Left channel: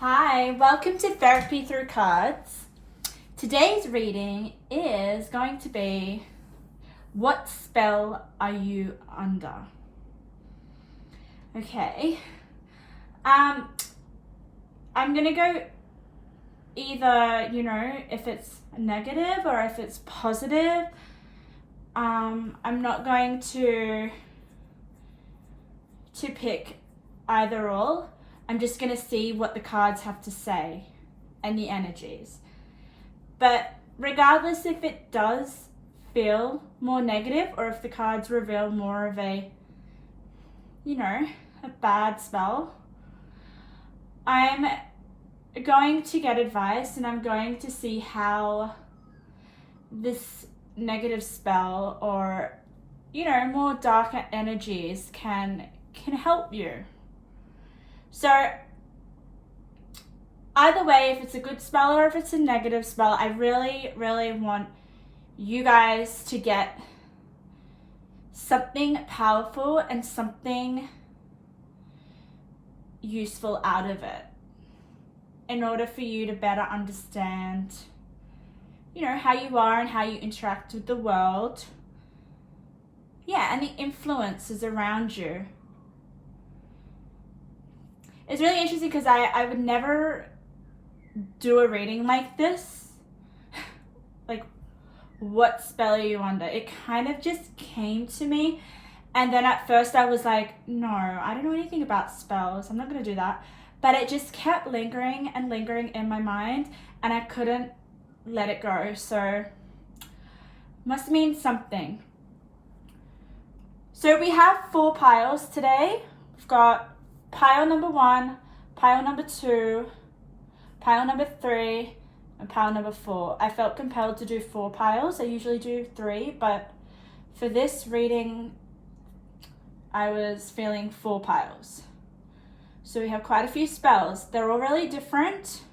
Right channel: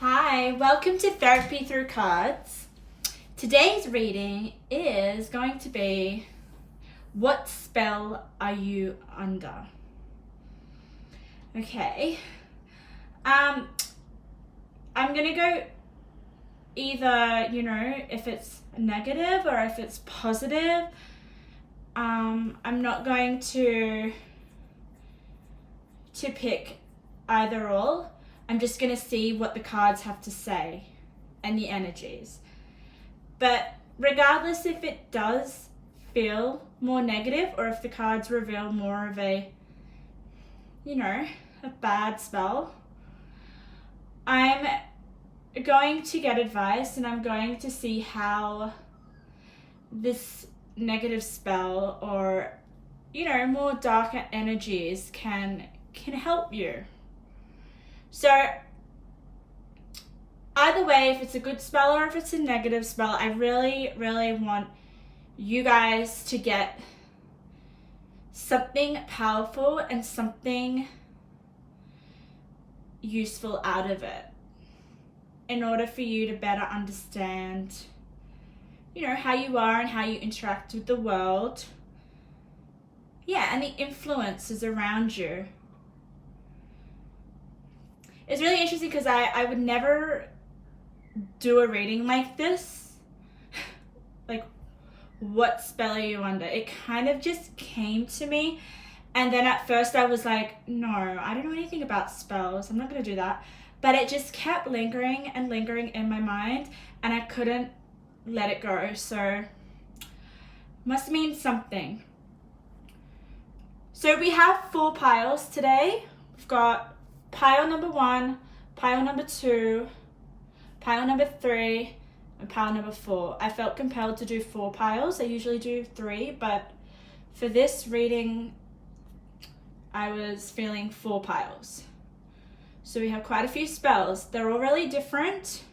Hi, welcome to Therapy Through Cards. Today's reading is going to be, what spell are you under? Okay. I'm gonna go either, if it's negative or if it's positive. I'm not going to pick either or. I'm just going to see what the cards have to say and the energies. But regardless if it does feel more negative or if the cards reveal more of a bad spell, I'm going to get advice and I'm going to see how this negative spell or, more dark energies can help you. So either way, if it's a good spell or if it's a negative spell, I really, really want you guys to get something powerful and something useful out of it in order for you to better understand, how you are and how you interact with the world. Yeah, and the influences around you. It's really interesting because I would never do a reading like this. Like, what spell are you under? It kind of just came to me. And then at first I was like, no, I don't know anything about spells. I'm not going to do that. But it just kept lingering and lingering in my mind. And I couldn't let it go. So, must mean something. So we have 4 piles today. We've got pile number 1, pile number 2, pile number 3, and pile number 4. I felt compelled to do 4 piles. I usually do 3, but for this reading, I was feeling 4 piles. So we have quite a few spells. They're all really different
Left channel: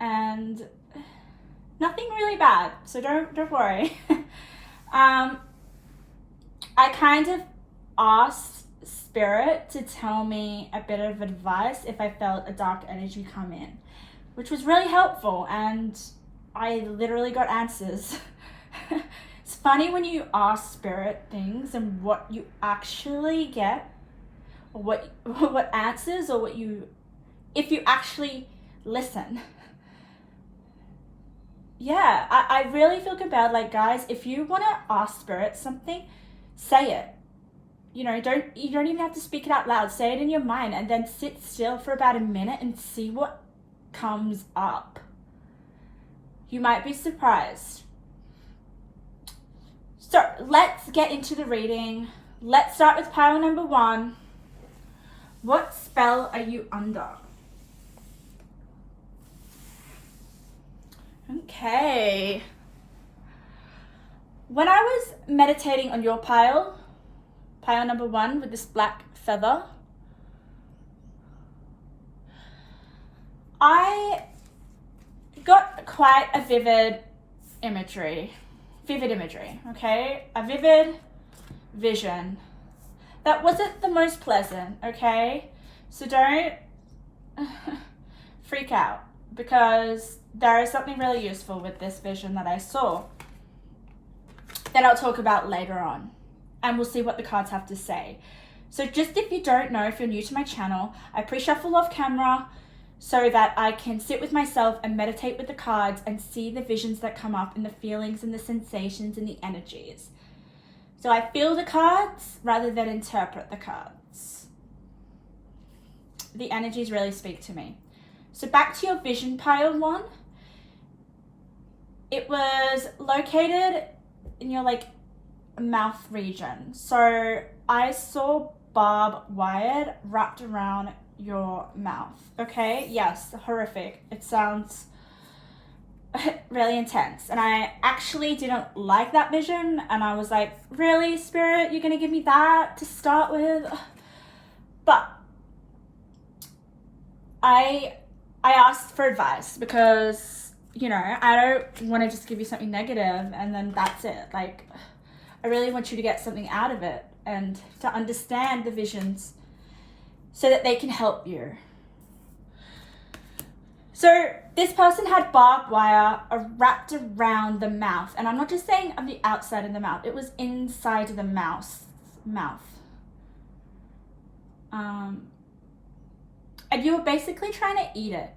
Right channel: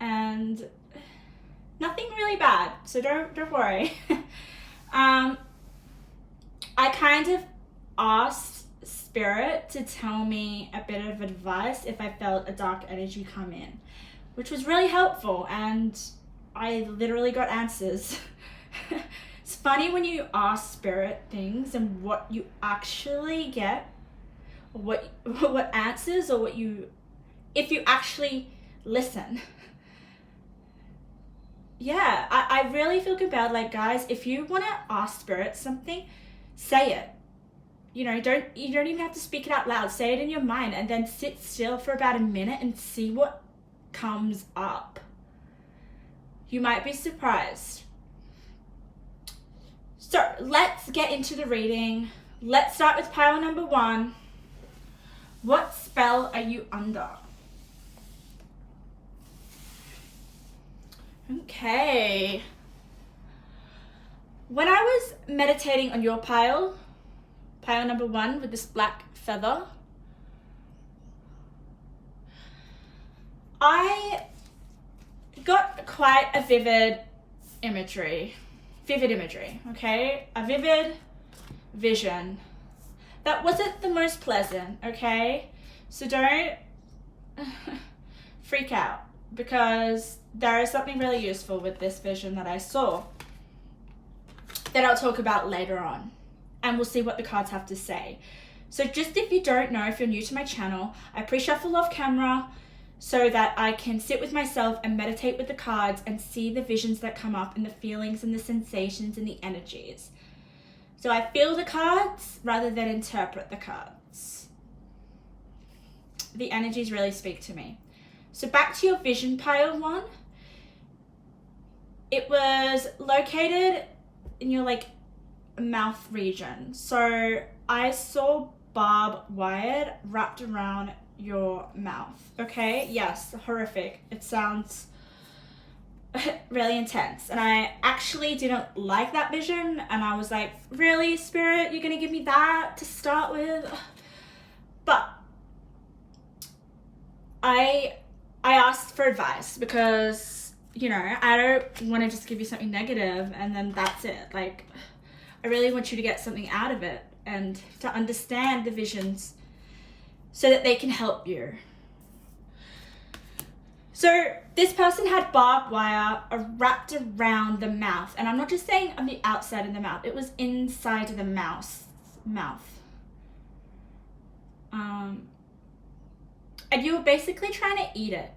and nothing really bad, so don't worry. I kind of asked Spirit to tell me a bit of advice if I felt a dark energy come in, which was really helpful, and I literally got answers. It's funny when you ask Spirit things and what you actually get, or what answers, or if you actually listen. Yeah, I really feel compelled, like, guys, if you want to ask Spirit something, say it. You don't even have to speak it out loud. Say it in your mind and then sit still for about a minute and see what comes up. You might be surprised. So let's get into the reading. Let's start with pile number 1. What spell are you under? Okay. When I was meditating on your pile number 1 with this black feather, I got quite a vivid imagery, okay? A vivid vision that wasn't the most pleasant, okay? So don't freak out, because there is something really useful with this vision that I saw that I'll talk about later on. And we'll see what the cards have to say. So just if you don't know, if you're new to my channel, I pre-shuffle off camera so that I can sit with myself and meditate with the cards and see the visions that come up and the feelings and the sensations and the energies. So I feel the cards rather than interpret the cards. The energies really speak to me. So back to your vision pile 1. It was located in your mouth region. So I saw barbed wire wrapped around your mouth. Okay, yes, horrific. It sounds really intense, and I actually didn't like that vision, and I was like, really, Spirit, you're gonna give me that to start with? But I asked for advice because I don't want to just give you something negative and then that's it. Like, I really want you to get something out of it and to understand the visions so that they can help you. So this person had barbed wire wrapped around the mouth. And I'm not just saying on the outside of the mouth. It was inside of the mouth. And you were basically trying to eat it.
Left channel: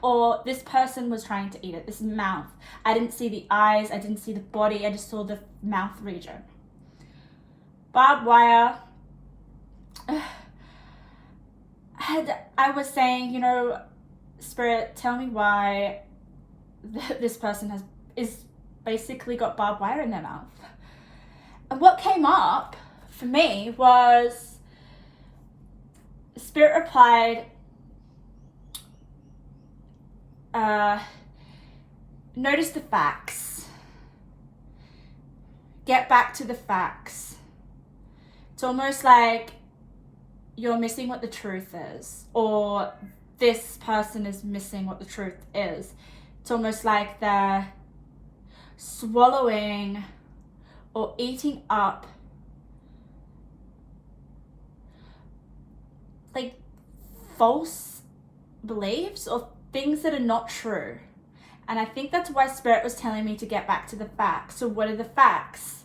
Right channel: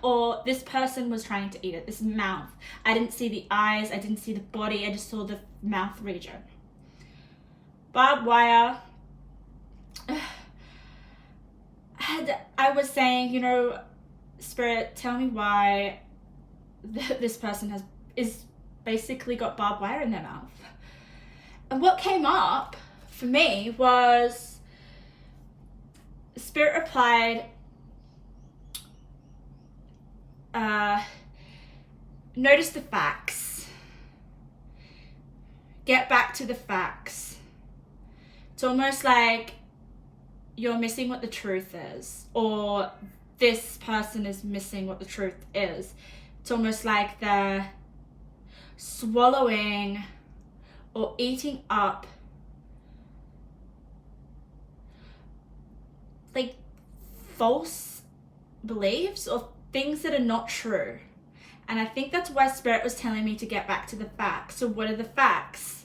Or this person was trying to eat it. This mouth. I didn't see the eyes. I didn't see the body. I just saw the mouth region. Barbed wire. I was saying, you know, Spirit, tell me why this person is basically got barbed wire in their mouth. And what came up for me was Spirit replied, notice the facts. Get back to the facts. It's almost like you're missing what the truth is, or this person is missing what the truth is. It's almost like they're swallowing or eating up like false beliefs or things that are not true. And I think that's why Spirit was telling me to get back to the facts. So what are the facts?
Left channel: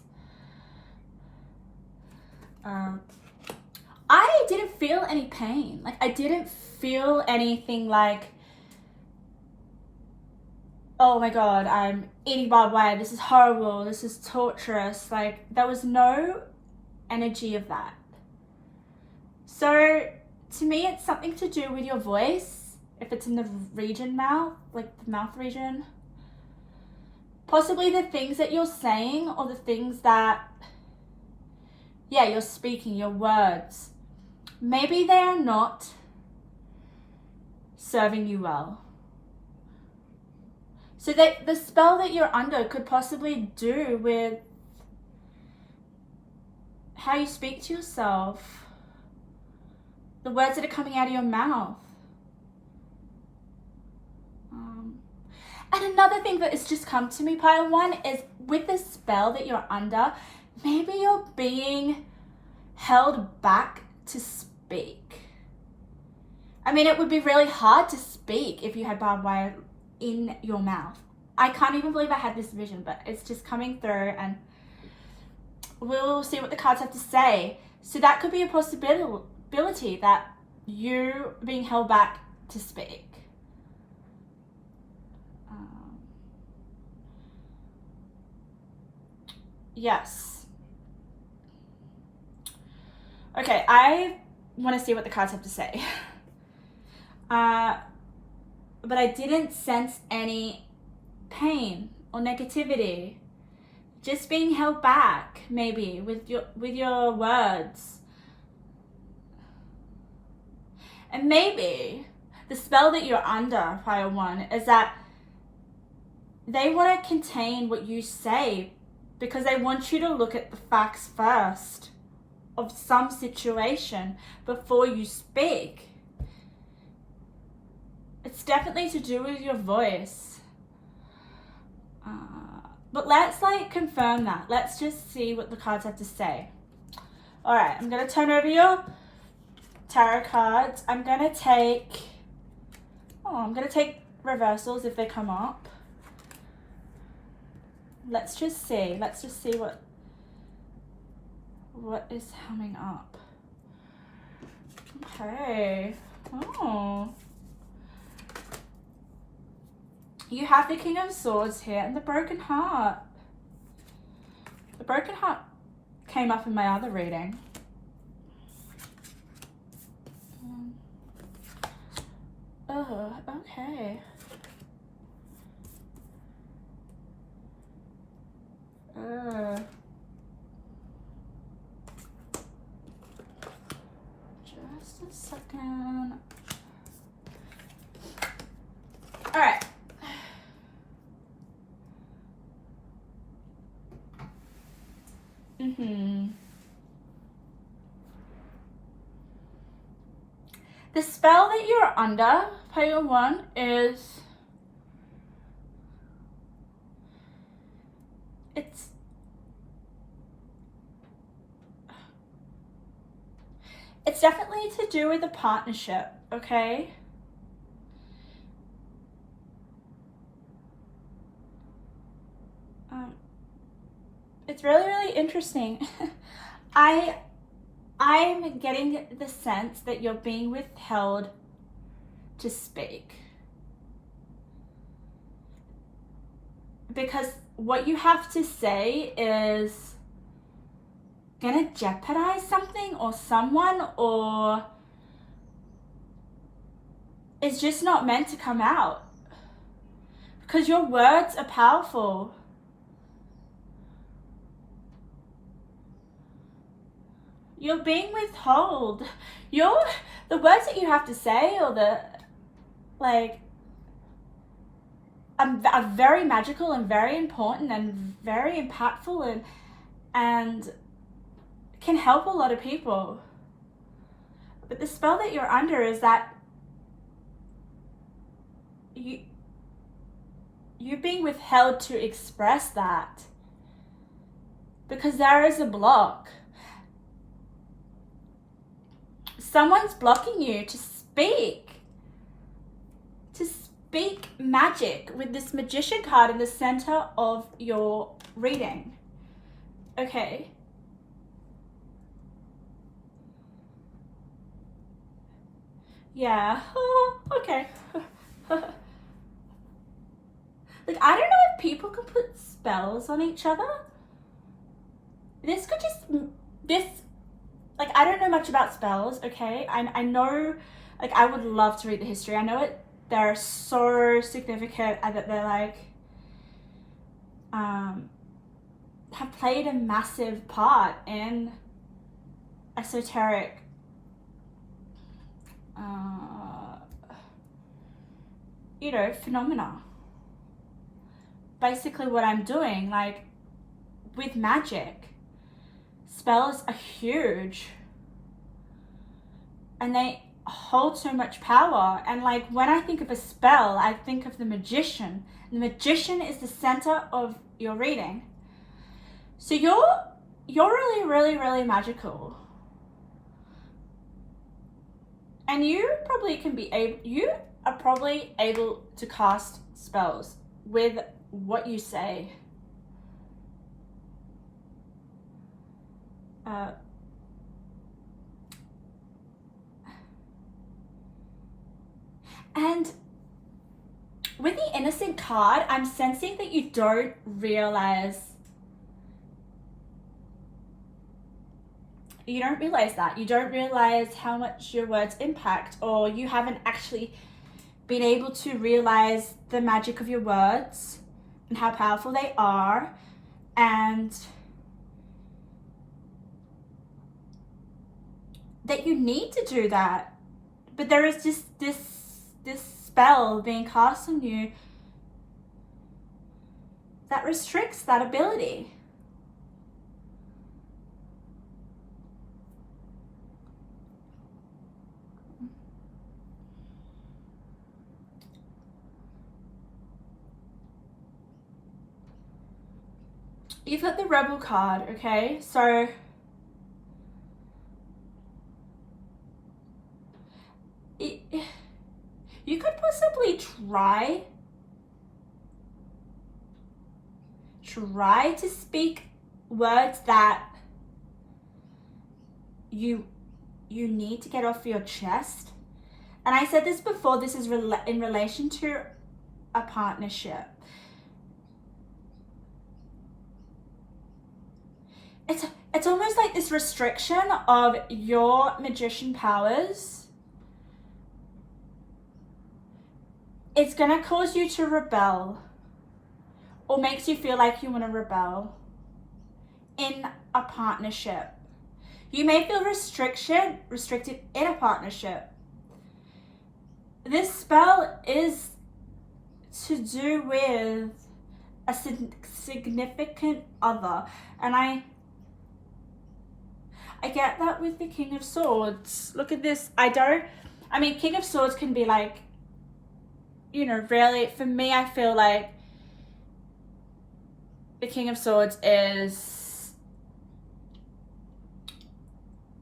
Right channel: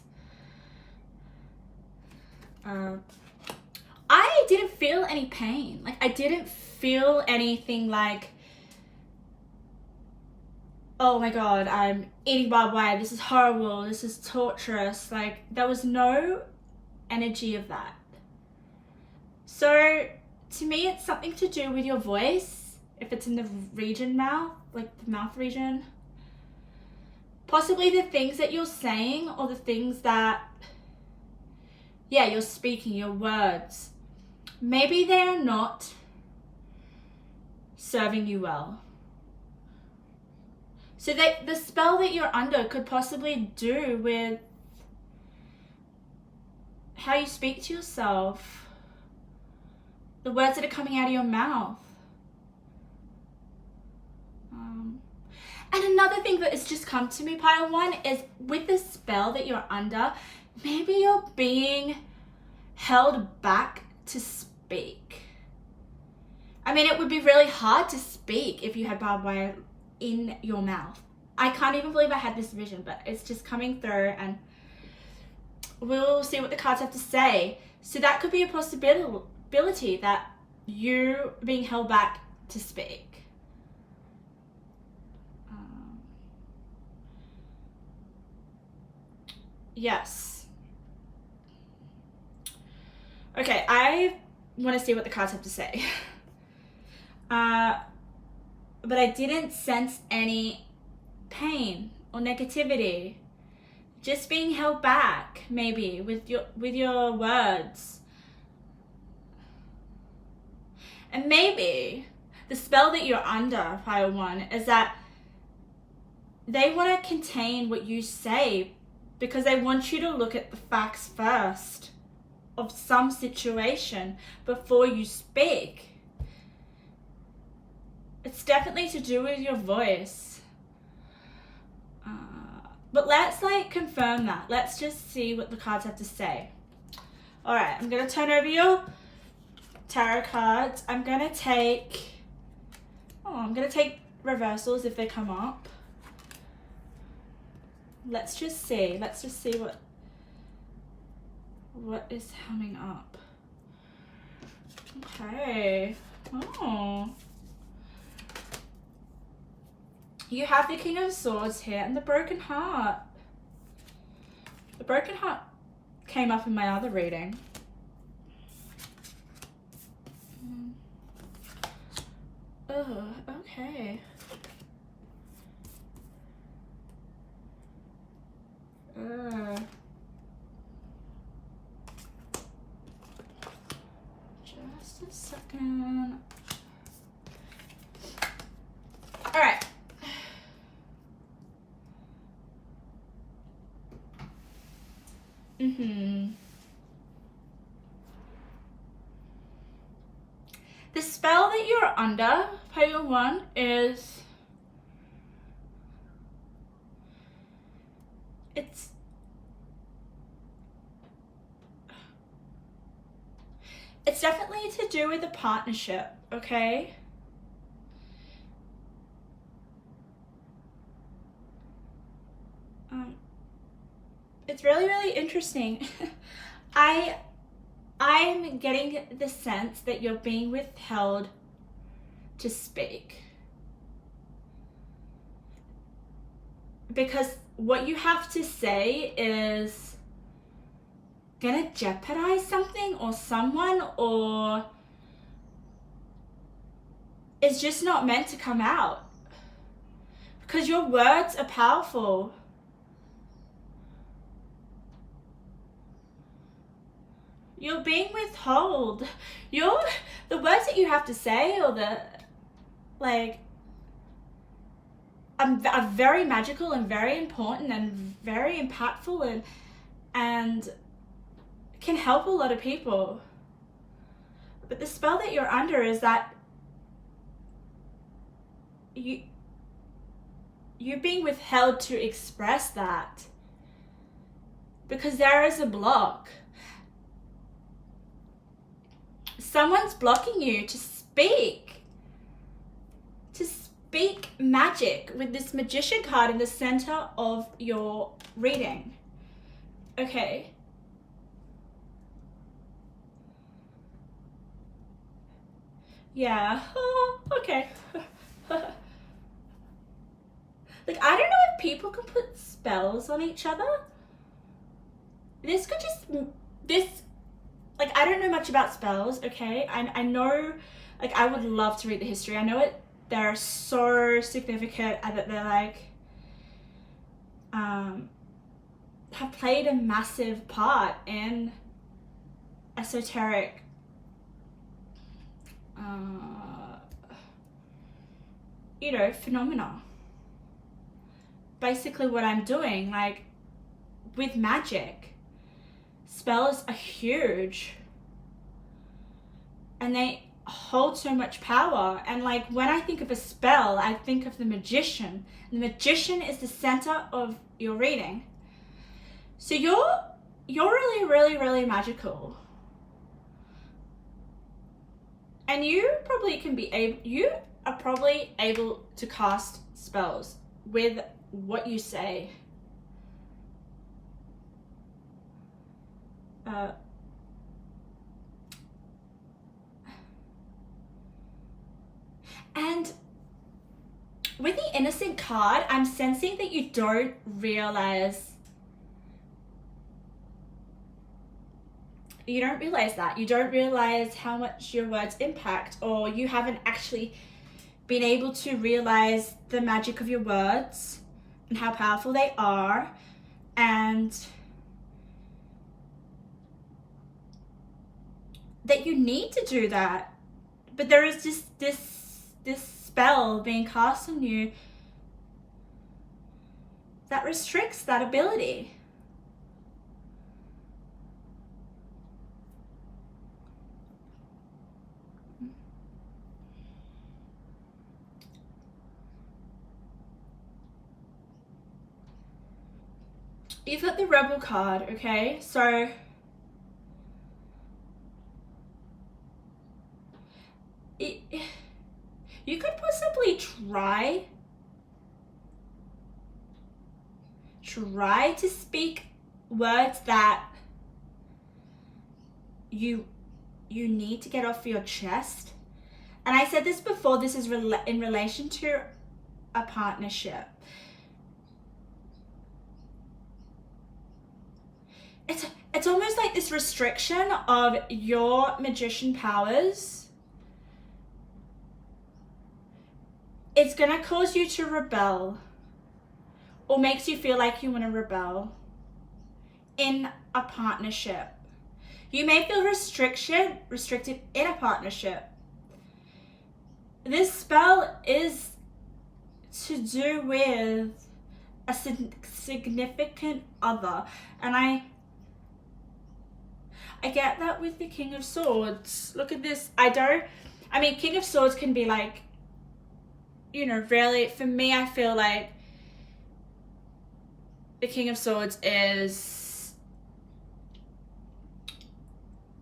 I didn't feel any pain. Like, I didn't feel anything like, oh my God, I'm eating barbed wire. This is horrible. This is torturous. Like, there was no energy of that. So to me, it's something to do with your voice. If it's in the region mouth, like the mouth region, possibly the things that you're saying or the things that, yeah, you're speaking, your words. Maybe they are not serving you well. So that the spell that you're under could possibly do with how you speak to yourself, the words that are coming out of your mouth. And another thing that has just come to me, Pile 1, is with the spell that you're under, maybe you're being held back to speak. I mean, it would be really hard to speak if you had barbed wire in your mouth. I can't even believe I had this vision, but it's just coming through, and we'll see what the cards have to say. So that could be a possibility that you being held back to speak. Yes. Okay, I want to see what the cards have to say. But I didn't sense any pain or negativity. Just being held back, maybe, with your words. And maybe the spell that you're under, Pile 1, is that they want to contain what you say because they want you to look at the facts first of some situation before you speak. It's definitely to do with your voice. But let's confirm that. Let's just see what the cards have to say. All right, I'm going to turn over your tarot cards. I'm going to take reversals if they come up. Let's just see what is coming up. Okay. Oh. You have the King of Swords here and the Broken Heart. The Broken Heart came up in my other reading. Oh, okay. Just a second. All right. The spell that you're under, Pile 1, is it's definitely to do with a partnership, okay? it's really, really interesting. I'm getting the sense that you're being withheld to speak. Because what you have to say is gonna jeopardize something or someone, or is just not meant to come out. Because your words are powerful. You're being withheld. The words that you have to say, or are very magical and very important and very impactful and can help a lot of people. But the spell that you're under is that you're being withheld to express that because there is a block. Someone's blocking you to speak magic with this magician card in the center of your reading. Okay. Yeah. Oh, okay. Like, I don't know if people can put spells on each other. I don't know much about spells, okay? I know, I would love to read the history. I know they're so significant and that they're have played a massive part in esoteric phenomena. Basically what I'm doing, with magic, spells are huge and they hold so much power. And when I think of a spell, I think of the magician. The magician is the center of your reading. So you're really, really, really magical. And you are probably able to cast spells with what you say. And with the innocent card, I'm sensing that you don't realize that. You don't realize how much your words impact, or you haven't actually been able to realize the magic of your words and how powerful they are, and that you need to do that. But there is just this spell being cast on you that restricts that ability. You've got the Rebel card, okay? So you could possibly try to speak words that you need to get off your chest. And I said this before, this is in relation to a partnership. It's almost like this restriction of your magician powers. It's gonna cause you to rebel, or makes you feel like you want to rebel in a partnership. You may feel restricted in a partnership. This spell is to do with a significant other, and I get that with the King of Swords. Look at this. King of Swords can be really, for me, I feel like the King of Swords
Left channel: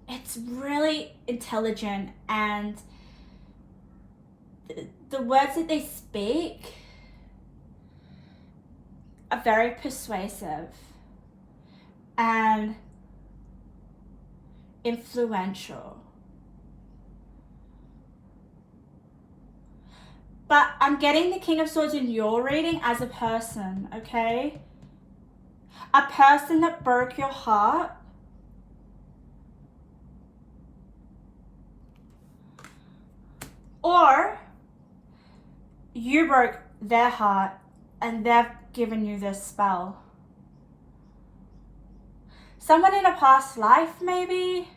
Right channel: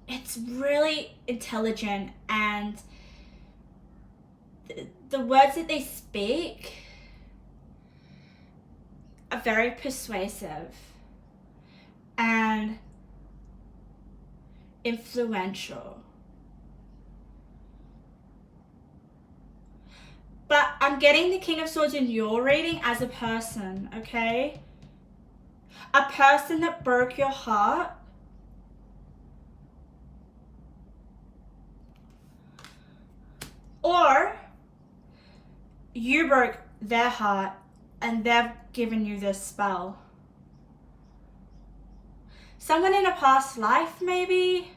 it's really intelligent, and the words that they speak are very persuasive. and influential. But I'm getting the King of Swords in your reading as a person, okay? A person that broke your heart. Or you broke their heart and they've given you this spell. Someone in a past life, maybe?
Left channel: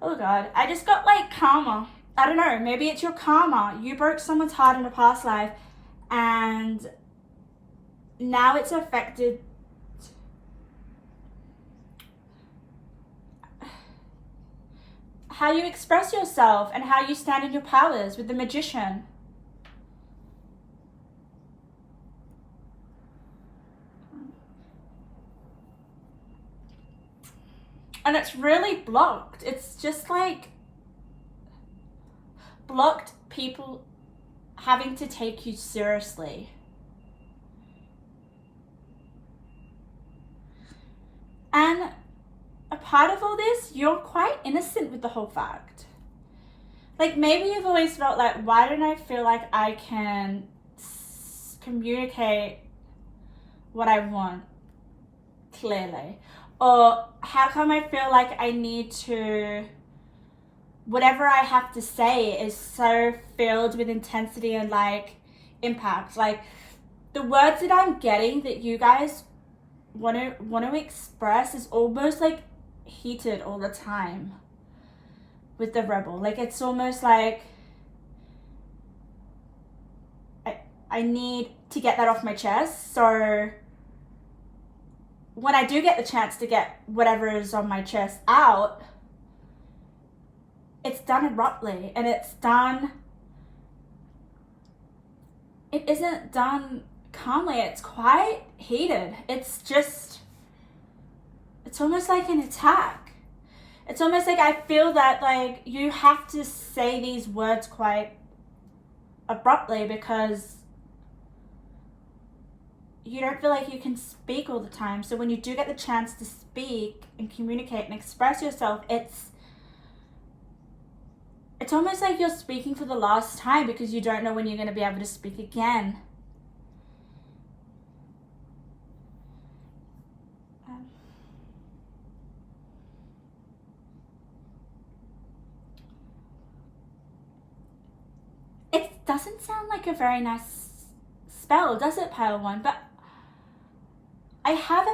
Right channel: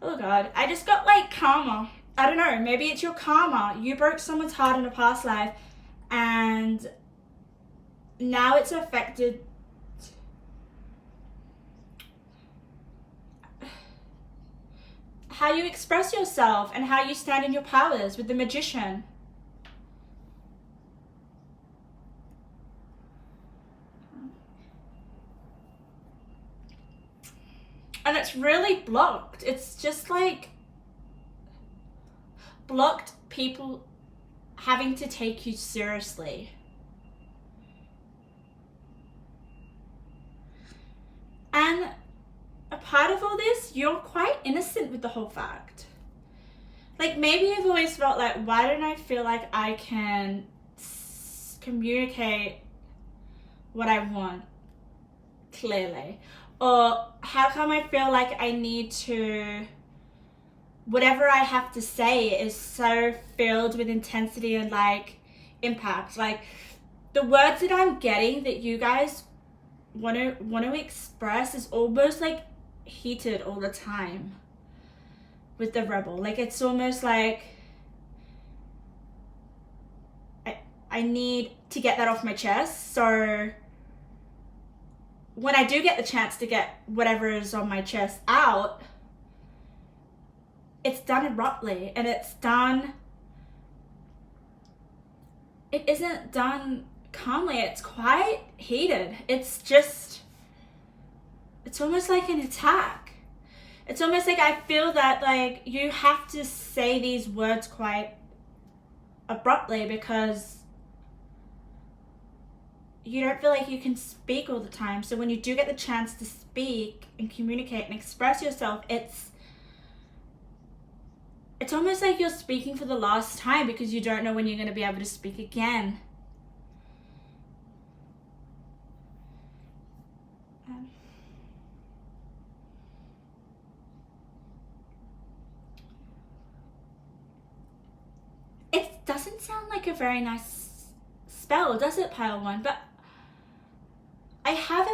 Oh God, I just got like karma. I don't know, maybe it's your karma. You broke someone's heart in a past life and now it's affected how you express yourself and how you stand in your powers with the Magician. And it's really blocked. It's just like blocked people having to take you seriously. And a part of all this, you're quite innocent with the whole fact. Like maybe you've always felt like, why don't I feel like I can communicate what I want clearly? Or how come I feel like I need to, whatever I have to say is so filled with intensity and like impact. Like the words that I'm getting that you guys want to express is almost like heated all the time with the rebel. Like it's almost like I need to get that off my chest. So when I do get the chance to get whatever is on my chest out, it's done abruptly and it isn't done calmly. It's quite heated. It's almost like an attack. It's almost like I feel that like you have to say these words quite abruptly because you don't feel like you can speak all the time. So when you do get the chance to speak and communicate and express yourself, it's almost like you're speaking for the last time because you don't know when you're going to be able to speak again. It doesn't sound like a very nice spell, does it, Pile One? But I have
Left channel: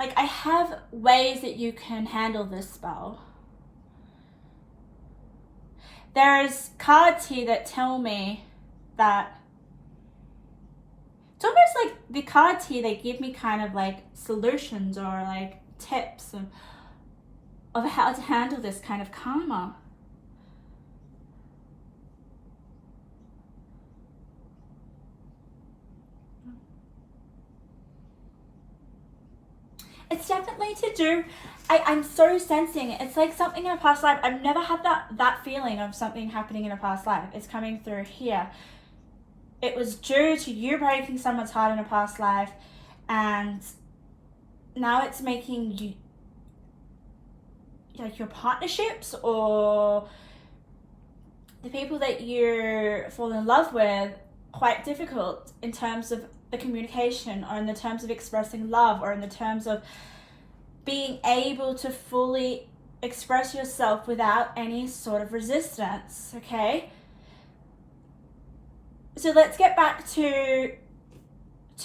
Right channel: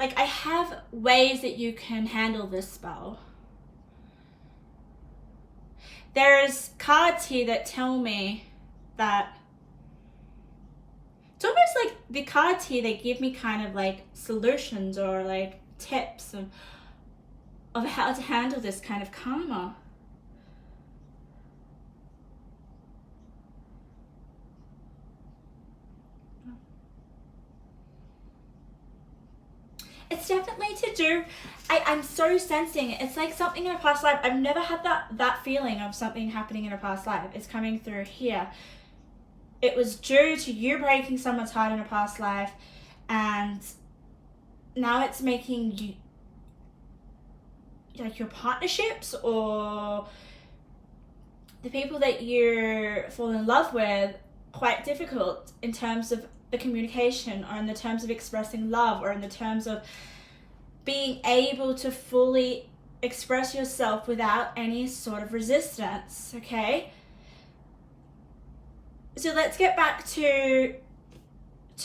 I have ways that you can handle this spell. There's cards here that tell me that it's almost like the cards here, they give me kind of like solutions or like tips of how to handle this kind of karma. It's definitely to do, I'm so sensing it. It's like something in a past life. I've never had that feeling of something happening in a past life. It's coming through here. It was due to you breaking someone's heart in a past life, and now it's making you, like your partnerships or the people that you fall in love with, quite difficult in terms of the communication or in the terms of expressing love or in the terms of being able to fully express yourself without any sort of resistance, okay? So let's get back to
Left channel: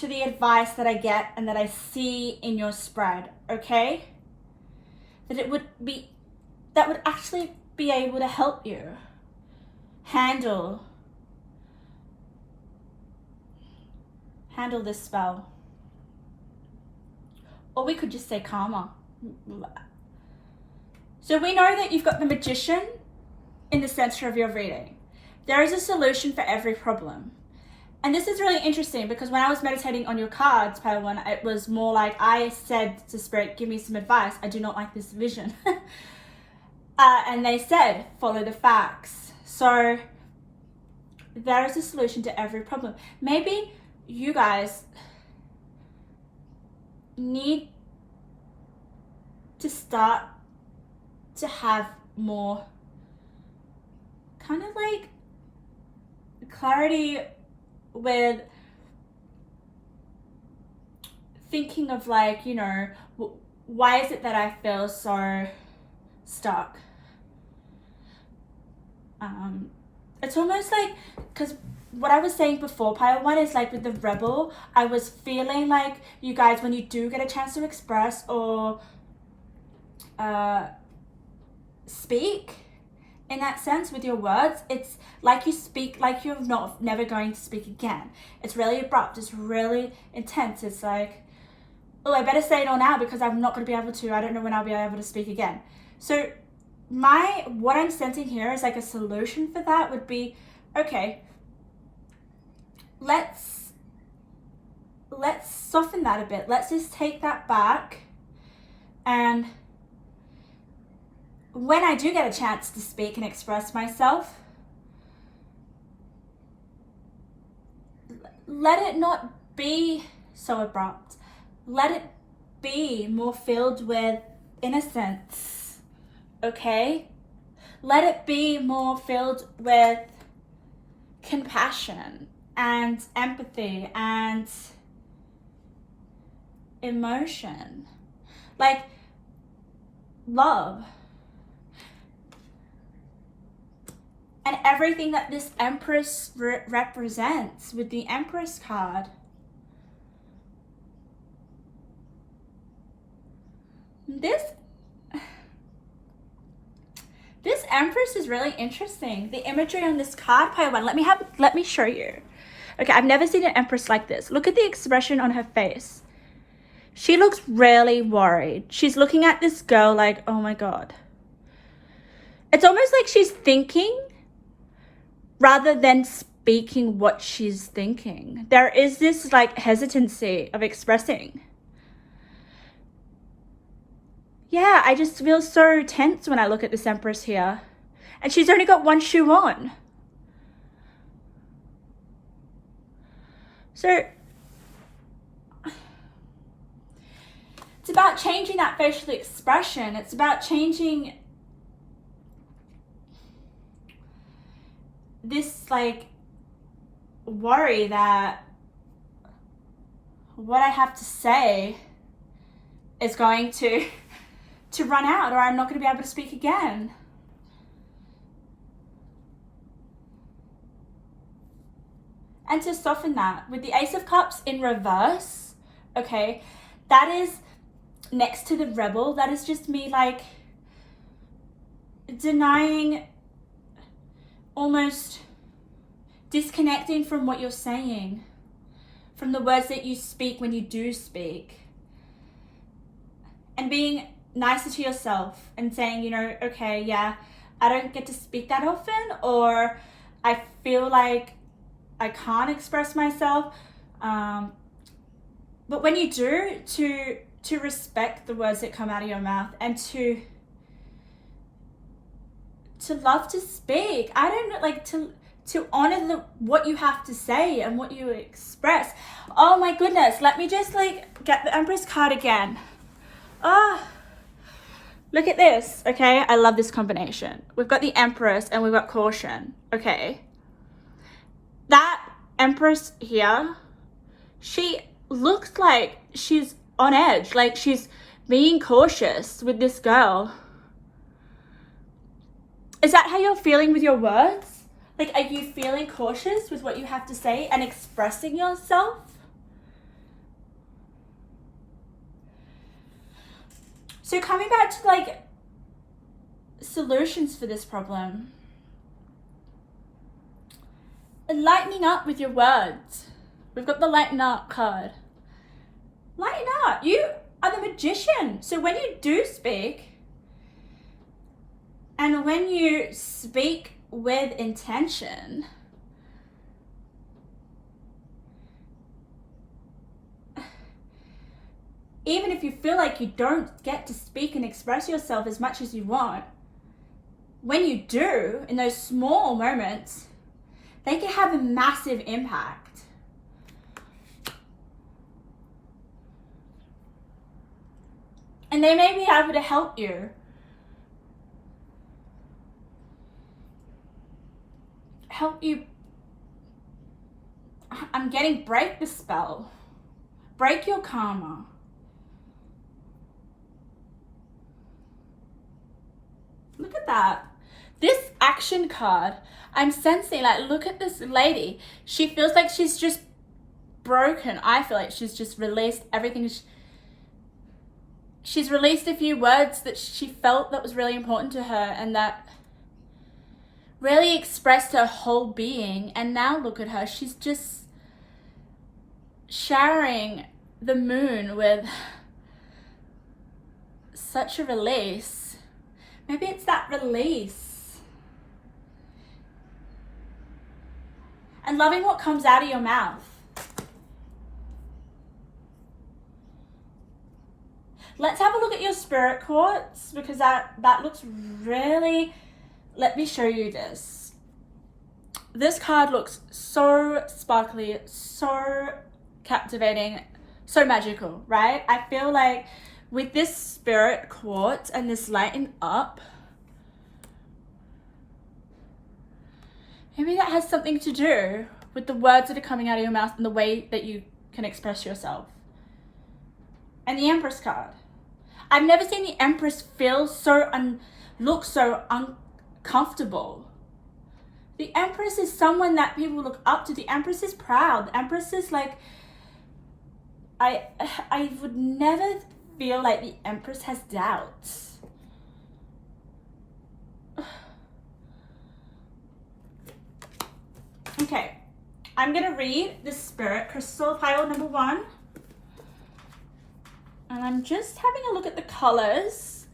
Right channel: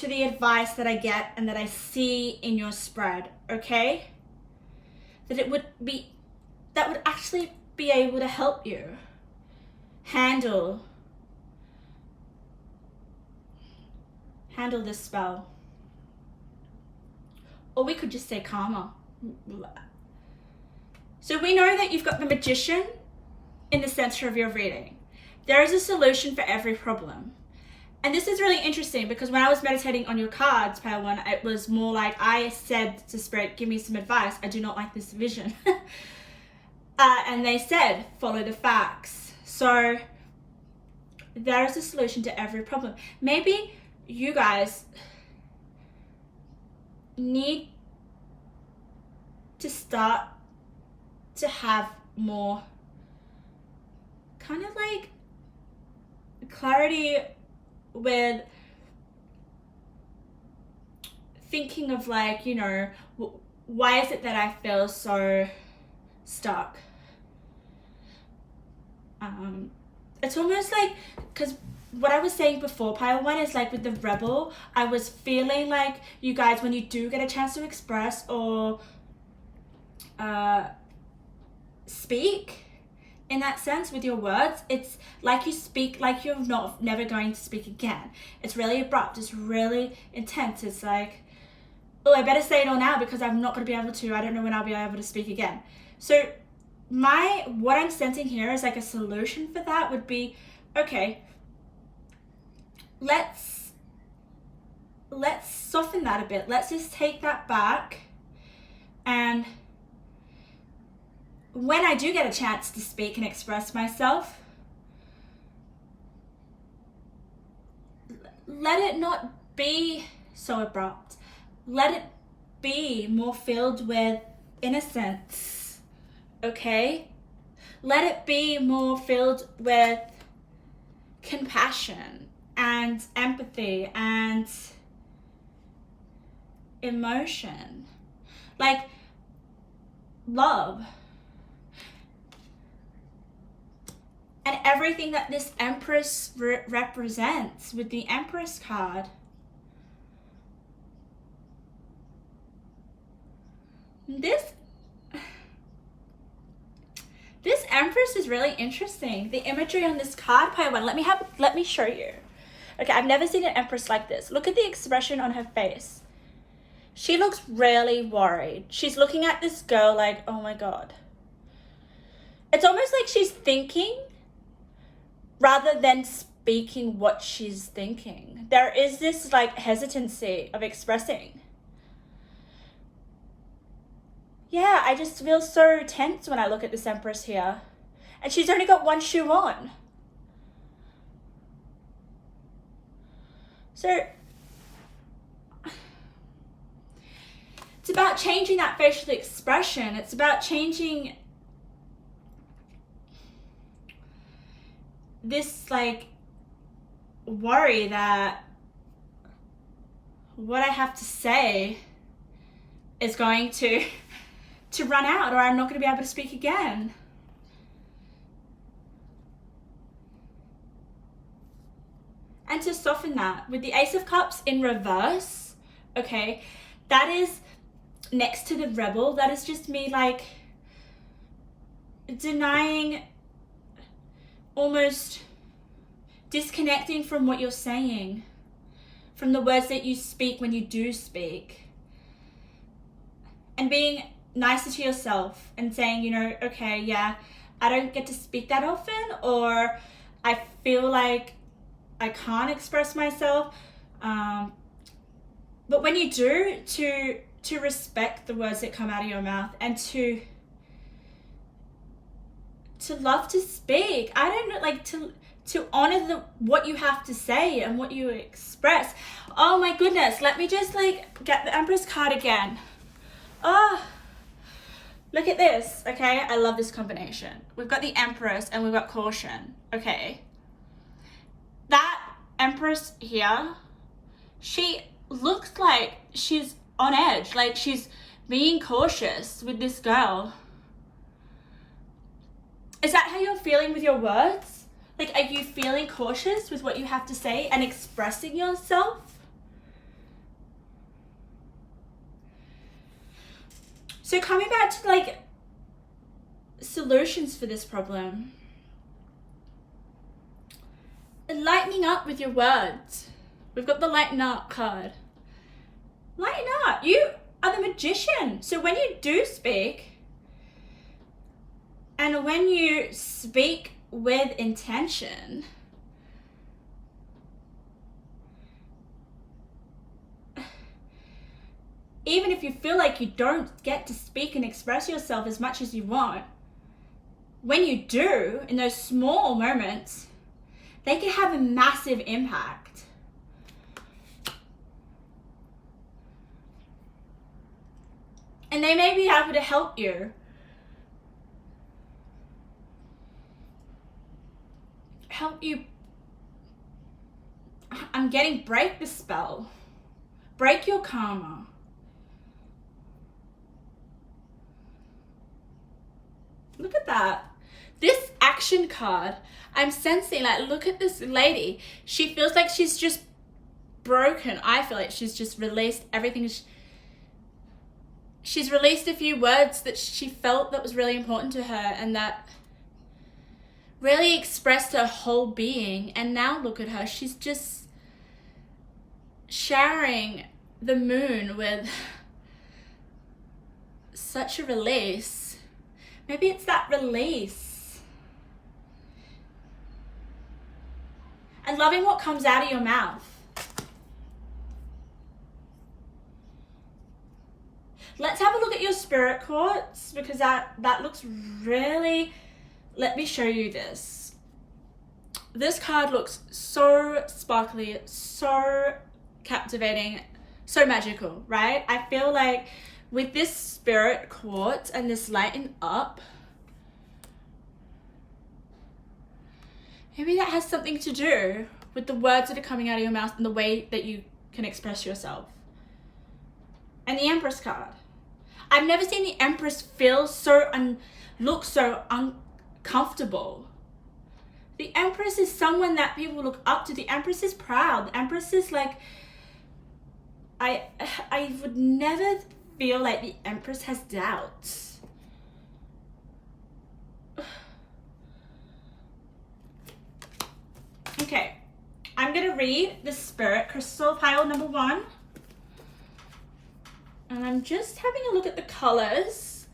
the advice that I get and that I see in your spread, okay? That would actually be able to help you handle this spell. Or we could just say karma. So we know that you've got the Magician in the center of your reading. There is a solution for every problem. And this is really interesting because when I was meditating on your cards, Pale One, it was more like I said to Spirit, give me some advice. I do not like this vision. And they said, follow the facts. So there is a solution to every problem. Maybe you guys need to start to have more kind of like clarity with thinking of like, you know, why is it that I feel so stuck? It's almost like, because what I was saying before, pile one, is like with the rebel, I was feeling like you guys, when you do get a chance to express or speak in that sense with your words, it's like you speak like you're never going to speak again. It's really abrupt, it's really intense. It's like, oh, I better say it all now because I'm not going to be able to, I don't know when I'll be able to speak again. So what I'm sensing here is like a solution for that would be, okay, let's soften that a bit. Let's just take that back, and when I do get a chance to speak and express myself, let it not be so abrupt. Let it be more filled with innocence. Okay? Let it be more filled with compassion and empathy and emotion. Like love. And everything that this Empress represents with the Empress card. This Empress is really interesting. The imagery on this card, pile one, let me show you. Okay, I've never seen an Empress like this. Look at the expression on her face. She looks really worried. She's looking at this girl like, oh my God. It's almost like she's thinking rather than speaking what she's thinking. There is this like hesitancy of expressing. Yeah, I just feel so tense when I look at this Empress here. And she's only got one shoe on. So it's about changing that facial expression. It's about changing this like worry that what I have to say is going to run out, or I'm not going to be able to speak again. And to soften that with the Ace of Cups in reverse, okay, that is next to the Rebel. That is just me like denying, almost disconnecting from what you're saying, from the words that you speak when you do speak, and being nicer to yourself and saying, you know, okay, yeah, I don't get to speak that often, or I feel like I can't express myself, but when you do, to respect the words that come out of your mouth, and to love to speak. I don't know, like to honor what you have to say and what you express. Oh my goodness, let me just like get the Empress card again. Oh, look at this, okay? I love this combination. We've got the Empress and we've got Caution, okay? That Empress here, she looks like she's on edge, like she's being cautious with this girl. Is that how you're feeling with your words? Like, are you feeling cautious with what you have to say and expressing yourself? So coming back to like solutions for this problem. Lightening up with your words. We've got the lighten up card. Lighten up. You are the magician. So when you do speak, and when you speak with intention, even if you feel like you don't get to speak and express yourself as much as you want, when you do, in those small moments, they can have a massive impact. And they may be able to help you. I'm getting break the spell. Break your karma. Look at that. This action card, I'm sensing, like, look at this lady. She feels like she's just broken. I feel like she's just released everything. She's released a few words that she felt that was really important to her and that really expressed her whole being. And now look at her. She's just showering the moon with such a release. Maybe it's that release. And loving what comes out of your mouth. Let's have a look at your spirit quartz, because that looks really... Let me show you this. This card looks so sparkly, so captivating, so magical, right? I feel like with this spirit quartz and this lighten up, maybe that has something to do with the words that are coming out of your mouth and the way that you can express yourself. And the Empress card. I've never seen the Empress feel so look so uncomfortable. The Empress is someone that people look up to. The Empress is proud. The Empress is like, I would never feel like the Empress has doubts. Okay, I'm gonna read the Spirit Crystal pile number 1. And I'm just having a look at the colors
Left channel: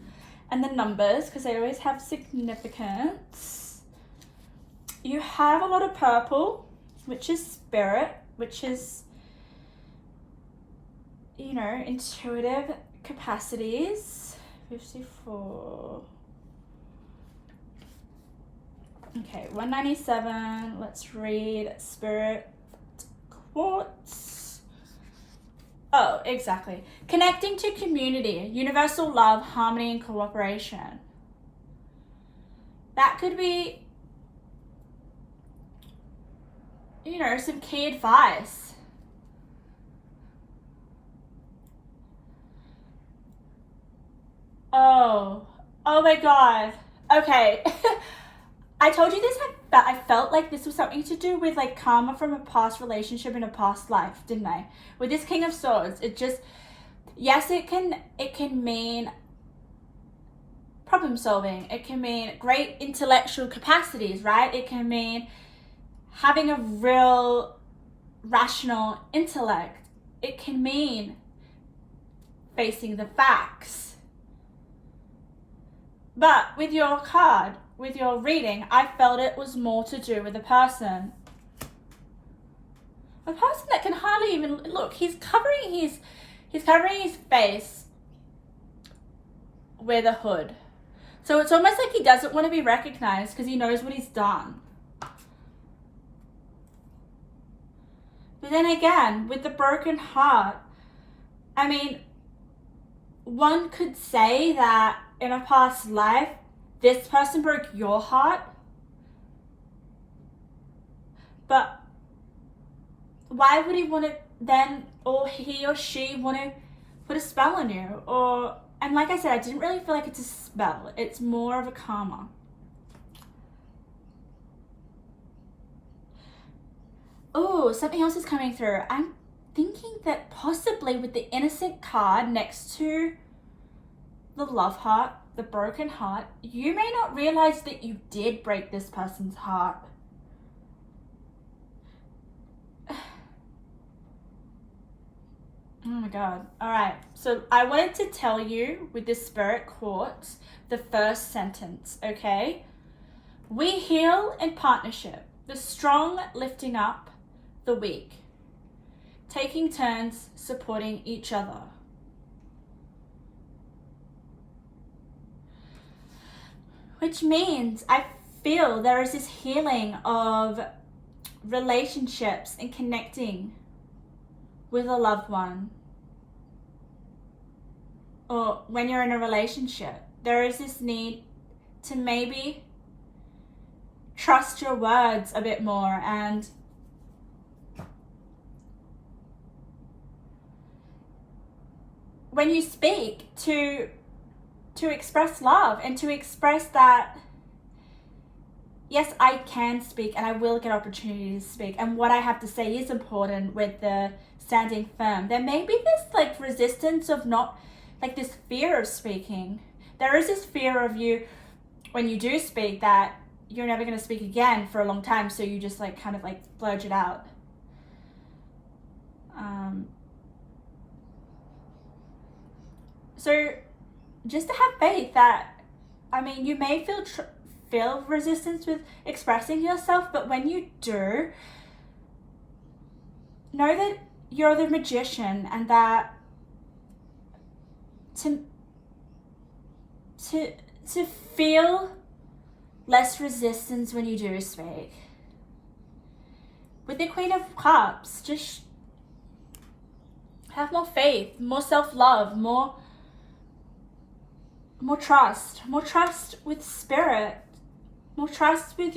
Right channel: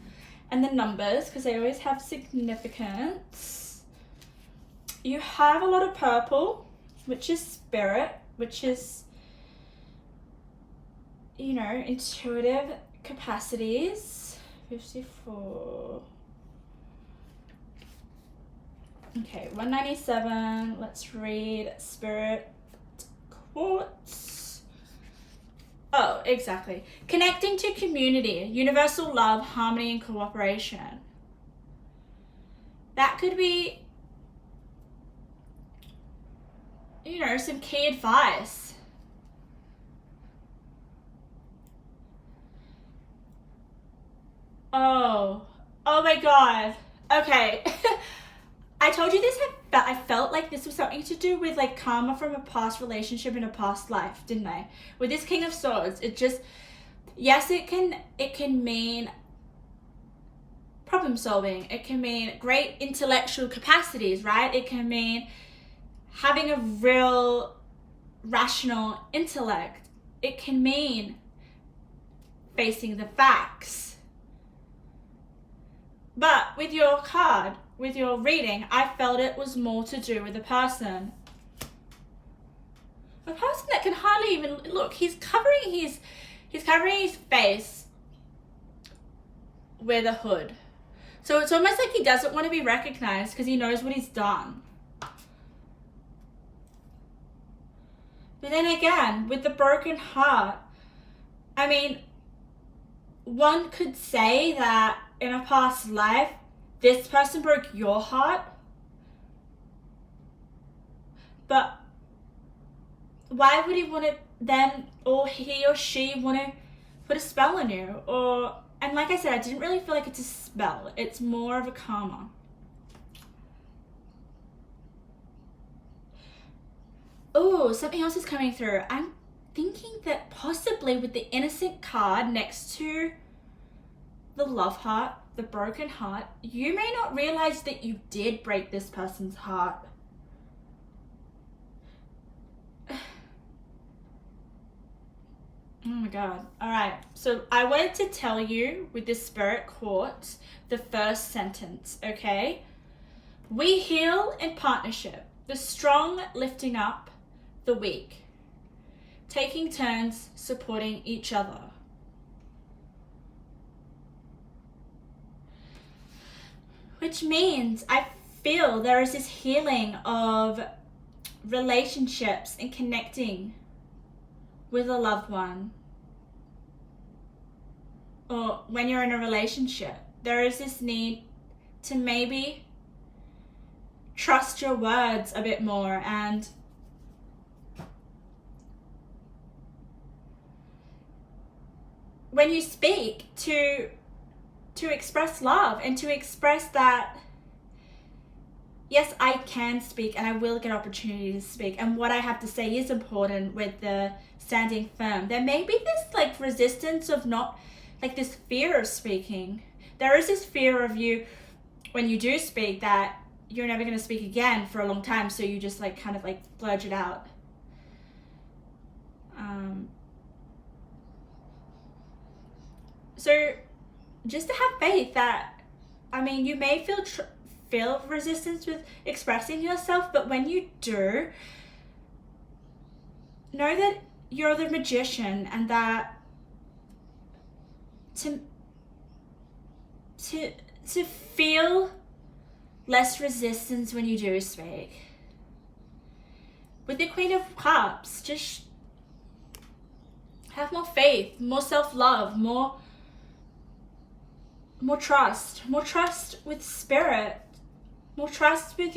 and the numbers because they always have significance. You have a lot of purple, which is spirit, which is, you know, intuitive capacities. 54. Okay, 197. Let's read Spirit Quartz. Oh, exactly. Connecting to community, universal love, harmony, and cooperation. That could be, you know, some key advice. Oh my God. Okay. I told you this, but I felt like this was something to do with like karma from a past relationship in a past life, didn't I? With this King of Swords, it just, yes, it can mean problem solving. It can mean great intellectual capacities, right? It can mean having a real rational intellect. It can mean facing the facts. But with your card, with your reading, I felt it was more to do with a person. A person that can hardly even look. He's covering his face with a hood. So it's almost like he doesn't want to be recognized because he knows what he's done. But then again, with the broken heart, I mean, one could say that in a past life, this person broke your heart, but why would he want to then, or he or she want to put a spell on you? And like I said, I didn't really feel like it's a spell. It's more of a karma. Oh, something else is coming through. I'm thinking that possibly with the Innocent card next to the love heart, the broken heart, you may not realize that you did break this person's heart. Oh my God. All right. So I wanted to tell you with this Spirit Quartz, the first sentence, okay? We heal in partnership, the strong lifting up the weak, taking turns supporting each other. Which means I feel there is this healing of relationships and connecting with a loved one, or when you're in a relationship, there is this need to maybe trust your words a bit more, and when you speak, to express love and to express that, yes, I can speak and I will get opportunity to speak, and what I have to say is important with the standing firm. There may be this like resistance of not, like this fear of speaking. There is this fear of you, when you do speak, that you're never going to speak again for a long time, so you just like kind of like blurt it out. So just to have faith that, I mean, you may feel resistance with expressing yourself, but when you do, know that you're the magician, and that to feel less resistance when you do speak. With the Queen of Cups, just have more faith, more self-love, more trust with spirit, more trust with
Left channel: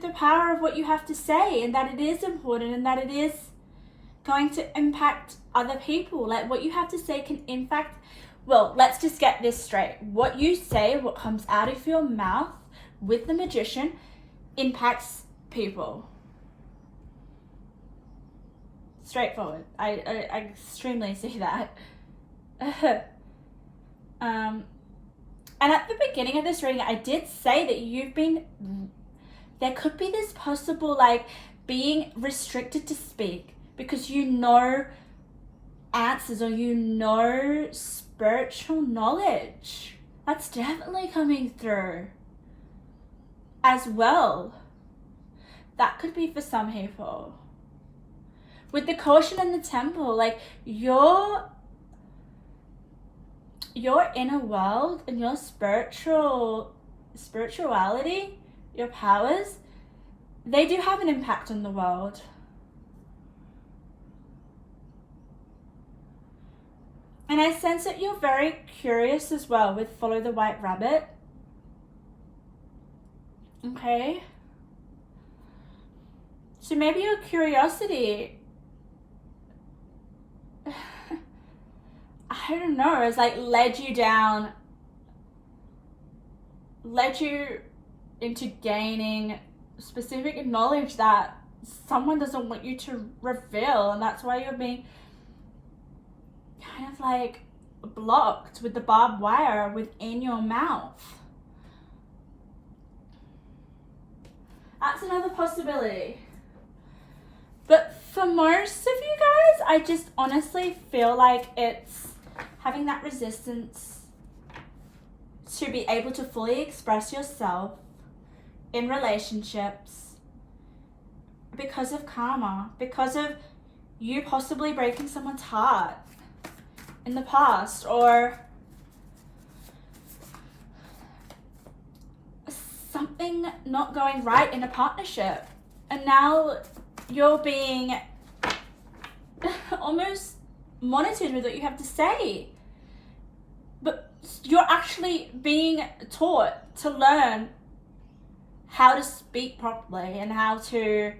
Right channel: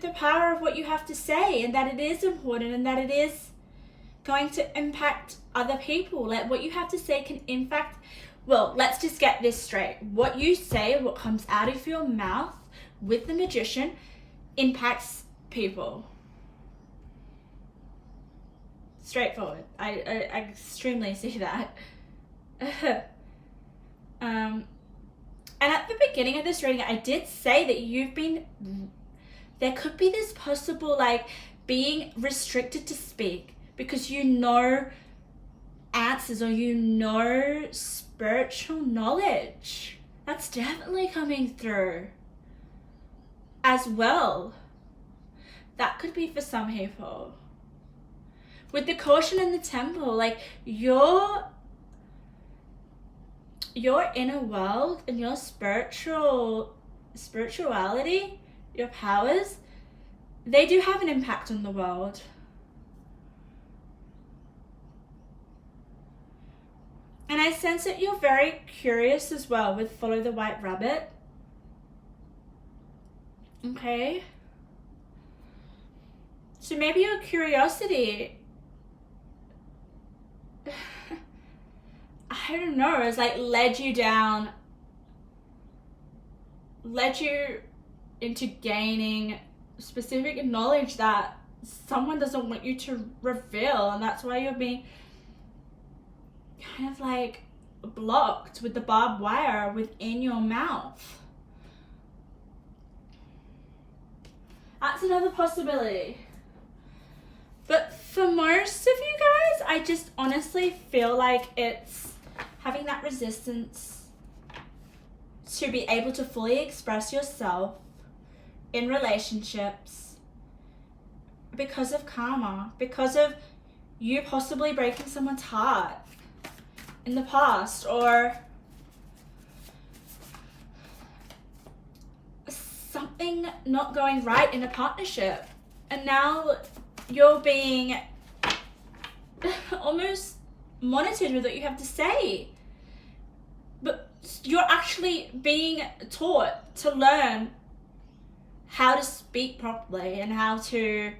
the power of what you have to say, and that it is important, and that it is going to impact other people. Like, what you have to say can impact, well, let's just get this straight. What you say, what comes out of your mouth with the magician, impacts people. Straightforward. I extremely see that. And at the beginning of this reading, I did say that there could be this possible like being restricted to speak because you know answers, or you know spiritual knowledge. That's definitely coming through as well. That could be for some people. With the caution in the temple, like your inner world and your spirituality, your powers, they do have an impact on the world. And I sense that you're very curious as well with Follow the White Rabbit. Okay? So maybe your curiosity, I don't know, has like led you into gaining specific knowledge that someone doesn't want you to reveal, and that's why you're being kind of like blocked with the barbed wire within your mouth. That's another possibility. But for most of you guys, I just honestly feel like it's having that resistance to be able to fully express yourself in relationships because of karma, because of you possibly breaking someone's heart in the past, or something not going right in a partnership, and now you're being almost monitored with what you have to say, but you're actually being taught to learn how to speak properly and how to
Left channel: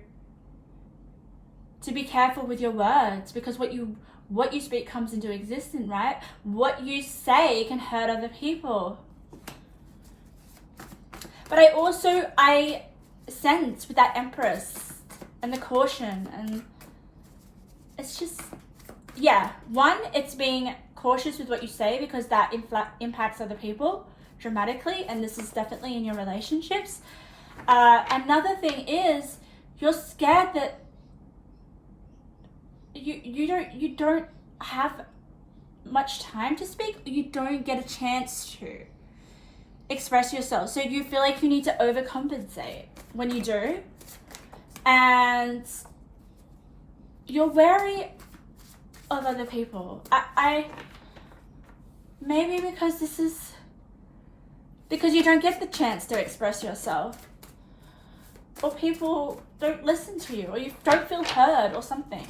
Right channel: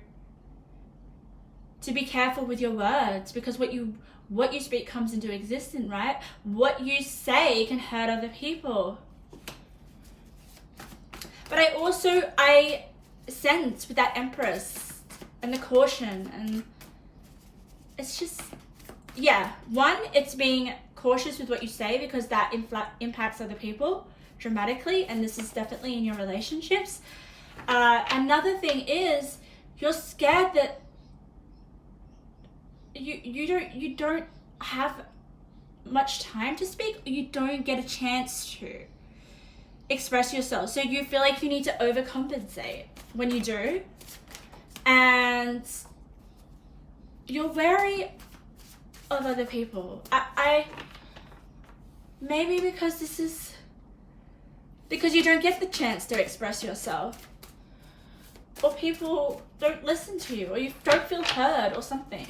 be careful with your words, because what you speak comes into existence, right? What you say can hurt other people. But I sense with that Empress and the caution, and it's just, yeah, one, it's being cautious with what you say because that impacts other people dramatically, and this is definitely in your relationships. Another thing is you're scared that you don't have much time to speak, you don't get a chance to express yourself, so you feel like you need to overcompensate when you do, and you're wary of other people. I maybe because this is because you don't get the chance to express yourself, or people don't listen to you, or you don't feel heard or something.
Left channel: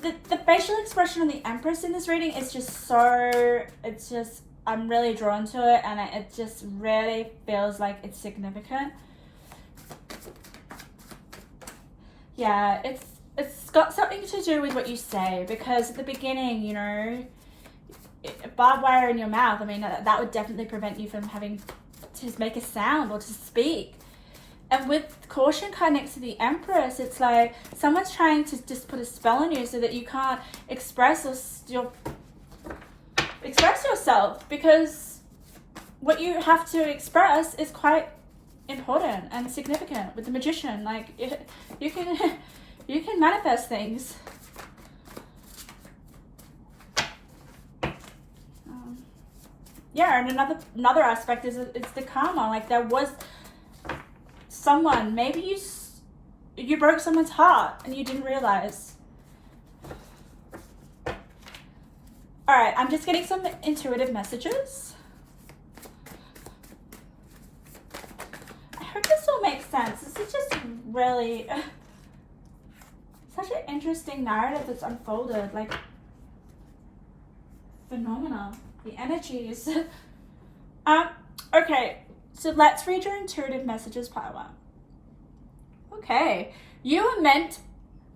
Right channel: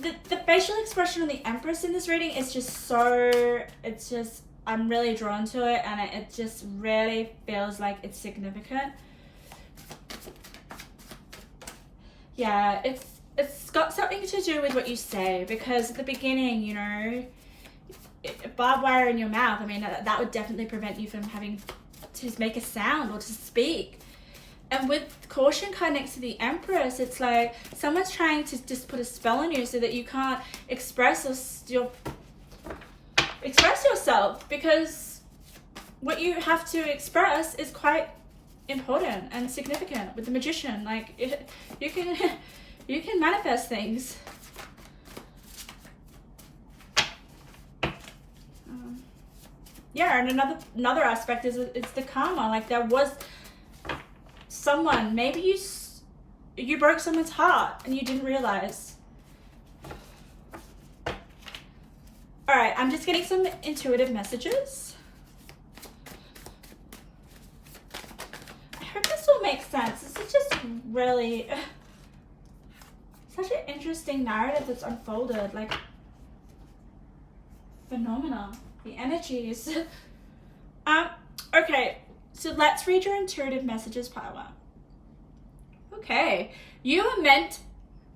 The facial expression of the Empress in this reading is just so, it's just, I'm really drawn to it, and it just really feels like it's significant. Yeah, it's got something to do with what you say, because at the beginning, you know, barbed wire in your mouth, I mean, that would definitely prevent you from having to make a sound or to speak. And with caution card next to the Empress, it's like someone's trying to just put a spell on you so that you can't express yourself, because what you have to express is quite important and significant. With the Magician, like you can manifest things. Yeah, and another aspect is it's the karma. Like there was someone, maybe you broke someone's heart and you didn't realize. All right, I'm just getting some intuitive messages. I hope this all makes sense. This is just really such an interesting narrative that's unfolded, like phenomenal. The energies. Okay, so let's read your intuitive messages, Pile One. Okay, you are meant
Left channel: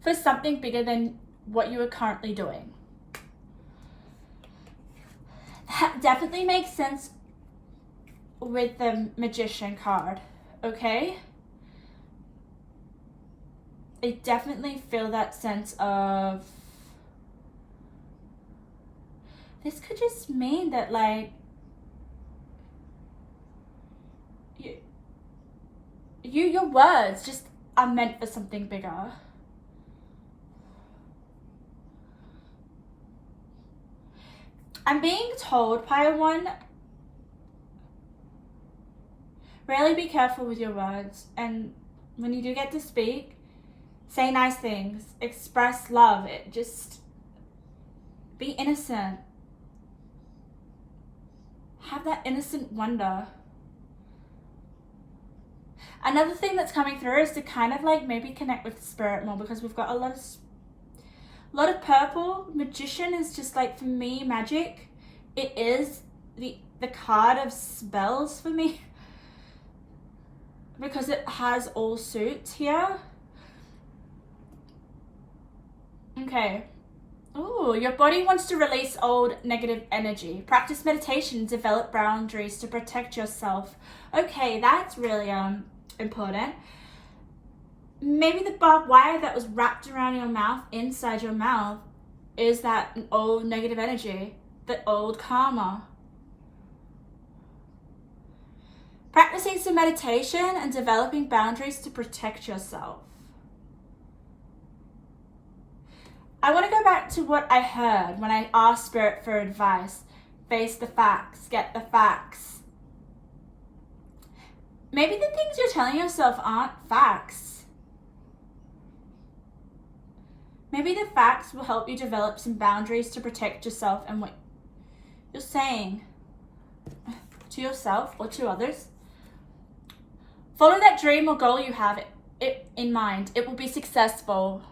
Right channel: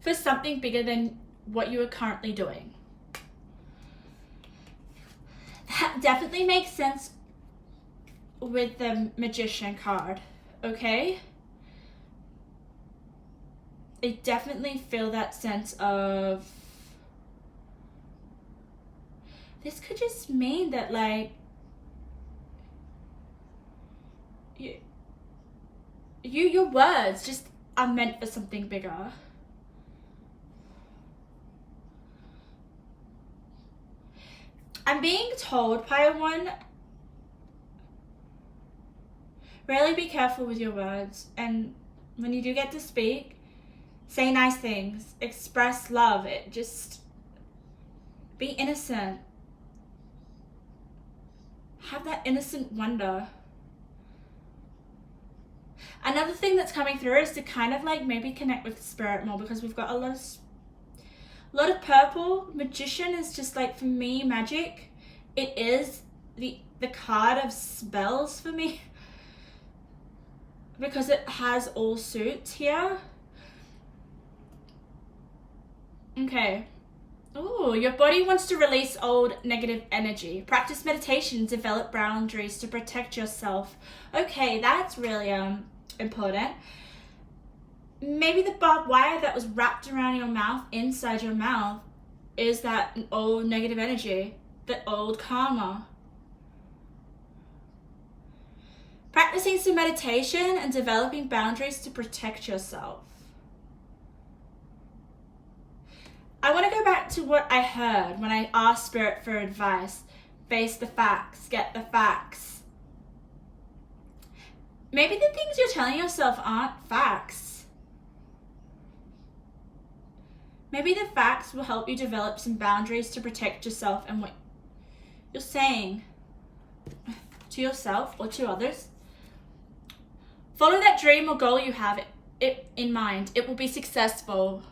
for something bigger than what you are currently doing. That definitely makes sense with the Magician card, okay? I definitely feel that sense of, this could just mean that, like, your words just are meant for something bigger. I'm being told, Pile One, really be careful with your words, and when you do get to speak, say nice things, express love, just be innocent. Have that innocent wonder. Another thing that's coming through is to kind of like maybe connect with spirit more, because we've got a lot of purple. Magician is just like, for me, magic. It is the card of spells for me, because it has all suits here. Okay. Ooh, your body wants to release old negative energy. Practice meditation, develop boundaries to protect yourself. Okay, that's really important. Maybe the barbed wire that was wrapped around your mouth, inside your mouth, is that old negative energy, the old karma. Practicing some meditation and developing boundaries to protect yourself. I want to go back to what I heard when I asked Spirit for advice. Face the facts, get the facts. Maybe the things you're telling yourself aren't facts. Maybe the facts will help you develop some boundaries to protect yourself and what you're saying to yourself or to others. Follow that dream or goal you have it in mind. It will be successful.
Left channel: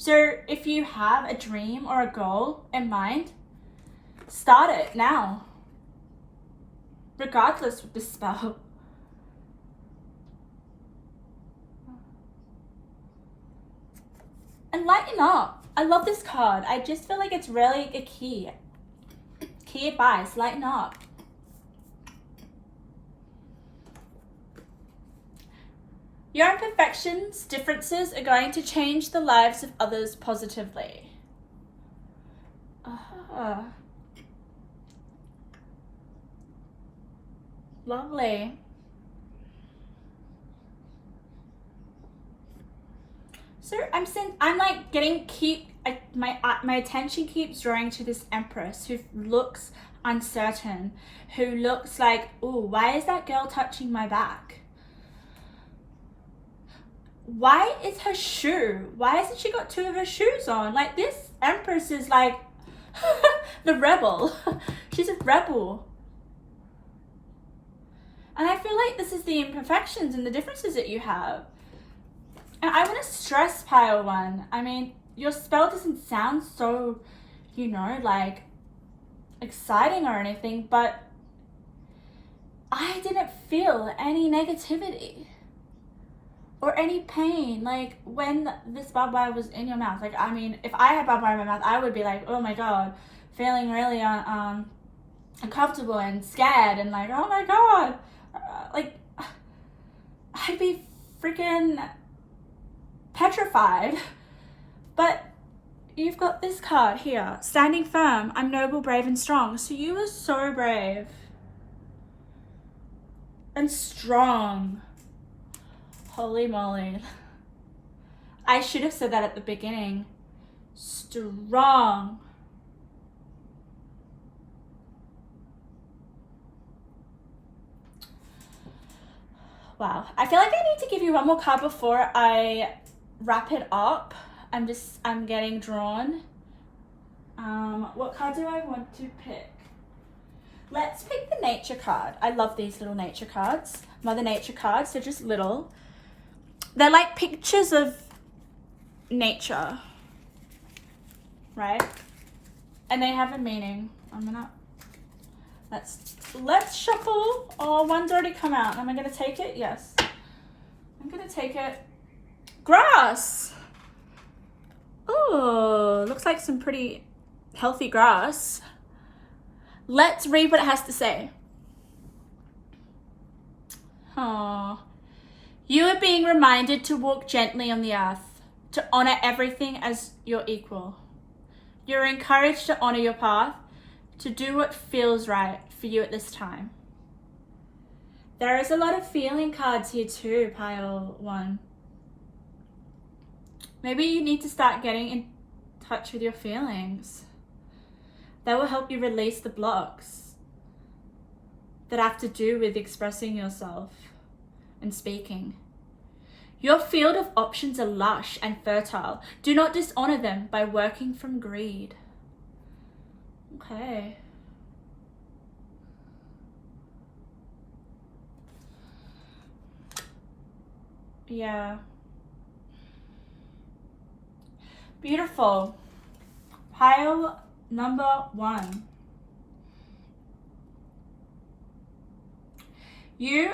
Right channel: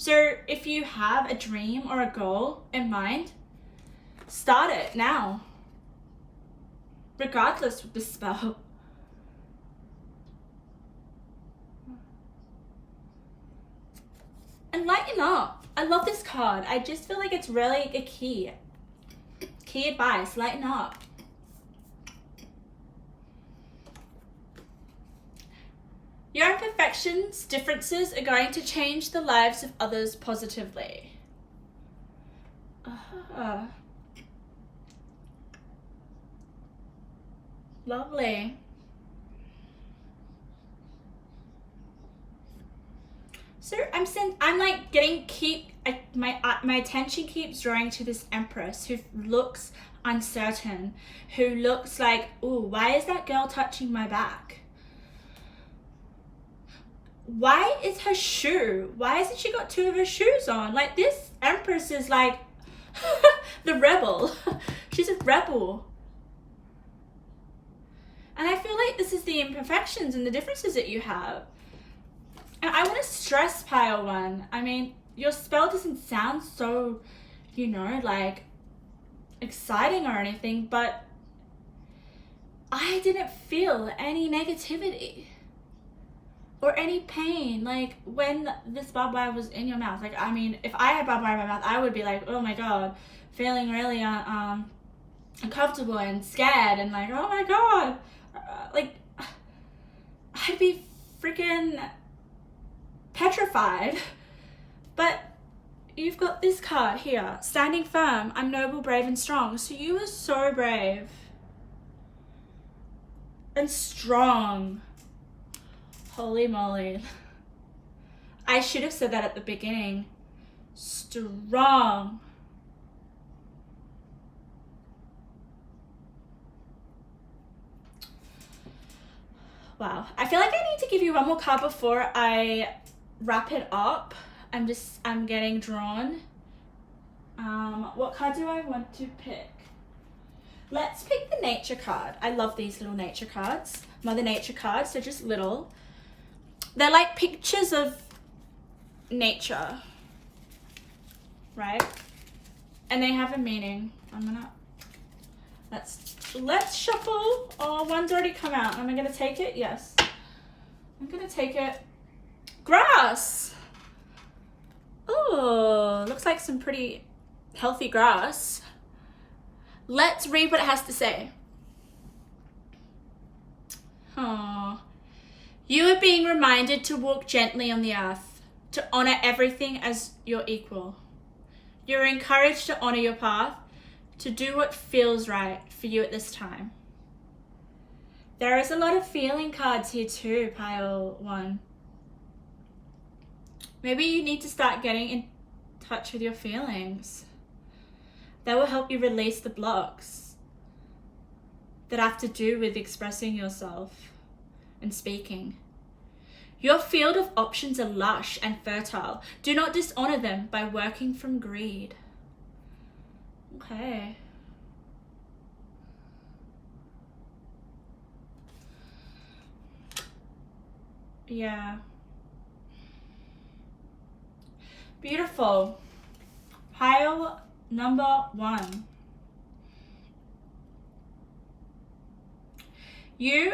So if you have a dream or a goal in mind, start it now, regardless of the spell. And lighten up. I love this card. I just feel like it's really a key advice. Lighten up. Your imperfections, differences are going to change the lives of others positively. Lovely. So I'm like my attention keeps drawing to this Empress who looks uncertain, who looks like, ooh, why is that girl touching my back? Why is her shoe? Why hasn't she got two of her shoes on? Like, this Empress is like, The rebel. She's a rebel. And I feel like this is the imperfections and the differences that you have. And I want to stress pile 1. I mean, your spell doesn't sound so, like exciting or anything, but I didn't feel any negativity or any pain. Like when this barbed wire was in your mouth, like, I mean, if I had barbed wire in my mouth, I would be like, oh my God, feeling really uncomfortable and scared and like, oh my God, like I'd be freaking petrified. But you've got this card here, standing firm, I'm noble, brave, and strong. So you were so brave and strong. Holy moly. I should have said that at the beginning. Strong. Wow. I feel like I need to give you one more card before I wrap it up. I'm getting drawn. What card do I want to pick? Let's pick the nature card. I love these little nature cards. Mother Nature cards, they're just little. They're like pictures of nature, right? And they have a meaning. Let's shuffle. Oh, one's already come out. Am I gonna take it? Yes. I'm gonna take it. Grass. Oh, looks like some pretty healthy grass. Let's read what it has to say. Oh, you are being reminded to walk gently on the earth, to honor everything as your equal. You're encouraged to honor your path, to do what feels right for you at this time. There is a lot of feeling cards here too, pile 1. Maybe you need to start getting in touch with your feelings. That will help you release the blocks that have to do with expressing yourself and speaking. Your field of options are lush and fertile. Do not dishonor them by working from greed. Okay. Yeah. Beautiful. Pile number 1. You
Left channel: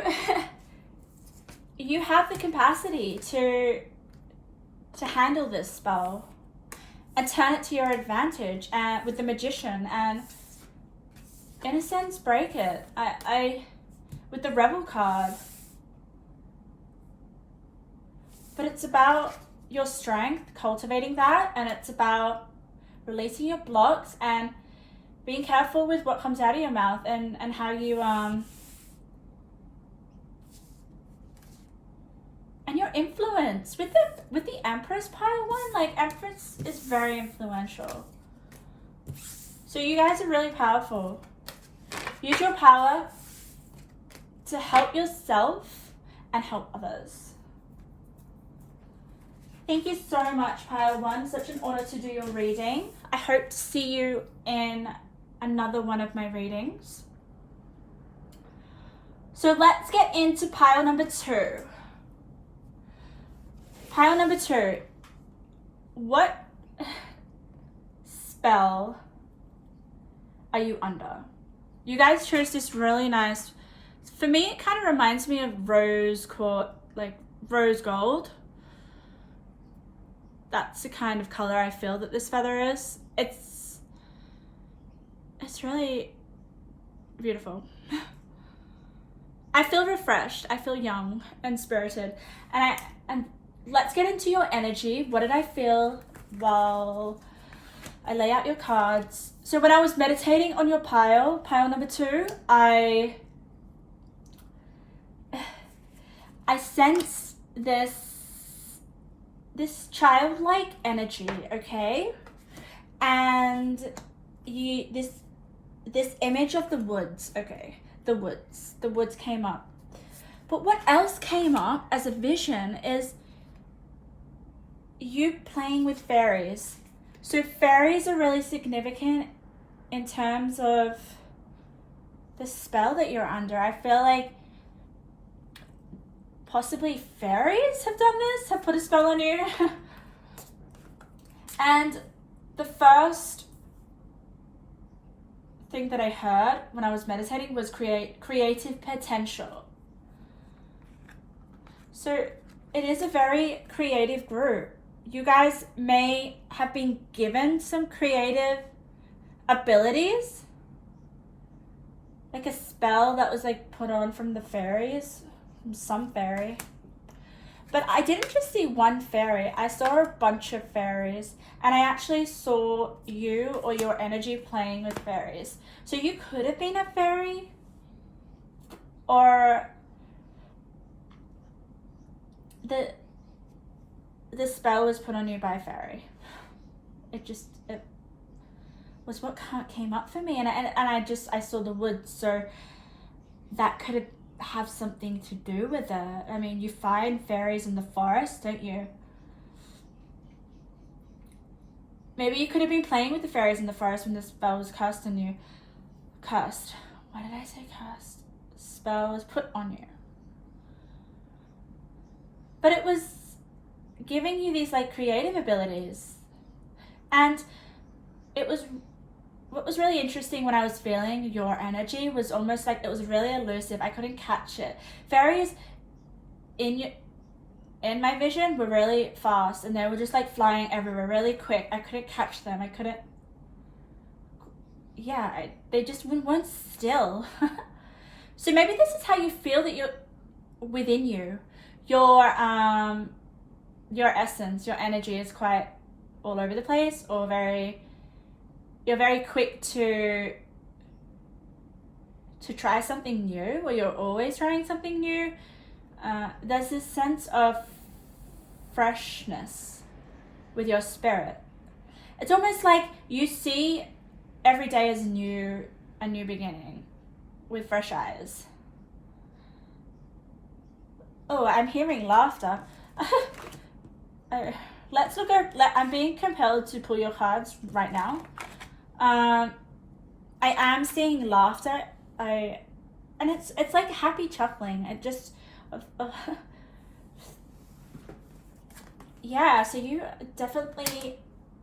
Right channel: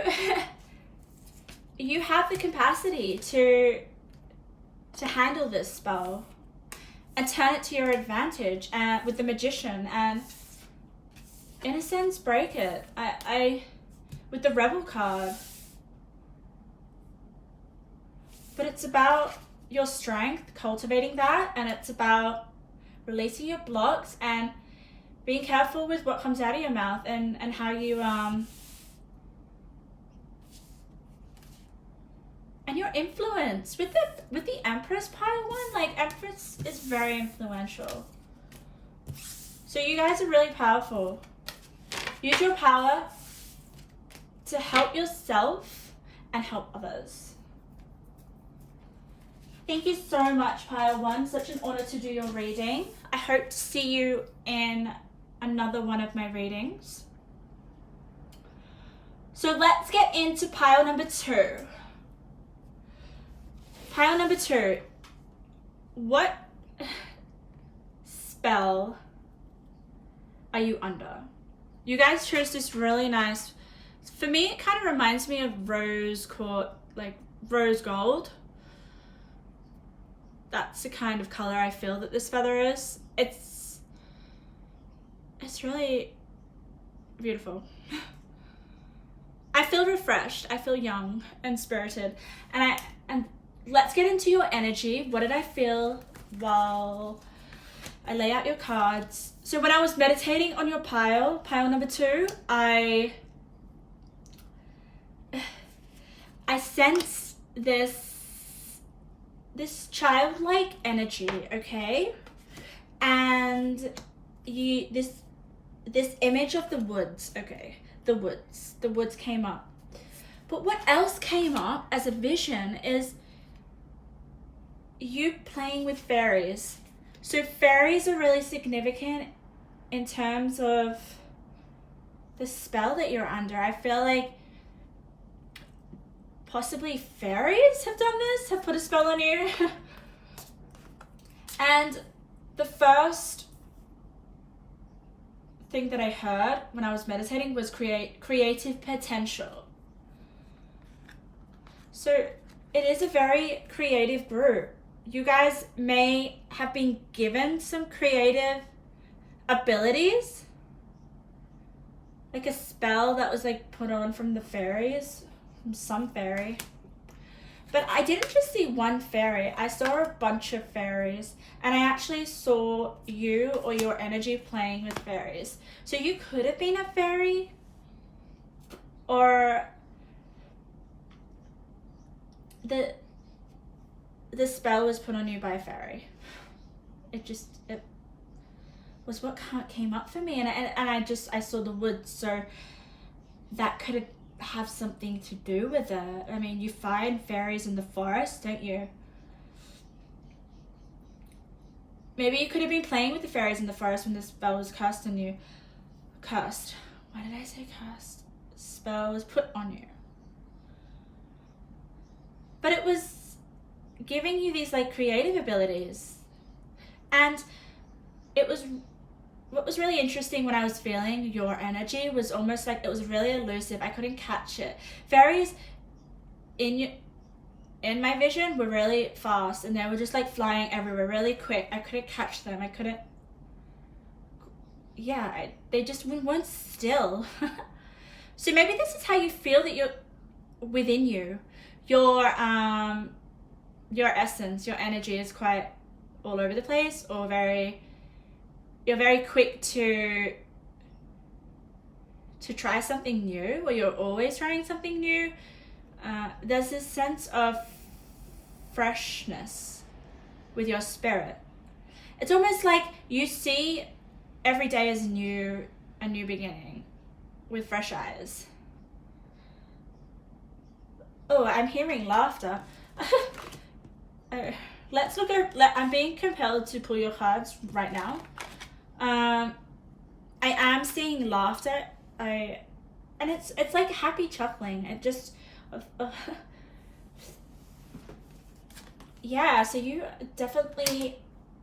have the capacity to handle this spell and turn it to your advantage, and with the Magician, and in a sense break it. I with the Rebel card. But it's about your strength, cultivating that, and it's about releasing your blocks and being careful with what comes out of your mouth and how you and your influence with the Empress pile 1. Like, Empress is very influential, so you guys are really powerful. Use your power to help yourself and help others. Thank you so much, pile 1. Such an honor to do your reading. I hope to see you in another one of my readings. So let's get into pile number 2. Pile number 2. What spell are you under? You guys chose this really nice. For me, it kind of reminds me of rose gold. That's the kind of color I feel that this feather is. It's really beautiful. I feel refreshed. I feel young and spirited. And let's get into your energy. What did I feel while I lay out your cards? So when I was meditating on your pile number 2, I sensed this childlike energy, okay? And this image of the woods, okay? The woods came up. But what else came up as a vision is you playing with fairies. So fairies are really significant in terms of the spell that you're under, I feel like possibly fairies have done this, have put a spell on you. And the first thing that I heard when I was meditating was creative potential. So it is a very creative group. You guys may have been given some creative abilities, like a spell that was like put on from the fairies, from some fairy. But I didn't just see one fairy, I saw a bunch of fairies, and I actually saw you or your energy playing with fairies. So you could have been a fairy, or the spell was put on you by a fairy. It was what came up for me, and I saw the woods, so that could have something to do with it. I mean, you find fairies in the forest, don't you? Maybe you could have been playing with the fairies in the forest when the spell was cast on you. Cast. Why did I say cast? Spell was put on you. But it was giving you these like creative abilities. And it was, what was really interesting when I was feeling your energy was almost like it was really elusive. I couldn't catch it. Fairies in my vision were really fast, and they were just like flying everywhere really quick. I couldn't catch them. I couldn't, they just weren't still. So maybe this is how you feel that you're within you. Your essence, your energy is quite all over the place, or you're very quick to try something new, or you're always trying something new. There's this sense of freshness with your spirit. It's almost like you see every day as a new beginning with fresh eyes. Oh, I'm hearing laughter. Let's look at, I'm being compelled to pull your cards right now. I am seeing laughter. And it's like happy chuckling. It just, yeah, so you definitely,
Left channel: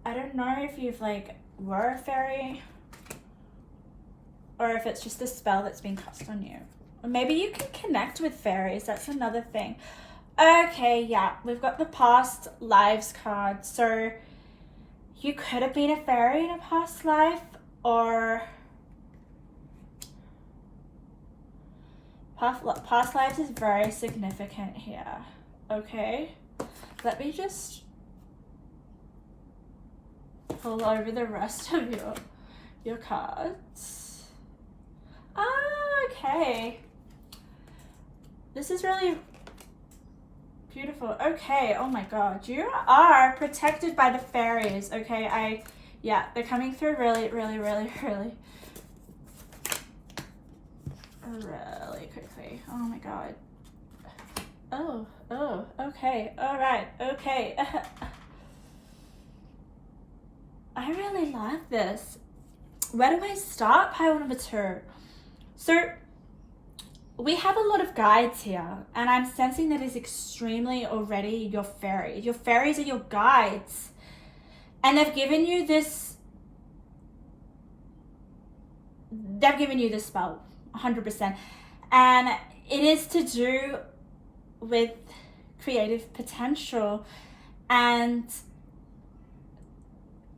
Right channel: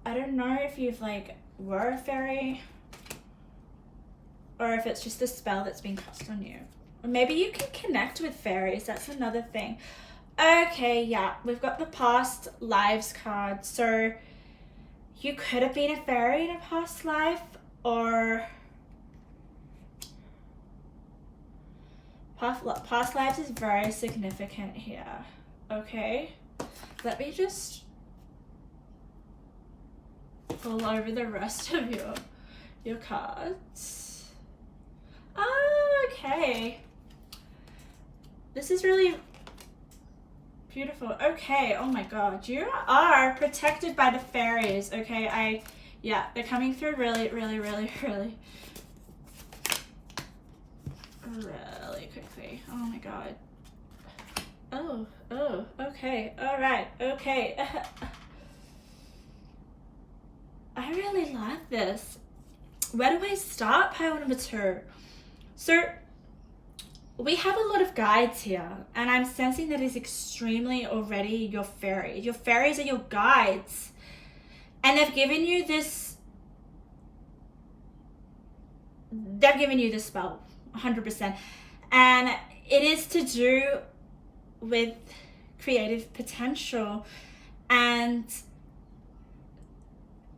I don't know if you've like were a fairy, or if it's just a spell that's been cast on you. Or maybe you can connect with fairies, that's another thing. Okay, yeah, we've got the past lives card. So you could have been a fairy in a past life, or past lives is very significant here. Okay, let me just pull over the rest of your cards. Okay, this is really beautiful. Okay, oh my god, you are protected by the fairies. Okay, they're coming through really quickly. Oh my god. Oh, okay, all right, okay. I really like this. Where do I start? Pile number 2. So we have a lot of guides here, and I'm sensing that is extremely already your fairy. Your fairies are your guides, and they've given you this spell 100%, and it is to do with creative potential and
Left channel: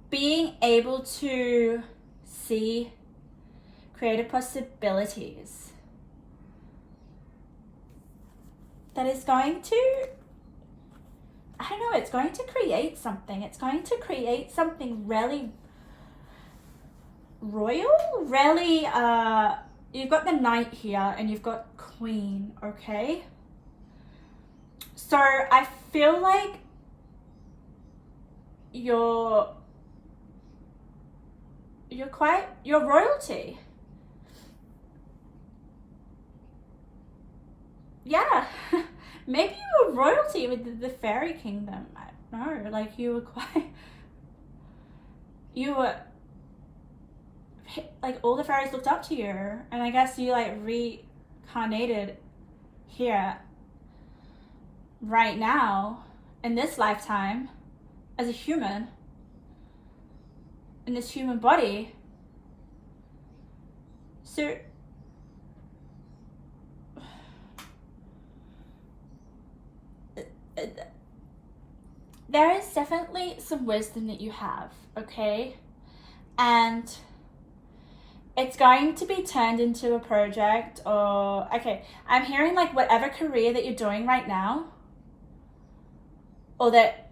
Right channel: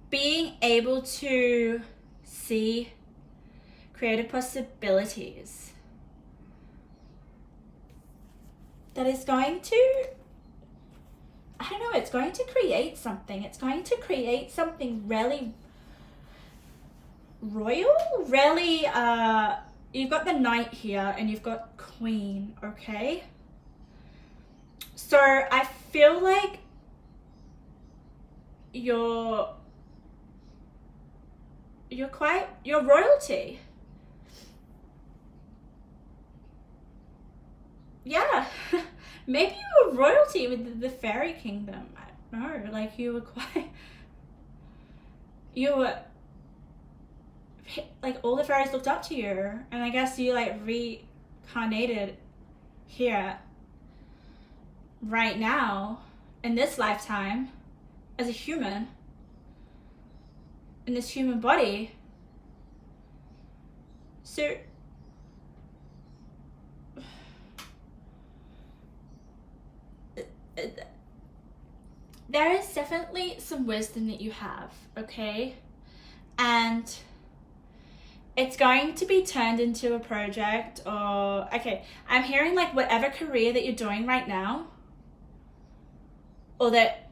being able to see creative possibilities. That is going to, I don't know, it's going to create something. It's going to create something really royal, really, you've got the knight here and you've got queen, okay? So I feel like you're royalty. Yeah, maybe you were royalty with the fairy kingdom. I don't know, like you were like all the fairies looked up to you, and I guess you like reincarnated here right now in this lifetime as a human in this human body. So there is definitely some wisdom that you have, okay? And it's going to be turned into a project, or okay, I'm hearing like whatever career that you're doing right now, or that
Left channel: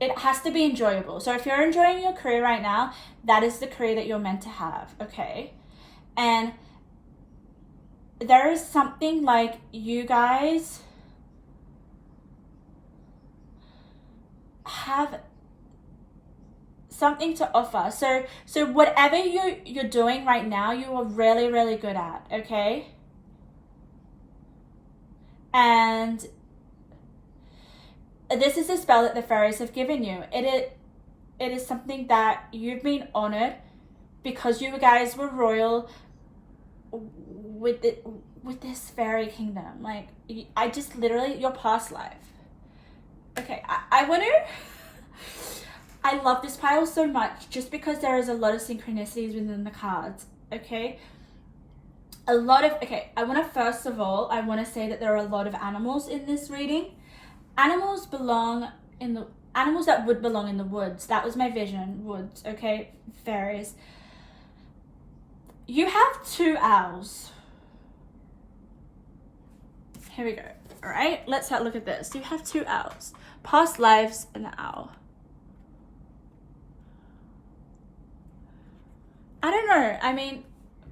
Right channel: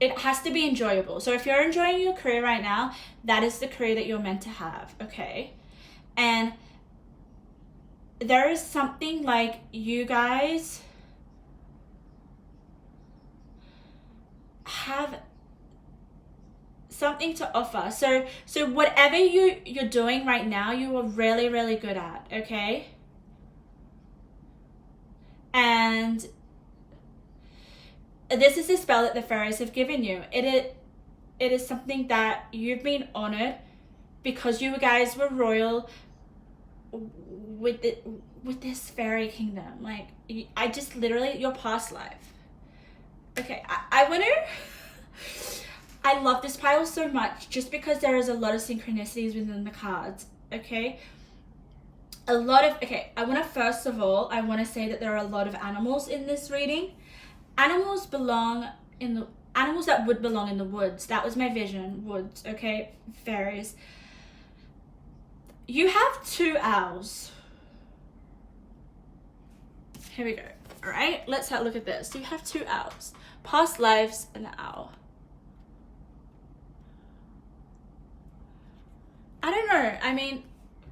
it has to be enjoyable. So if you're enjoying your career right now, that is the career that you're meant to have, okay? And there is something like you guys have something to offer. So whatever you're doing right now, you are really, really good at, okay? And this is a spell that the fairies have given you. It is something that you've been honored because you guys were royal with this fairy kingdom. Like, I just literally, your past life. Okay, I want to... I love this pile so much just because there is a lot of synchronicities within the cards, okay? I want to, first of all, I want to say that there are a lot of animals in this reading. Animals that would belong in the woods. That was my vision, woods, okay? Fairies. You have 2 owls. Here we go, all right? Let's have a look at this. You have 2 owls. Past lives and an owl. I don't know. I mean,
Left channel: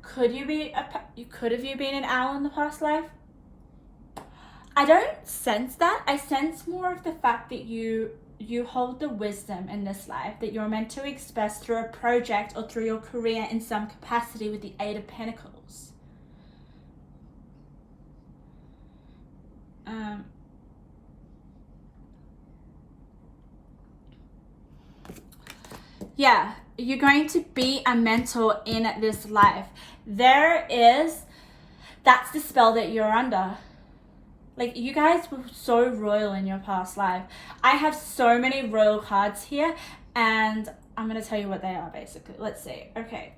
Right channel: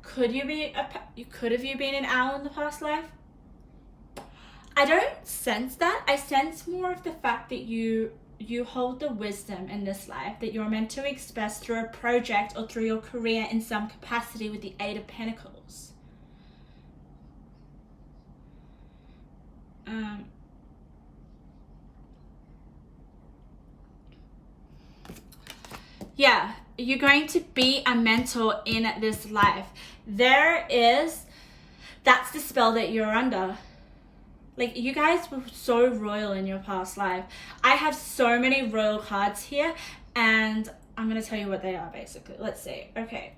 could you been an owl in the past life? I don't sense that. I sense more of the fact that you hold the wisdom in this life that you're meant to express through a project or through your career in some capacity with the 8 of Pentacles. Yeah, you're going to be a mentor in this life. That's the spell that you're under. Like, you guys were so royal in your past life. I have so many royal cards here, and I'm going to tell you what they are, basically. Let's see. Okay.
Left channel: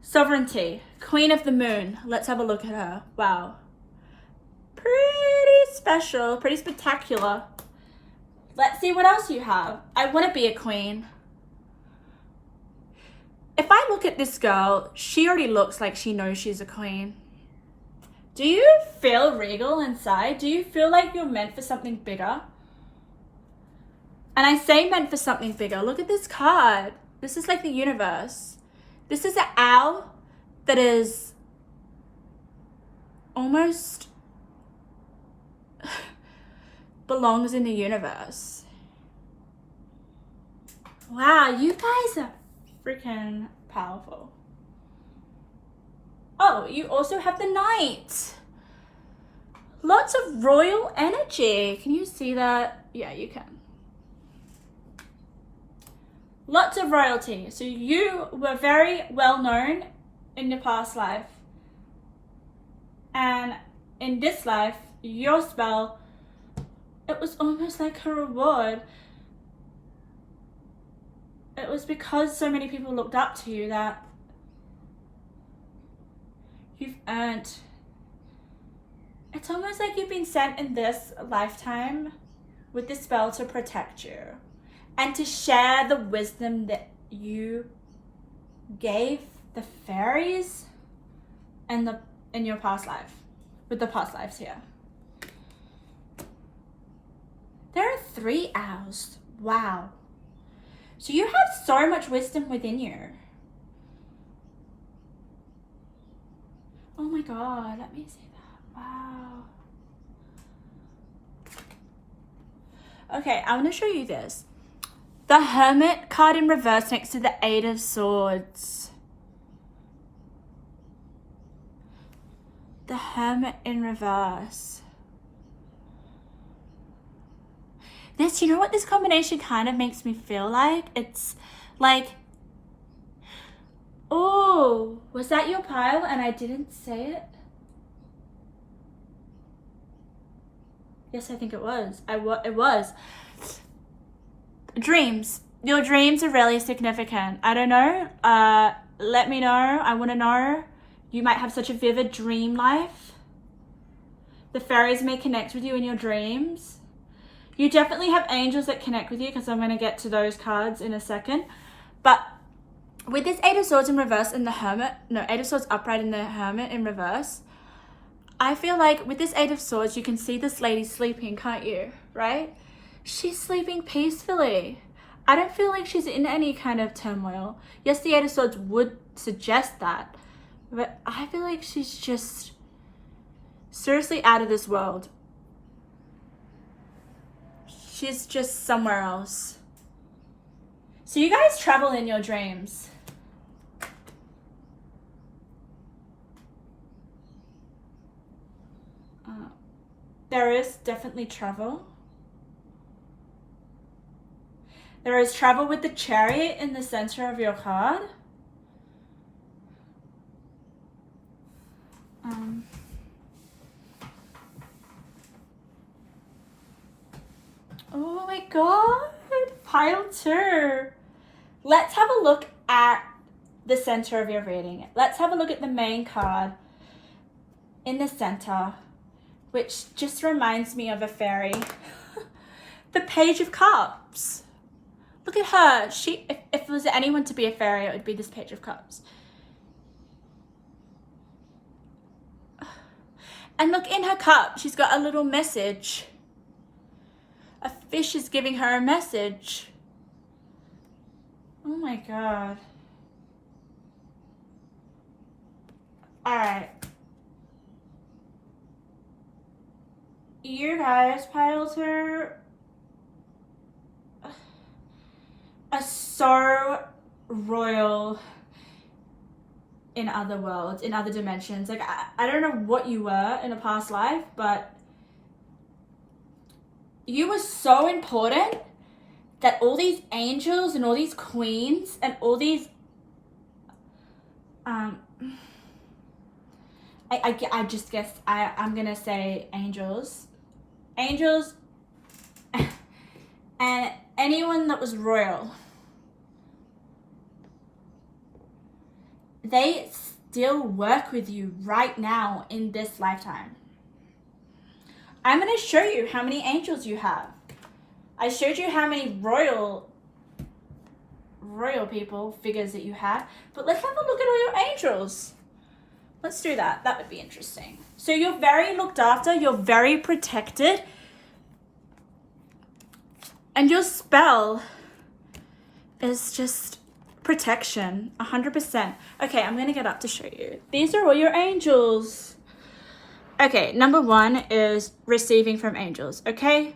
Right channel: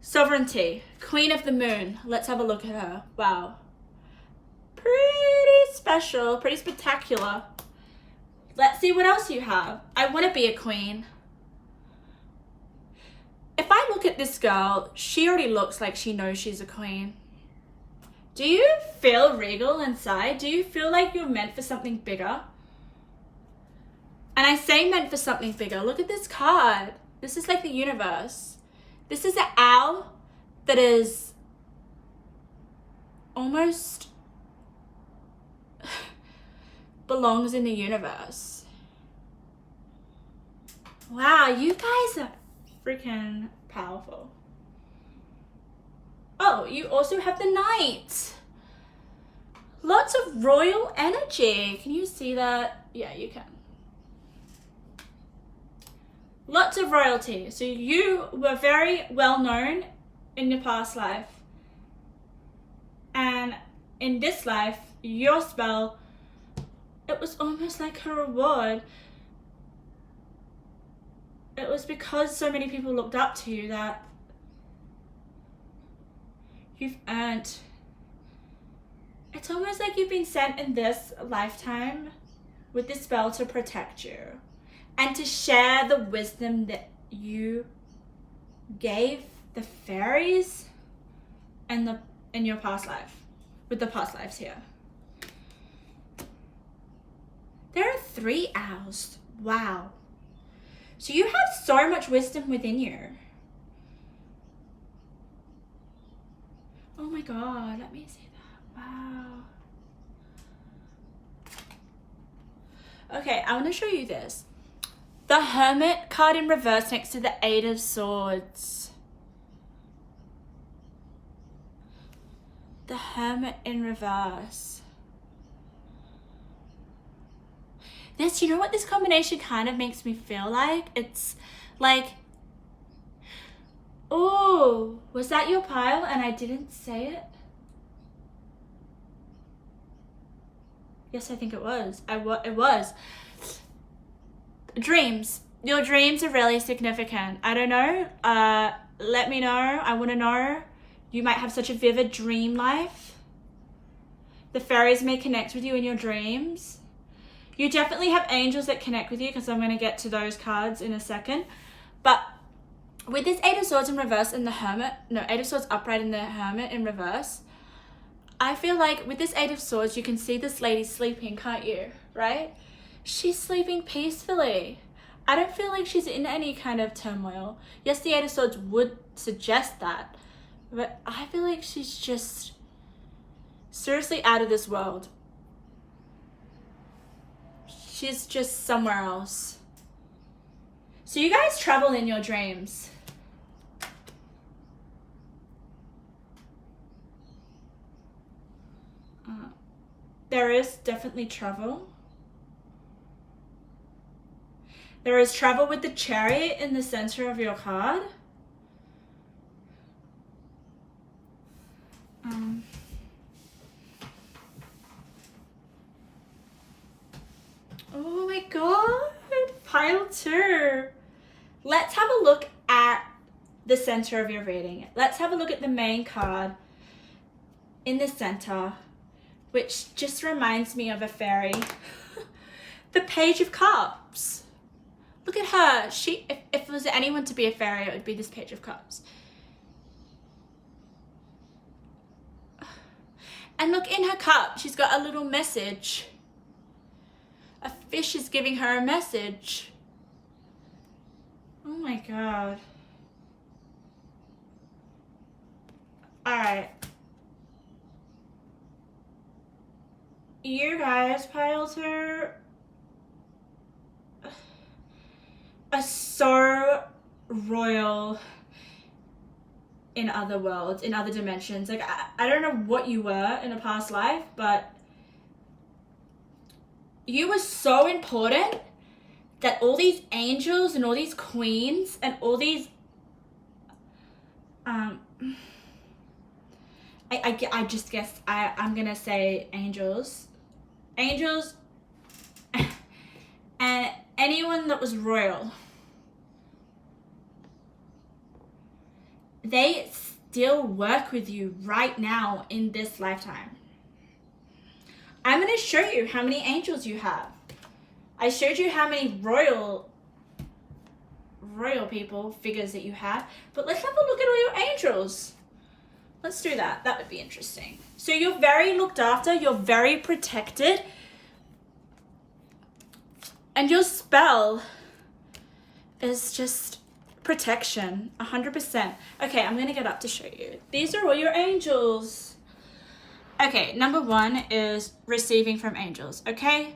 Sovereignty. Queen of the Moon. Let's have a look at her. Wow. Pretty special. Pretty spectacular. Let's see what else you have. I want to be a queen. If I look at this girl, she already looks like she knows she's a queen. Do you feel regal inside? Do you feel like you're meant for something bigger? And I say meant for something bigger. Look at this card. This is like the universe. This is an owl that is almost belongs in the universe. Wow, you guys are freaking powerful. Oh, you also have the Knight. Lots of royal energy. Can you see that? Yeah, you can. Lots of royalty. So you were very well known in your past life. And in this life, your spell, it was almost like a reward. It was because so many people looked up to you that you've earned. It's almost like you've been sent in this lifetime with this spell to protect you and to share the wisdom that you gave the fairies and in your past life, with the past lives here. There are 3 owls. Wow. So you have so much wisdom within you. Oh my God, let me see that. Wow. Okay, I want to show you this. The Hermit card in reverse next to the 8 of Swords. The Hermit in reverse. This, you know what this combination kind of makes me feel like? It's like Oh, was that your pile and I didn't say it? Yes, I think it was. It was. Dreams. Your dreams are really significant. I don't know. Let me know. I want to know. You might have such a vivid dream life. The fairies may connect with you in your dreams. You definitely have angels that connect with you, because I'm going to get to those cards in a second. But with this Eight of Swords in reverse and the Hermit, no, Eight of Swords upright and the Hermit in reverse, I feel like with this Eight of Swords, you can see this lady sleeping, can't you? Right? She's sleeping peacefully. I don't feel like she's in any kind of turmoil. Yes, the Eight of Swords would suggest that, but I feel like she's just seriously out of this world. She's just somewhere else. So you guys travel in your dreams. There is definitely travel. There is travel with the Chariot in the center of your card. Oh my god, pile 2. Let's have a look at the center of your reading. Let's have a look at the main card in the center, which just reminds me of a fairy. The Page of Cups. Look at her. If it was anyone to be a fairy, it would be this Page of Cups. And look, in her cup, she's got a little message. A fish is giving her a message. Oh my god. Alright. You guys, pile 2, are so royal in other worlds, in other dimensions. Like, I don't know what you were in a past life, but you were so important that all these angels and all these queens and all these I just guess I'm gonna say angels and anyone that was royal, they still work with you right now in this lifetime. I'm going to show you how many angels you have. I showed you how many royal people, figures that you have, but let's have a look at all your angels. Let's do that. That would be interesting. So you're very looked after, you're very protected, and your spell is just protection, 100%. Okay, I'm going to get up to show you. These are all your angels. Okay, number 1 is receiving from angels, okay?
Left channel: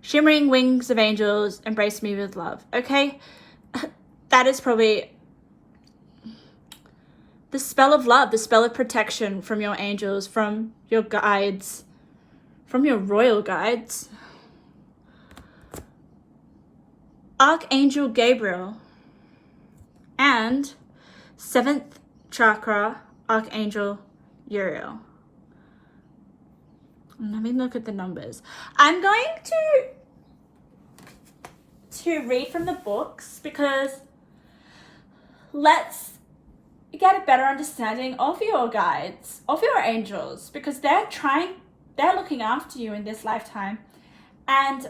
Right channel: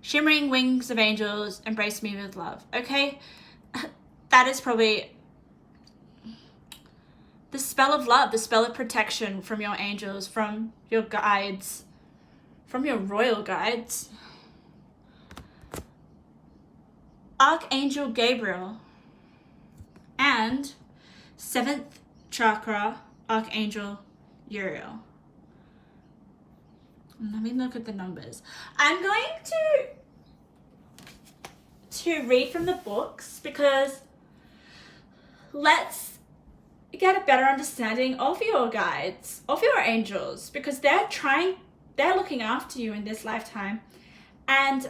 Shimmering wings of angels, embrace me with love, okay? That is probably the spell of love, the spell of protection from your angels, from your guides, from your royal guides. Archangel Gabriel and 7th chakra Archangel Uriel. Let me look at the numbers. I'm going to read from the books, because let's get a better understanding of your guides, of your angels, because they're looking after you in this lifetime. And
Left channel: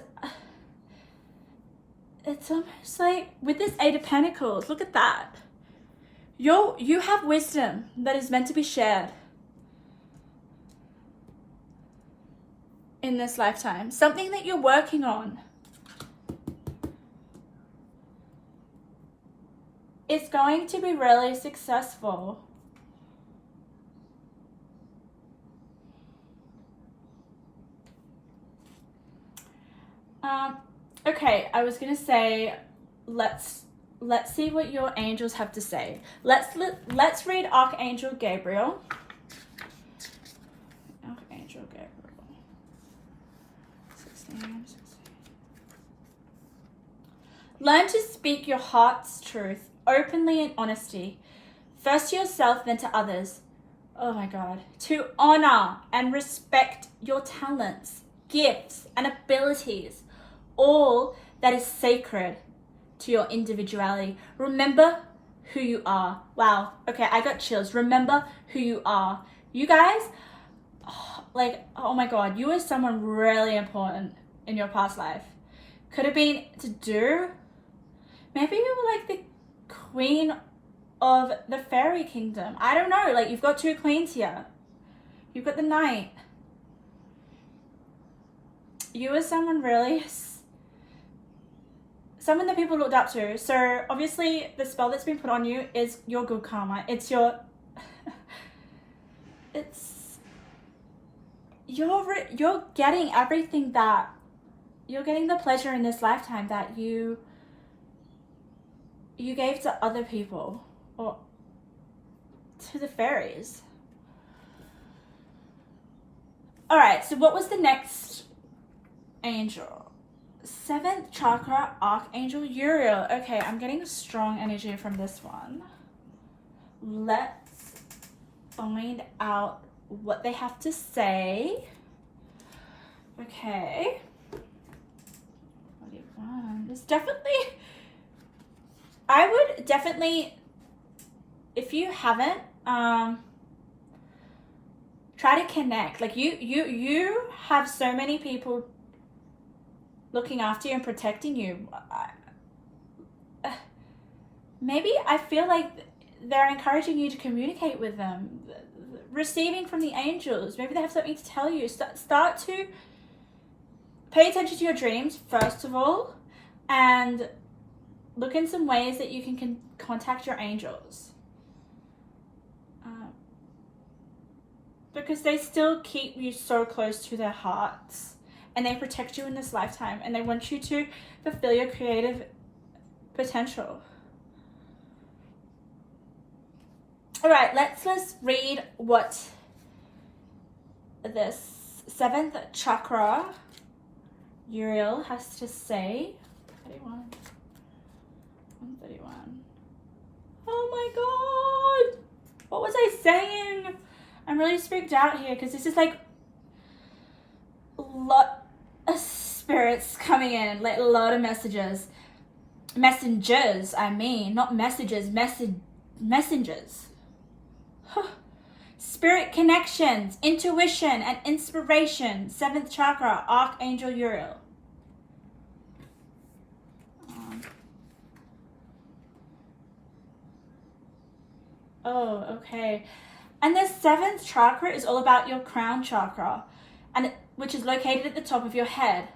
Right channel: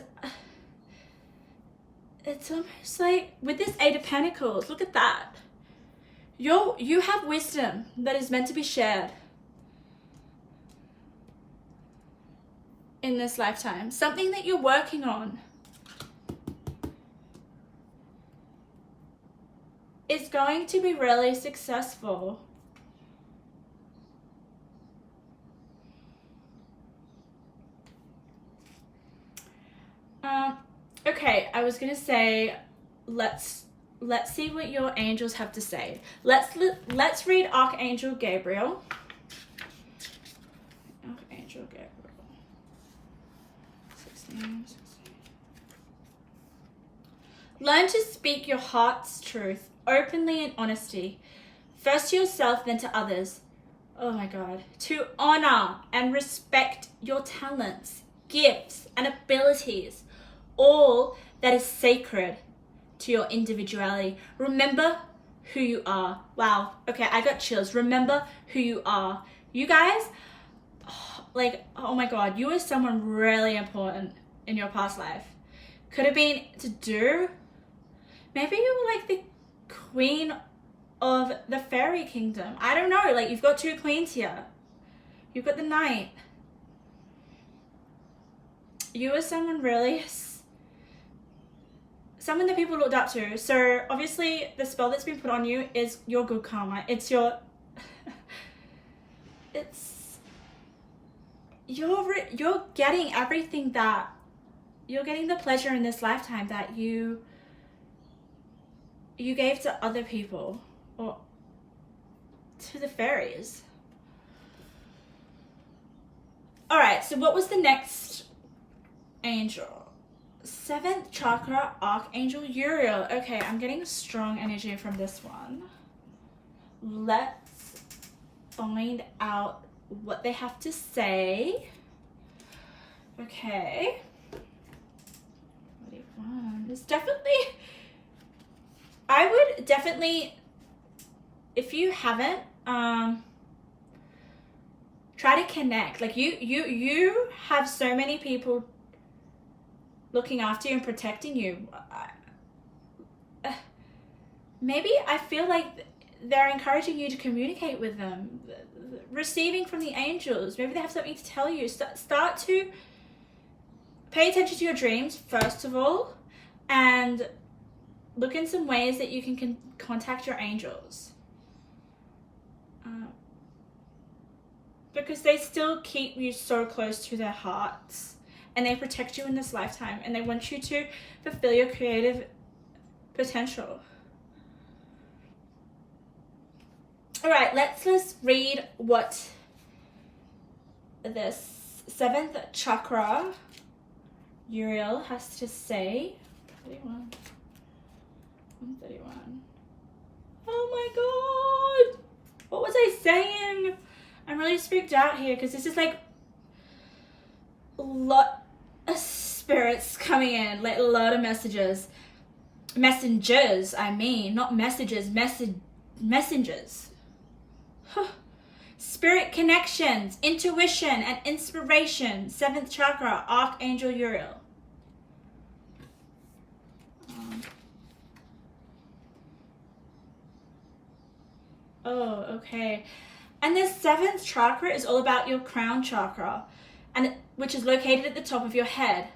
it's almost like with this 8 of Pentacles, look at that. You have wisdom that is meant to be shared in this lifetime. Something that you're working on is going to be really successful. Okay, I was gonna say, let's see what your angels have to say. Let's read Archangel Gabriel. Archangel Gabriel. 16. Learn to speak your heart's truth openly in honesty, first to yourself, then to others. Oh my God. To honor and respect your talents, gifts, and abilities, all that is sacred to your individuality. Remember who you are. Wow. Okay, I got chills. Remember who you are. You guys, oh my God, you were someone really important in your past life. Could have been to do. Maybe you were like the queen of the fairy kingdom. I don't know. Like, you've got two queens here. You've got the knight. You were someone really, someone that people looked up to. So obviously the spell that's been put on you is your good karma. It's your, you're getting everything that, you're getting the pleasure in this lifetime that you gave to other people, or to the fairies. All right, so what was the next angel? 7th chakra, Archangel Uriel. Okay, I'm getting strong energy from this one. Let's find out what they have to say. Okay. There's definitely, I would definitely, if you haven't, try to connect. Like, you have so many people looking after you and protecting you. Maybe I feel like they're encouraging you to communicate with them, receiving from the angels. Maybe they have something to tell you. Start to pay attention to your dreams, first of all, and look in some ways that you can contact your angels. Because they still keep you so close to their hearts, and they protect you in this lifetime, and they want you to fulfill your creative potential. All right, let's read what this 7th chakra Uriel has to say. 131. Oh my God. What was I saying? I'm really freaked out here because this is like a lot of spirits coming in, like a lot of messages. Messengers, I mean, not messages, messengers. Spirit connections, intuition, and inspiration. 7th chakra, Archangel Uriel. Oh, okay. And the 7th chakra is all about your crown chakra, which is located at the top of your head.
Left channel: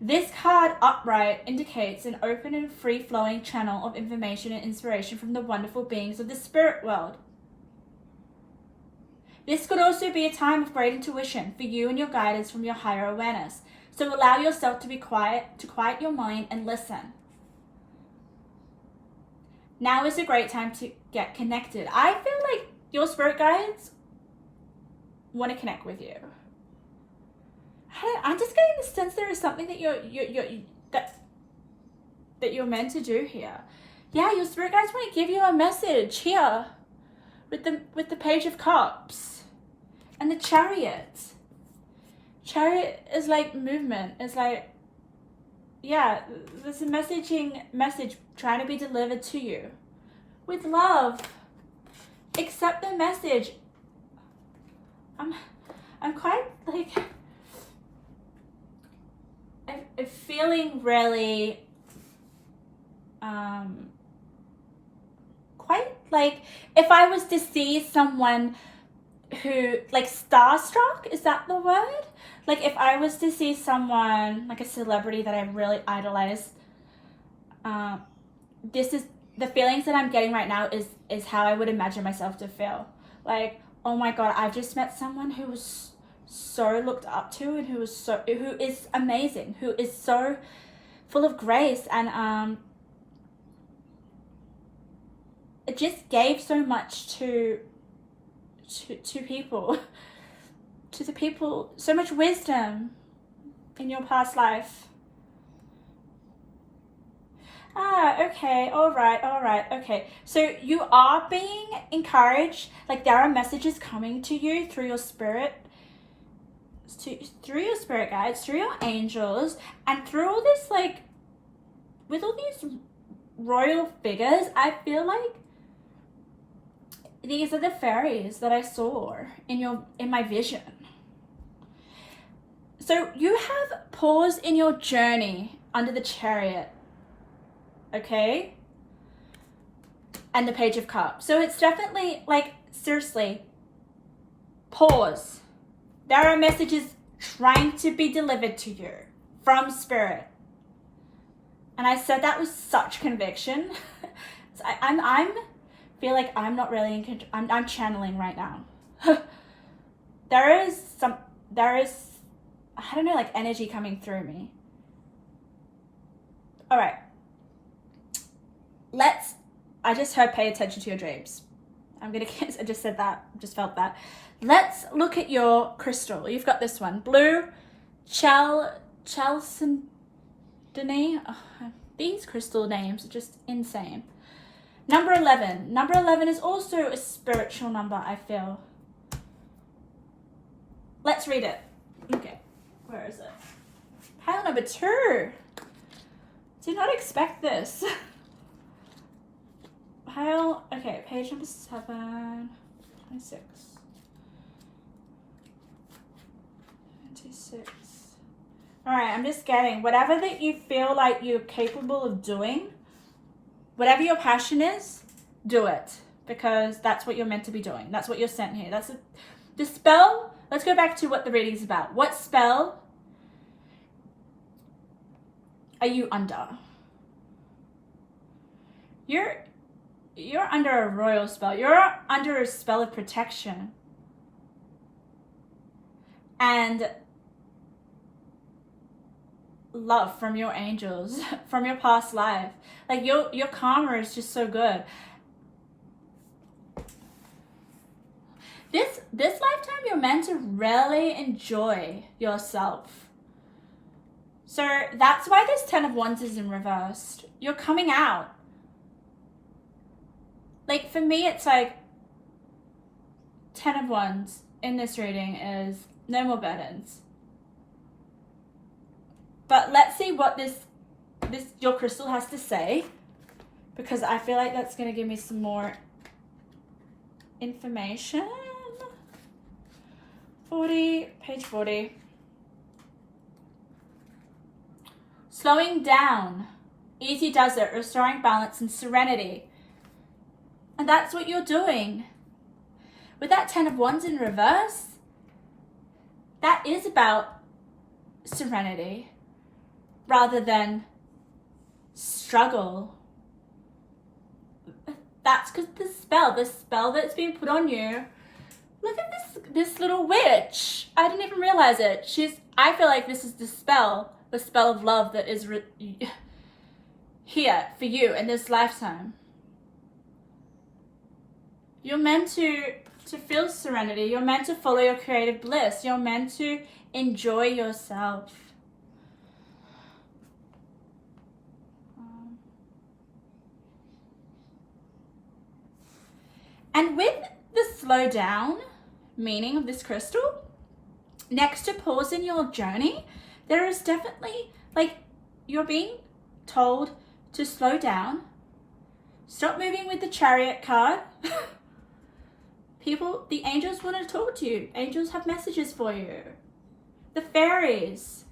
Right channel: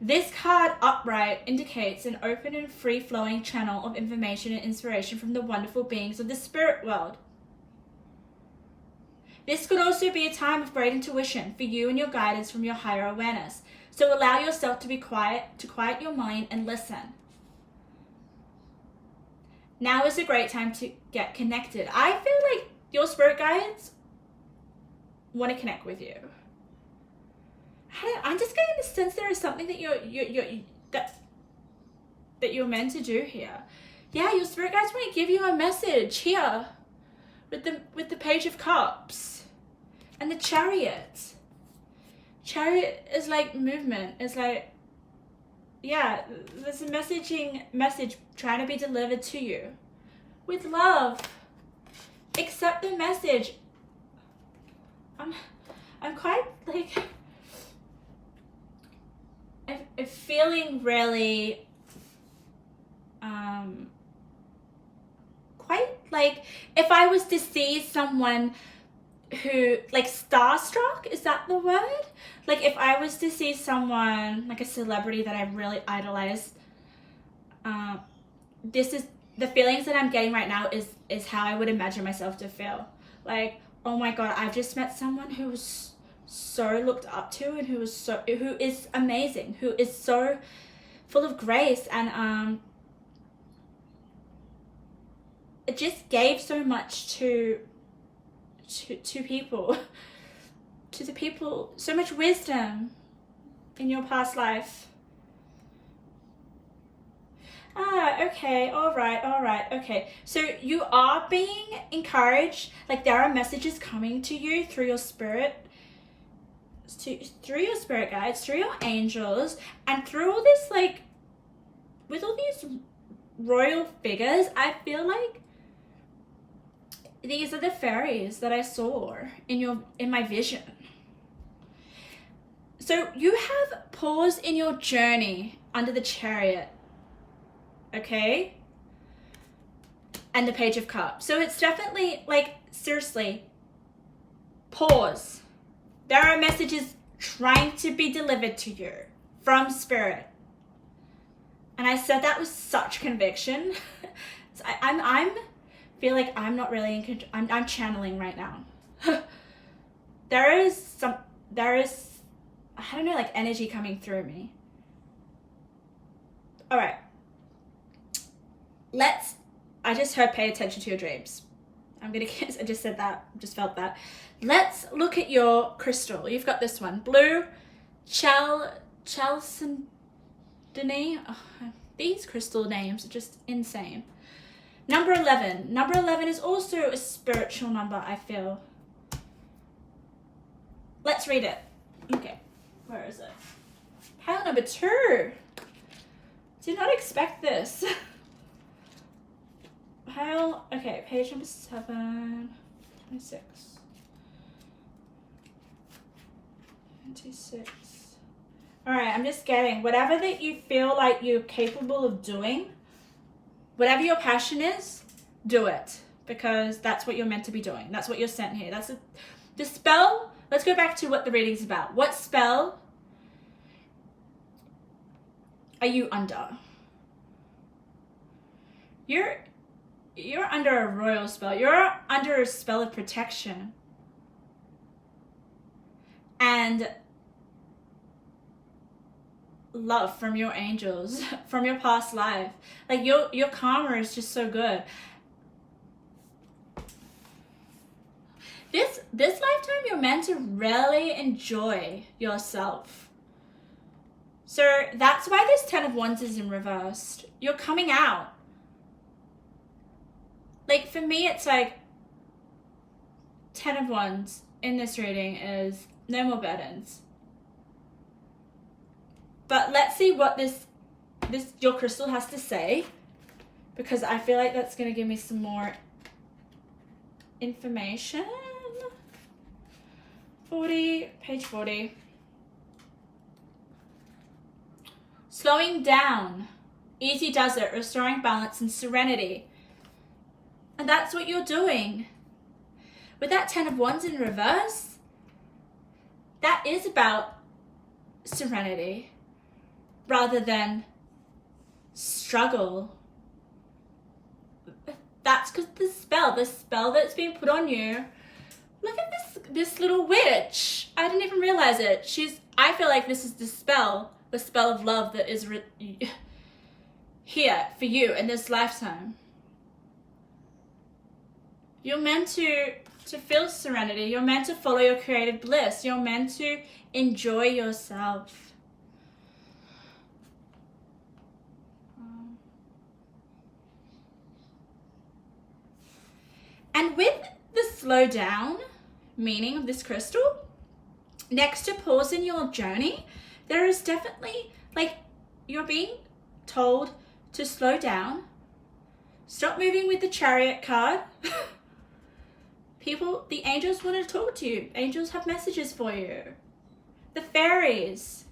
This card upright indicates an open and free-flowing channel of information and inspiration from the wonderful beings of the spirit world. This could also be a time of great intuition for you and your guidance from your higher awareness. So allow yourself to be quiet, to quiet your mind and listen. Now is a great time to get connected. I feel like your spirit guides want to connect with you. I'm just getting the sense there is something that you're meant to do here. Yeah, your spirit guides want to give you a message here with the Page of Cups and the Chariot. Chariot is like movement. It's like, yeah, there's a message trying to be delivered to you with love. Accept the message. I'm quite like, I'm feeling really quite like, if I was to see someone who, like, starstruck, is that the word? Like, if I was to see someone, like a celebrity that I really idolize, this is the feelings that I'm getting right now is how I would imagine myself to feel. Like, oh my God, I've just met someone who was so looked up to, and who is amazing, who is so full of grace, and it just gave so much to people, to the people, so much wisdom in your past life. Okay, all right, okay. So you are being encouraged, like there are messages coming to you through your spirit, through your spirit guides, through your angels, and through all this, like, with all these royal figures, I feel like these are the fairies that I saw in my vision. So you have pause in your journey under the Chariot, okay? And the Page of Cups. So it's definitely, like, seriously, pause. There are messages trying to be delivered to you from Spirit. And I said that with such conviction. So I'm feel like I'm not really in control. I'm channeling right now. there is I don't know, like energy coming through me. All right. I just heard pay attention to your dreams. I just said that, just felt that. Let's look at your crystal. You've got this one, blue chalcedony. Oh, these crystal names are just insane. Number 11. Number 11 is also a spiritual number, I feel. Let's read it. Okay, where is it? Pile number 2. Did not expect this. Pile, okay, page number 7, 26. 26. All right, I'm just getting whatever that you feel like you're capable of doing, whatever your passion is, do it, because that's what you're meant to be doing. That's what you're sent here. The spell. Let's go back to what the reading's about. What spell are you under? You're under a royal spell. You're under a spell of protection. And love from your angels, from your past life. Like your karma is just so good. This lifetime you're meant to really enjoy yourself. So that's why this 10 of Wands is in reversed. You're coming out. Like for me, it's like 10 of Wands in this reading is no more burdens. But let's see what your crystal has to say, because I feel like that's going to give me some more information. 40, page 40. Slowing down. Easy does it. Restoring balance and serenity. And that's what you're doing. With that 10 of Wands in reverse, that is about serenity rather than struggle. That's because the spell that's being put on you. Look at this little witch. I didn't even realize it. I feel like this is the spell of love that is here for you in this lifetime. You're meant to feel serenity. You're meant to follow your creative bliss. You're meant to enjoy yourself. And with the slow down meaning of this crystal, next to pause in your journey, there is definitely, like, you're being told to slow down. Stop moving with the Chariot card. The angels want to talk to you. Angels have messages for you. The fairies.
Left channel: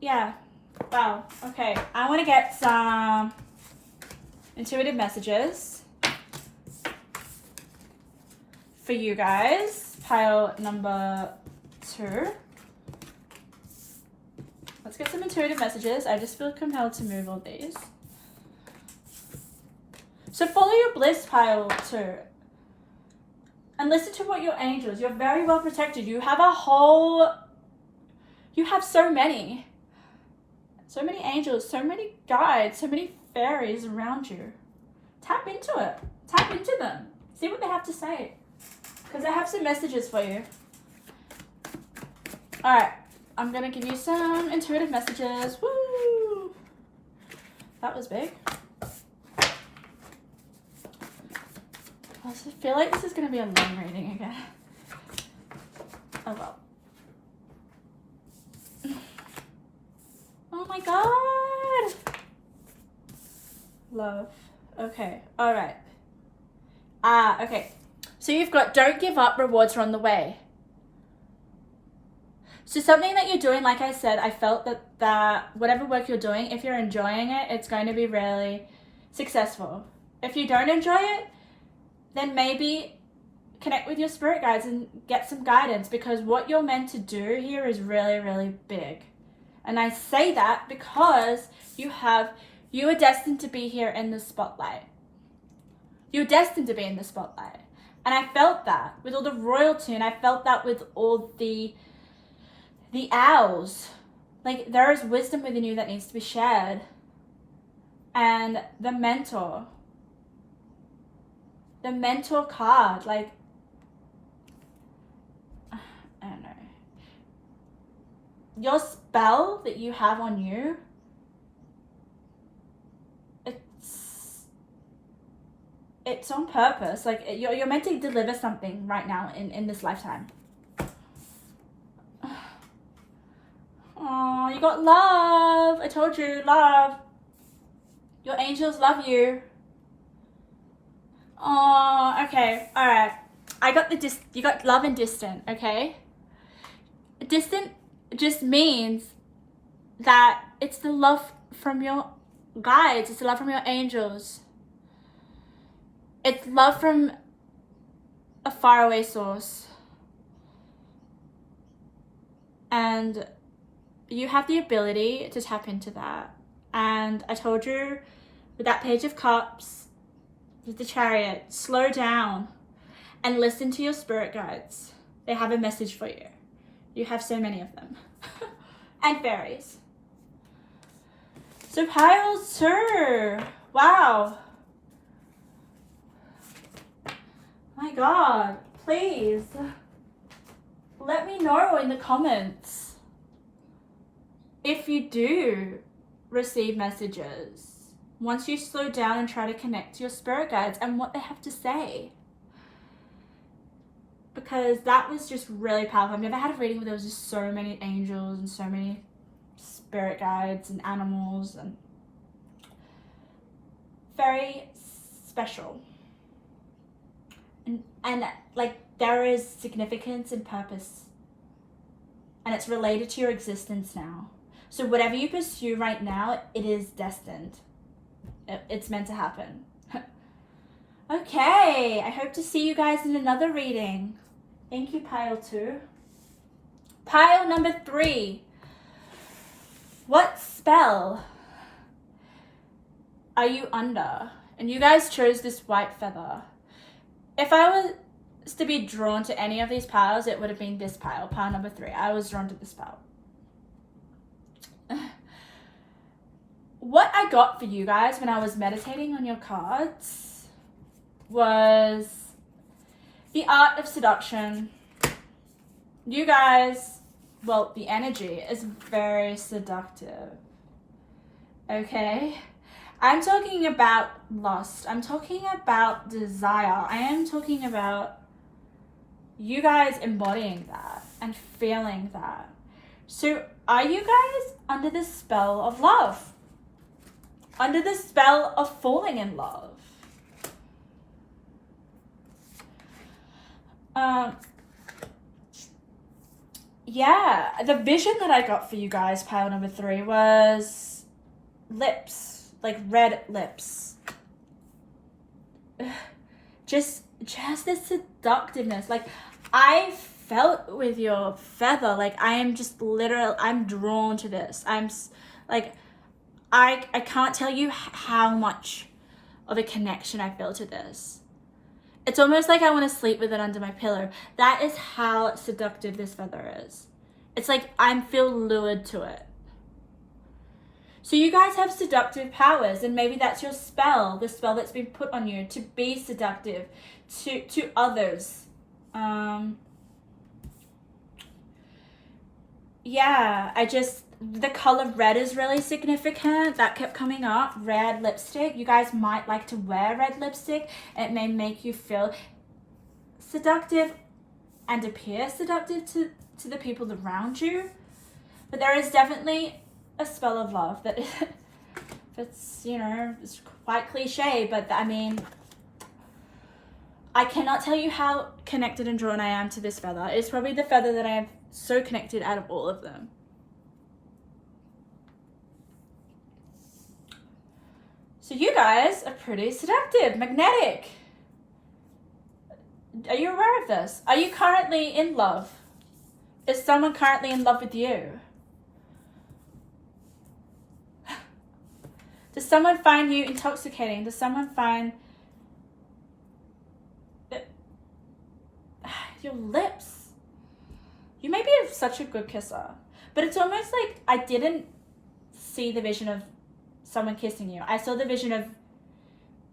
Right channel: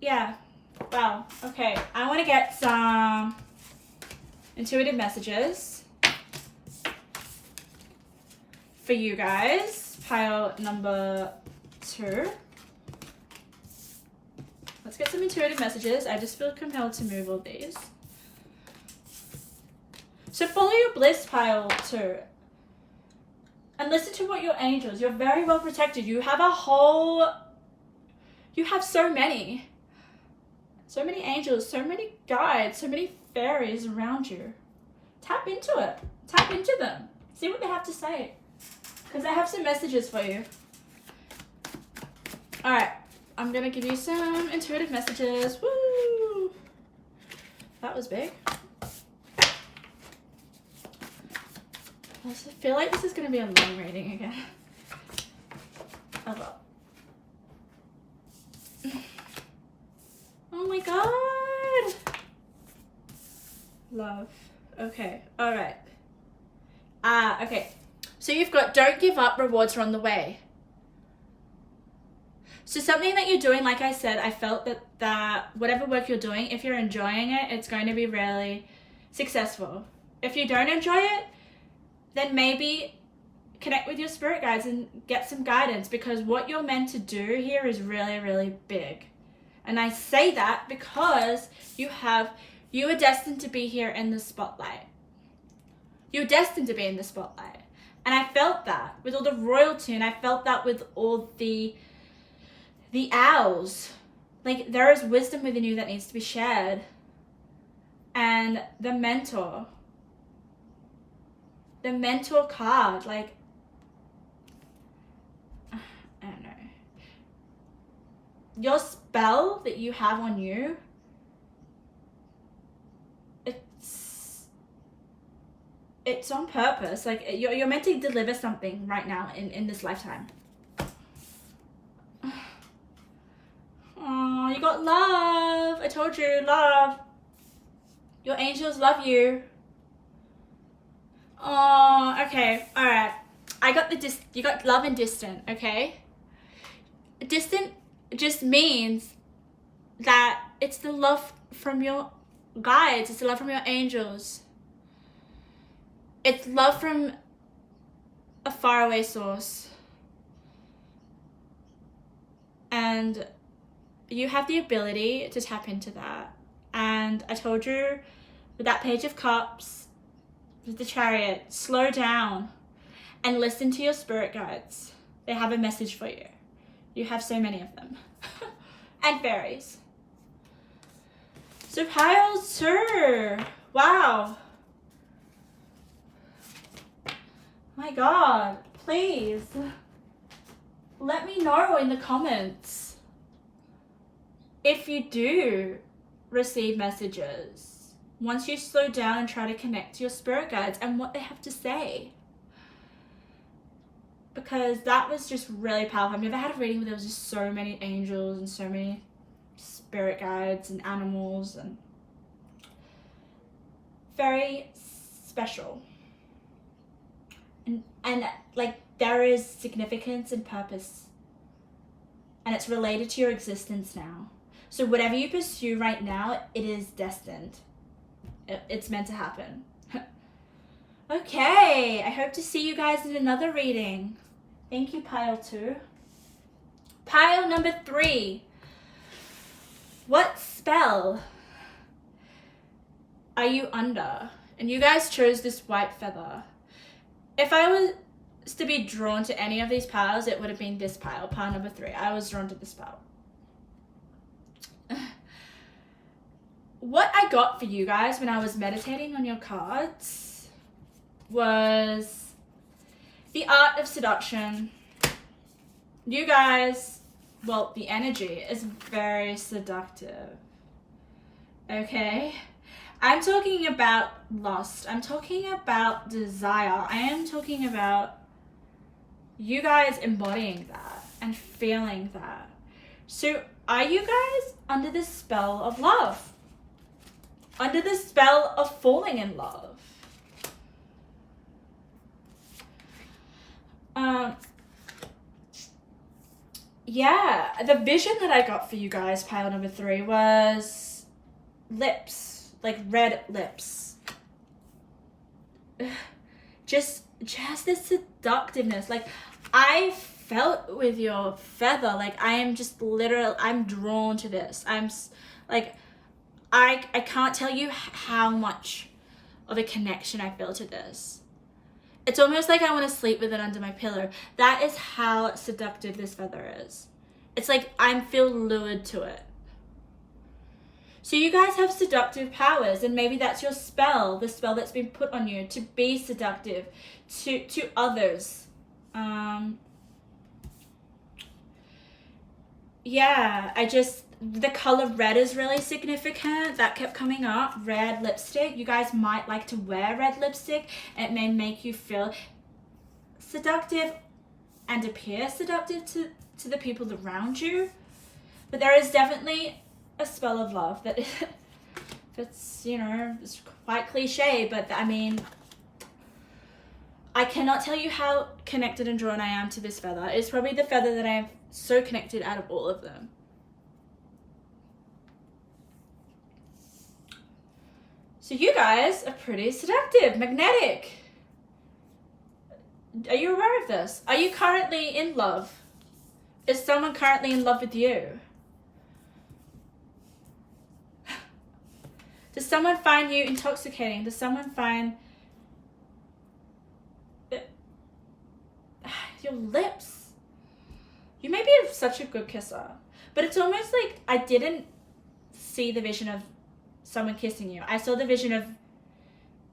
Yeah. Wow. Okay. I want to get some intuitive messages for you guys. Pile number 2. Let's get some intuitive messages. I just feel compelled to move all these. So follow your bliss, pile 2. And listen to what your angels, you're very well protected. You have so many angels, so many guides, so many fairies around you. Tap into it. Tap into them. See what they have to say. Because I have some messages for you. All right. I'm gonna give you some intuitive messages. Woo! That was big. I just feel like this is gonna be a long reading again. Oh well. Oh my god! Love. Okay, alright. Okay. So you've got don't give up, rewards are on the way. So something that you're doing, like I said, I felt that whatever work you're doing, if you're enjoying it, it's going to be really successful. If you don't enjoy it, then maybe connect with your spirit guides and get some guidance, because what you're meant to do here is really, really big. And I say that because you are destined to be here in the spotlight. You're destined to be in the spotlight. And I felt that with all the royalty, and I felt that with all the owls. Like, there is wisdom within you that needs to be shared. And the mentor card, like, I don't know. Your spell that you have on you, it's on purpose. Like, you're meant to deliver something right now in this lifetime. Oh, you got love. I told you, love. Your angels love you. Oh, okay. All right. I got you got love and distant, okay? Distant just means that it's the love from your guides. It's the love from your angels. It's love from a faraway source. And you have the ability to tap into that. And I told you with that Page of Cups, with the Chariot, slow down and listen to your spirit guides. They have a message for you. You have so many of them. And fairies. So piles too. Wow. My God, please let me know in the comments if you do receive messages once you slow down and try to connect to your spirit guides and what they have to say. Because that was just really powerful. I've never had a reading where there was just so many angels and so many spirit guides and animals, and very special. And like, there is significance and purpose, and it's related to your existence now. So whatever you pursue right now, it is destined. It's meant to happen. Okay, I hope to see you guys in another reading. Thank you, pile 2. Pile number 3. What spell are you under? And you guys chose this white feather. If I was to be drawn to any of these piles, it would have been this pile, pile number 3. I was drawn to this pile. What I got for you guys when I was meditating on your cards was the art of seduction. You guys, well, the energy is very seductive. Okay? I'm talking about lust. I'm talking about desire. I am talking about you guys embodying that and feeling that. So are you guys under the spell of love? Under the spell of falling in love? Yeah, the vision that I got for you guys, pile number 3, was lips, like red lips. Just the seductiveness. Like, I felt with your feather, like, I am just literal, I'm drawn to this. I'm like, I can't tell you how much of a connection I feel to this. It's almost like I want to sleep with it under my pillow. That is how seductive this feather is. It's like I feel lured to it. So you guys have seductive powers, and maybe that's your spell, the spell that's been put on you to be seductive to others. yeah, the color red is really significant. That kept coming up. Red lipstick. You guys might like to wear red lipstick. It may make you feel seductive and appear seductive to the people around you. But there is definitely a spell of love that it's, you know, it's quite cliche, but I mean, I cannot tell you how connected and drawn I am to this feather. It's probably the feather that I am so connected out of all of them. So you guys are pretty seductive, magnetic. Are you aware of this? Are you currently in love? Is someone currently in love with you? Does someone find you intoxicating? Does someone find your lips? You may be such a good kisser, but it's almost like I didn't see the vision of someone kissing you. I saw the vision of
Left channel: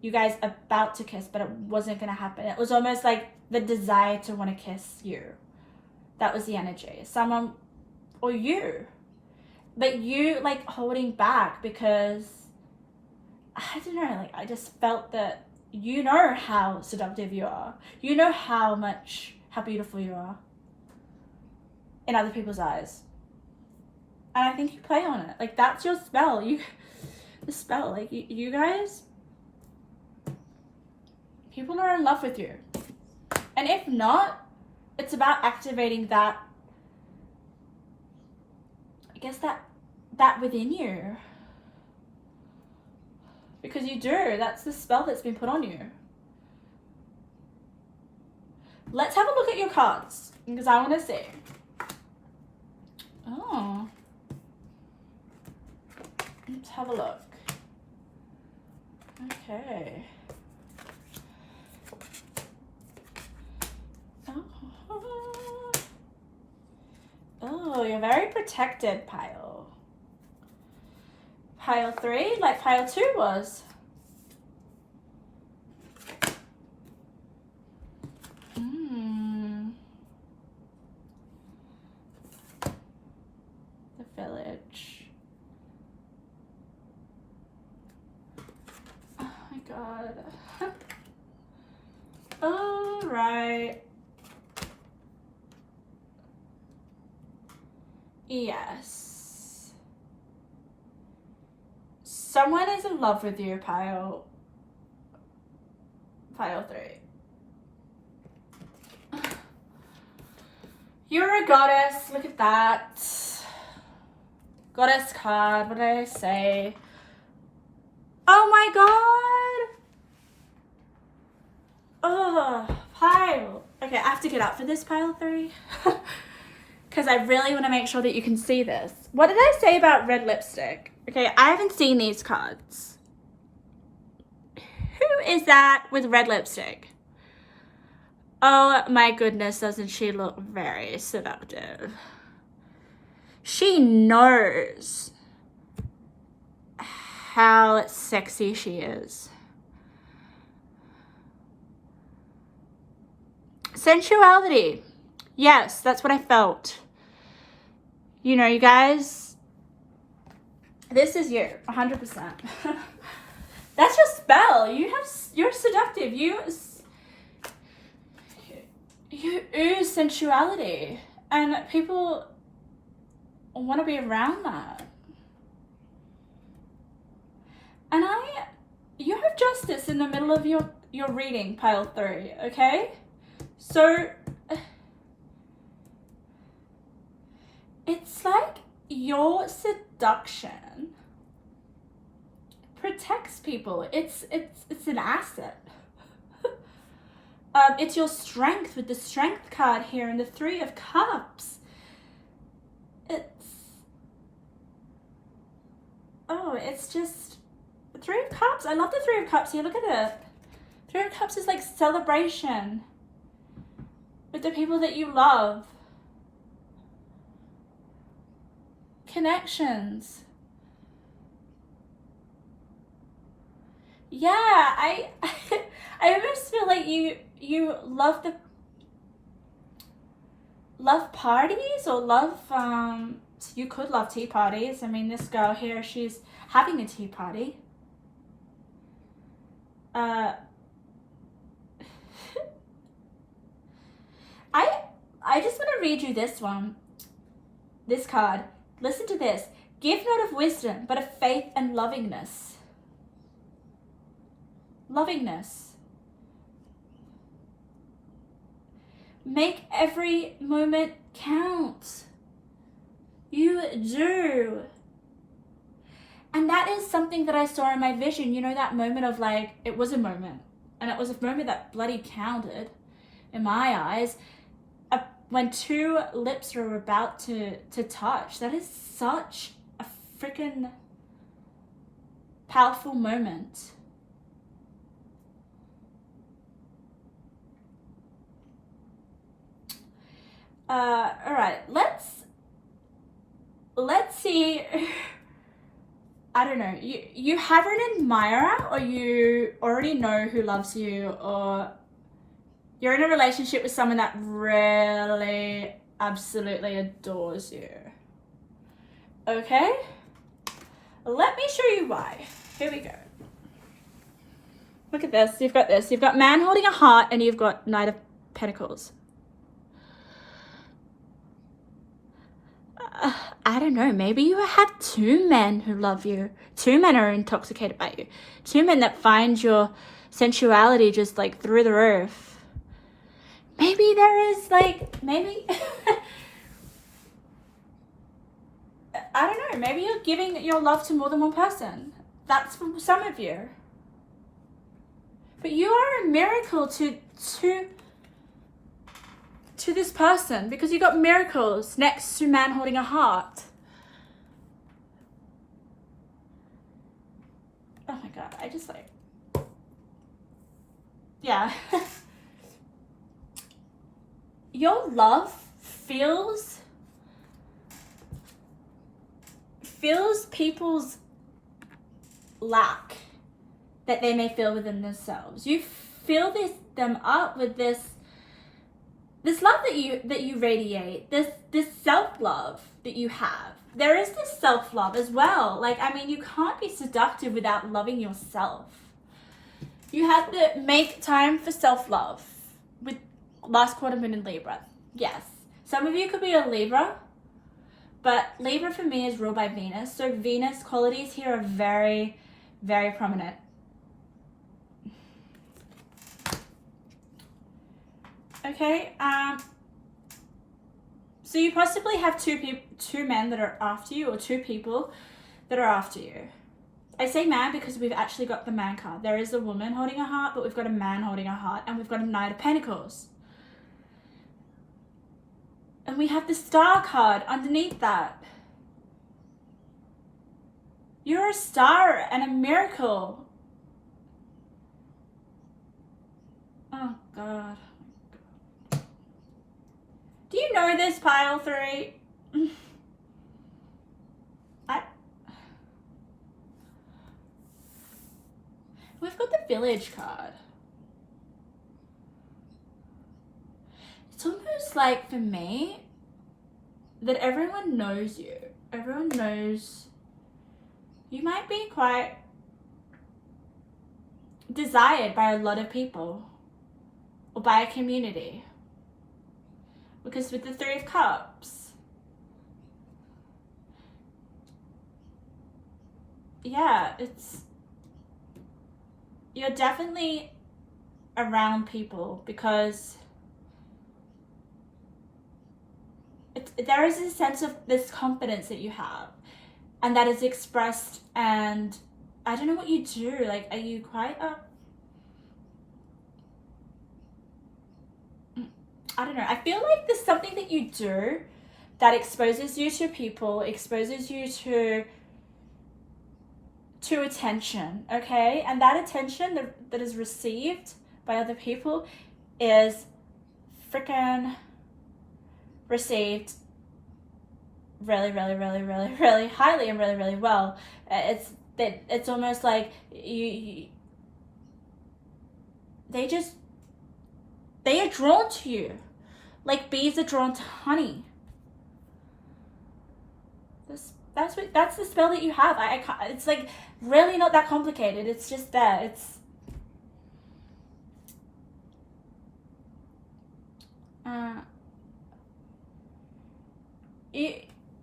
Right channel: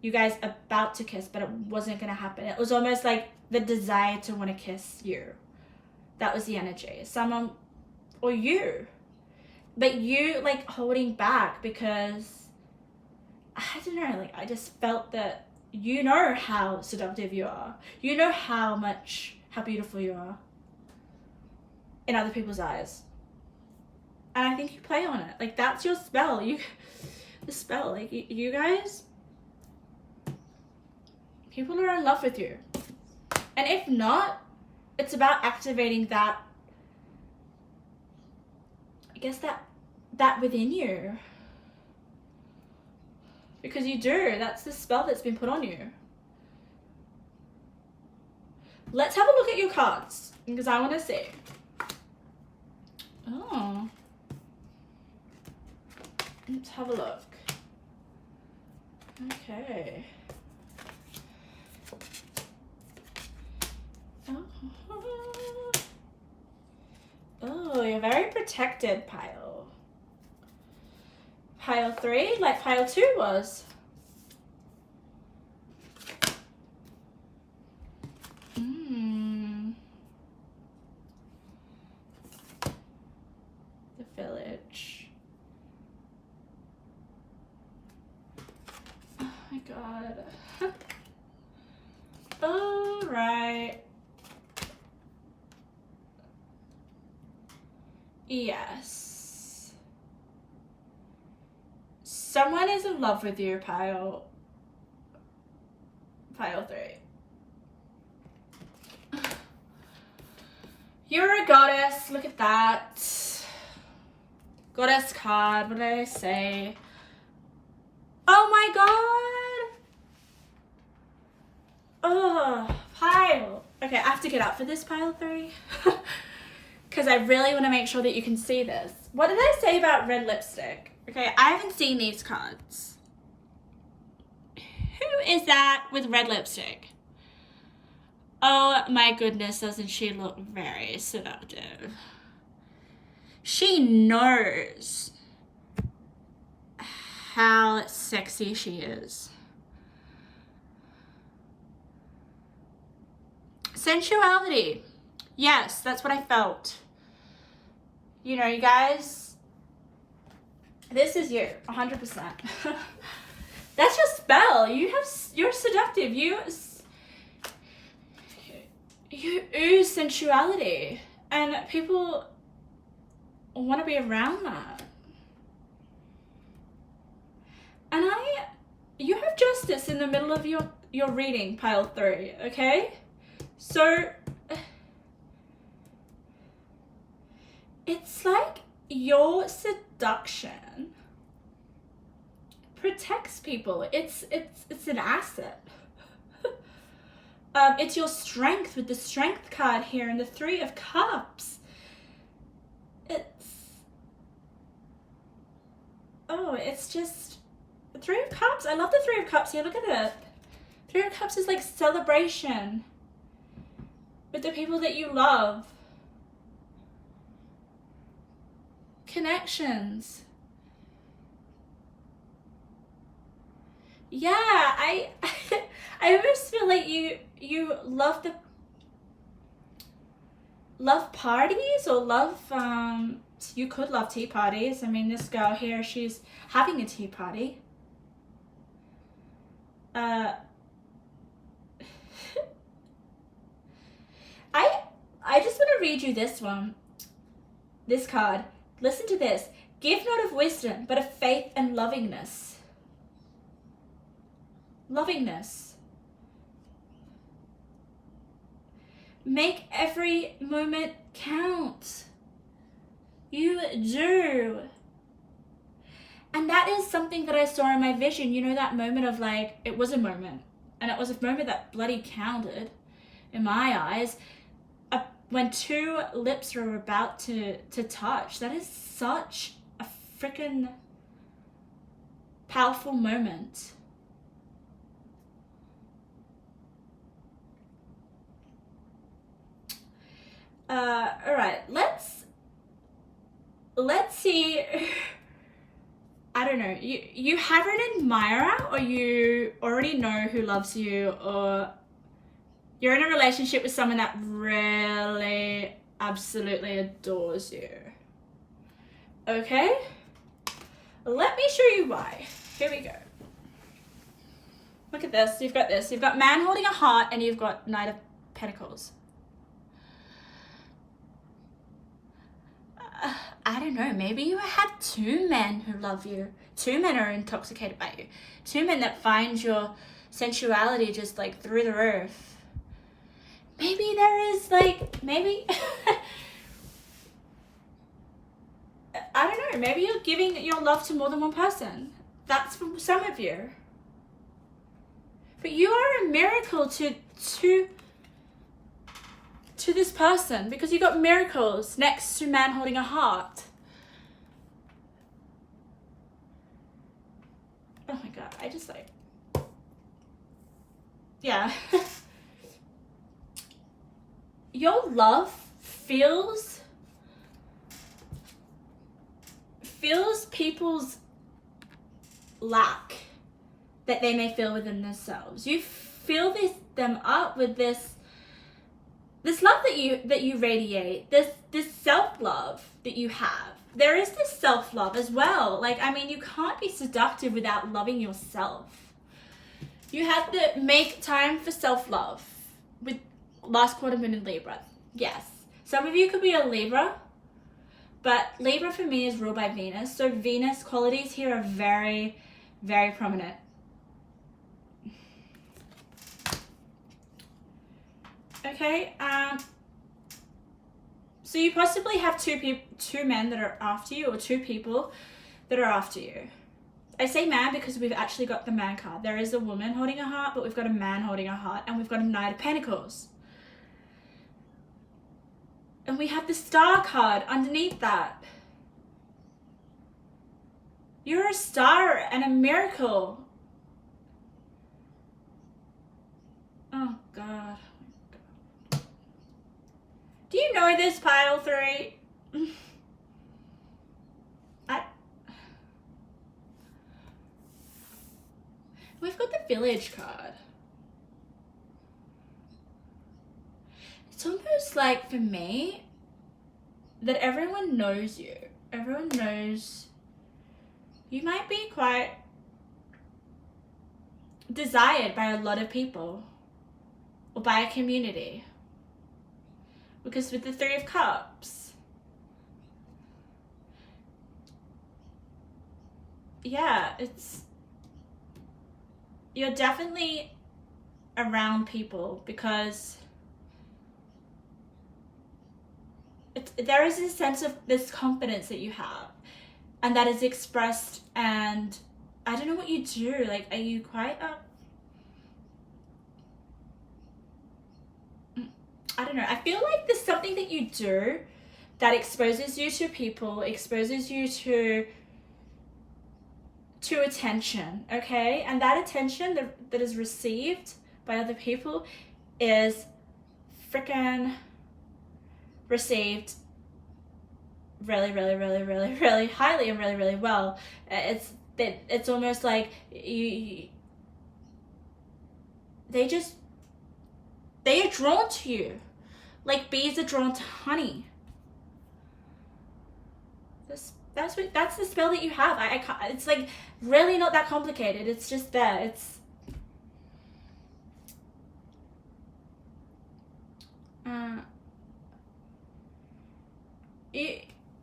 you guys about to kiss, but it wasn't going to happen. It was almost like the desire to want to kiss you. That was the energy. Someone, or you. But you, like, holding back because, I don't know, like, I just felt that you know how seductive you are. You know how beautiful you are in other people's eyes. And I think you play on it. Like, that's your spell. The spell. Like, you guys, people are in love with you. And if not, it's about activating that, I guess, that within you. Because you do. That's the spell that's been put on you. Let's have a look at your cards, because I want to see. Oh. Let's have a look. Okay. Oh, you're very protected, Pile. Pile 3, like Pile 2 was. The Village. Oh my god. All right. Yes. Someone is in love with you, Pile 3. You're a goddess. Look at that. Goddess card. What did I say? Oh my god. Oh, Pile. Okay, I have to get up for this, Pile 3. Because I really want to make sure that you can see this. What did I say about red lipstick? Okay, I haven't seen these cards. Who is that with red lipstick? Oh my goodness, doesn't she look very seductive? She knows how sexy she is. Sensuality. Yes, that's what I felt. You know, you guys, this is you, 100%. That's your spell. You're seductive. You ooze sensuality, and people want to be around that. And you have justice in the middle of your reading, Pile 3, okay? So it's like your seduction protects people. It's an asset. It's your strength with the strength card here and the 3 of Cups. It's just the 3 of Cups. I love the 3 of Cups here. Look at it. 3 of Cups is like celebration with the people that you love. Connections. Yeah, I almost feel like you love parties or love You could love tea parties. I mean, this girl here, she's having a tea party. I just want to read you this one. This card. Listen to this. Give not of wisdom, but of faith and lovingness. Lovingness. Make every moment count. You do. And that is something that I saw in my vision. You know, that moment of like, it was a moment. And it was a moment that bloody counted in my eyes. When two lips are about to touch. That is such a freaking powerful moment. All right, let's see. I don't know. You have an admirer, or you already know who loves you, or you're in a relationship with someone that really absolutely adores you. Okay? Let me show you why. Here we go. Look at this. You've got this. You've got man holding a heart, and you've got Knight of Pentacles. I don't know. Maybe you had two men who love you. Two men are intoxicated by you. Two men that find your sensuality just like through the roof. Maybe there is like, maybe, I don't know, maybe you're giving your love to more than one person. That's for some of you. But you are a miracle to this person, because you got miracles next to man holding a heart. Oh my God, I just like, yeah. Your love feels people's lack that they may feel within themselves. You fill them up with this love that you radiate, this self-love that you have. There is this self-love as well. Like, I mean, you can't be seductive without loving yourself. You have to make time for self-love with last quarter moon in Libra. Yes. Some of you could be a Libra, but Libra for me is ruled by Venus. So Venus qualities here are very, very prominent. Okay. So you possibly have two men that are after you, or two people that are after you. I say man because we've actually got the man card. There is a woman holding a heart, but we've got a man holding a heart, and we've got a Knight of Pentacles. And we have the Star card underneath that. You're a star and a miracle. Oh God. Do you know this, pile 3? We've got the Village card. It's almost like, for me, that everyone knows you. Everyone knows you might be quite desired by a lot of people, or by a community. Because with the Three of Cups, yeah, you're definitely around people, because there is a sense of this confidence that you have, and that is expressed. And I don't know what you do. Like, are you quite I don't know. I feel like there's something that you do that exposes you to people, exposes you to attention, okay? And that attention that is received by other people is freaking received really, really, really, really, really highly and really, really well. It's almost like they are drawn to you, like bees are drawn to honey. That's the spell that you have. I can't, it's like really not that complicated. It's just there. It's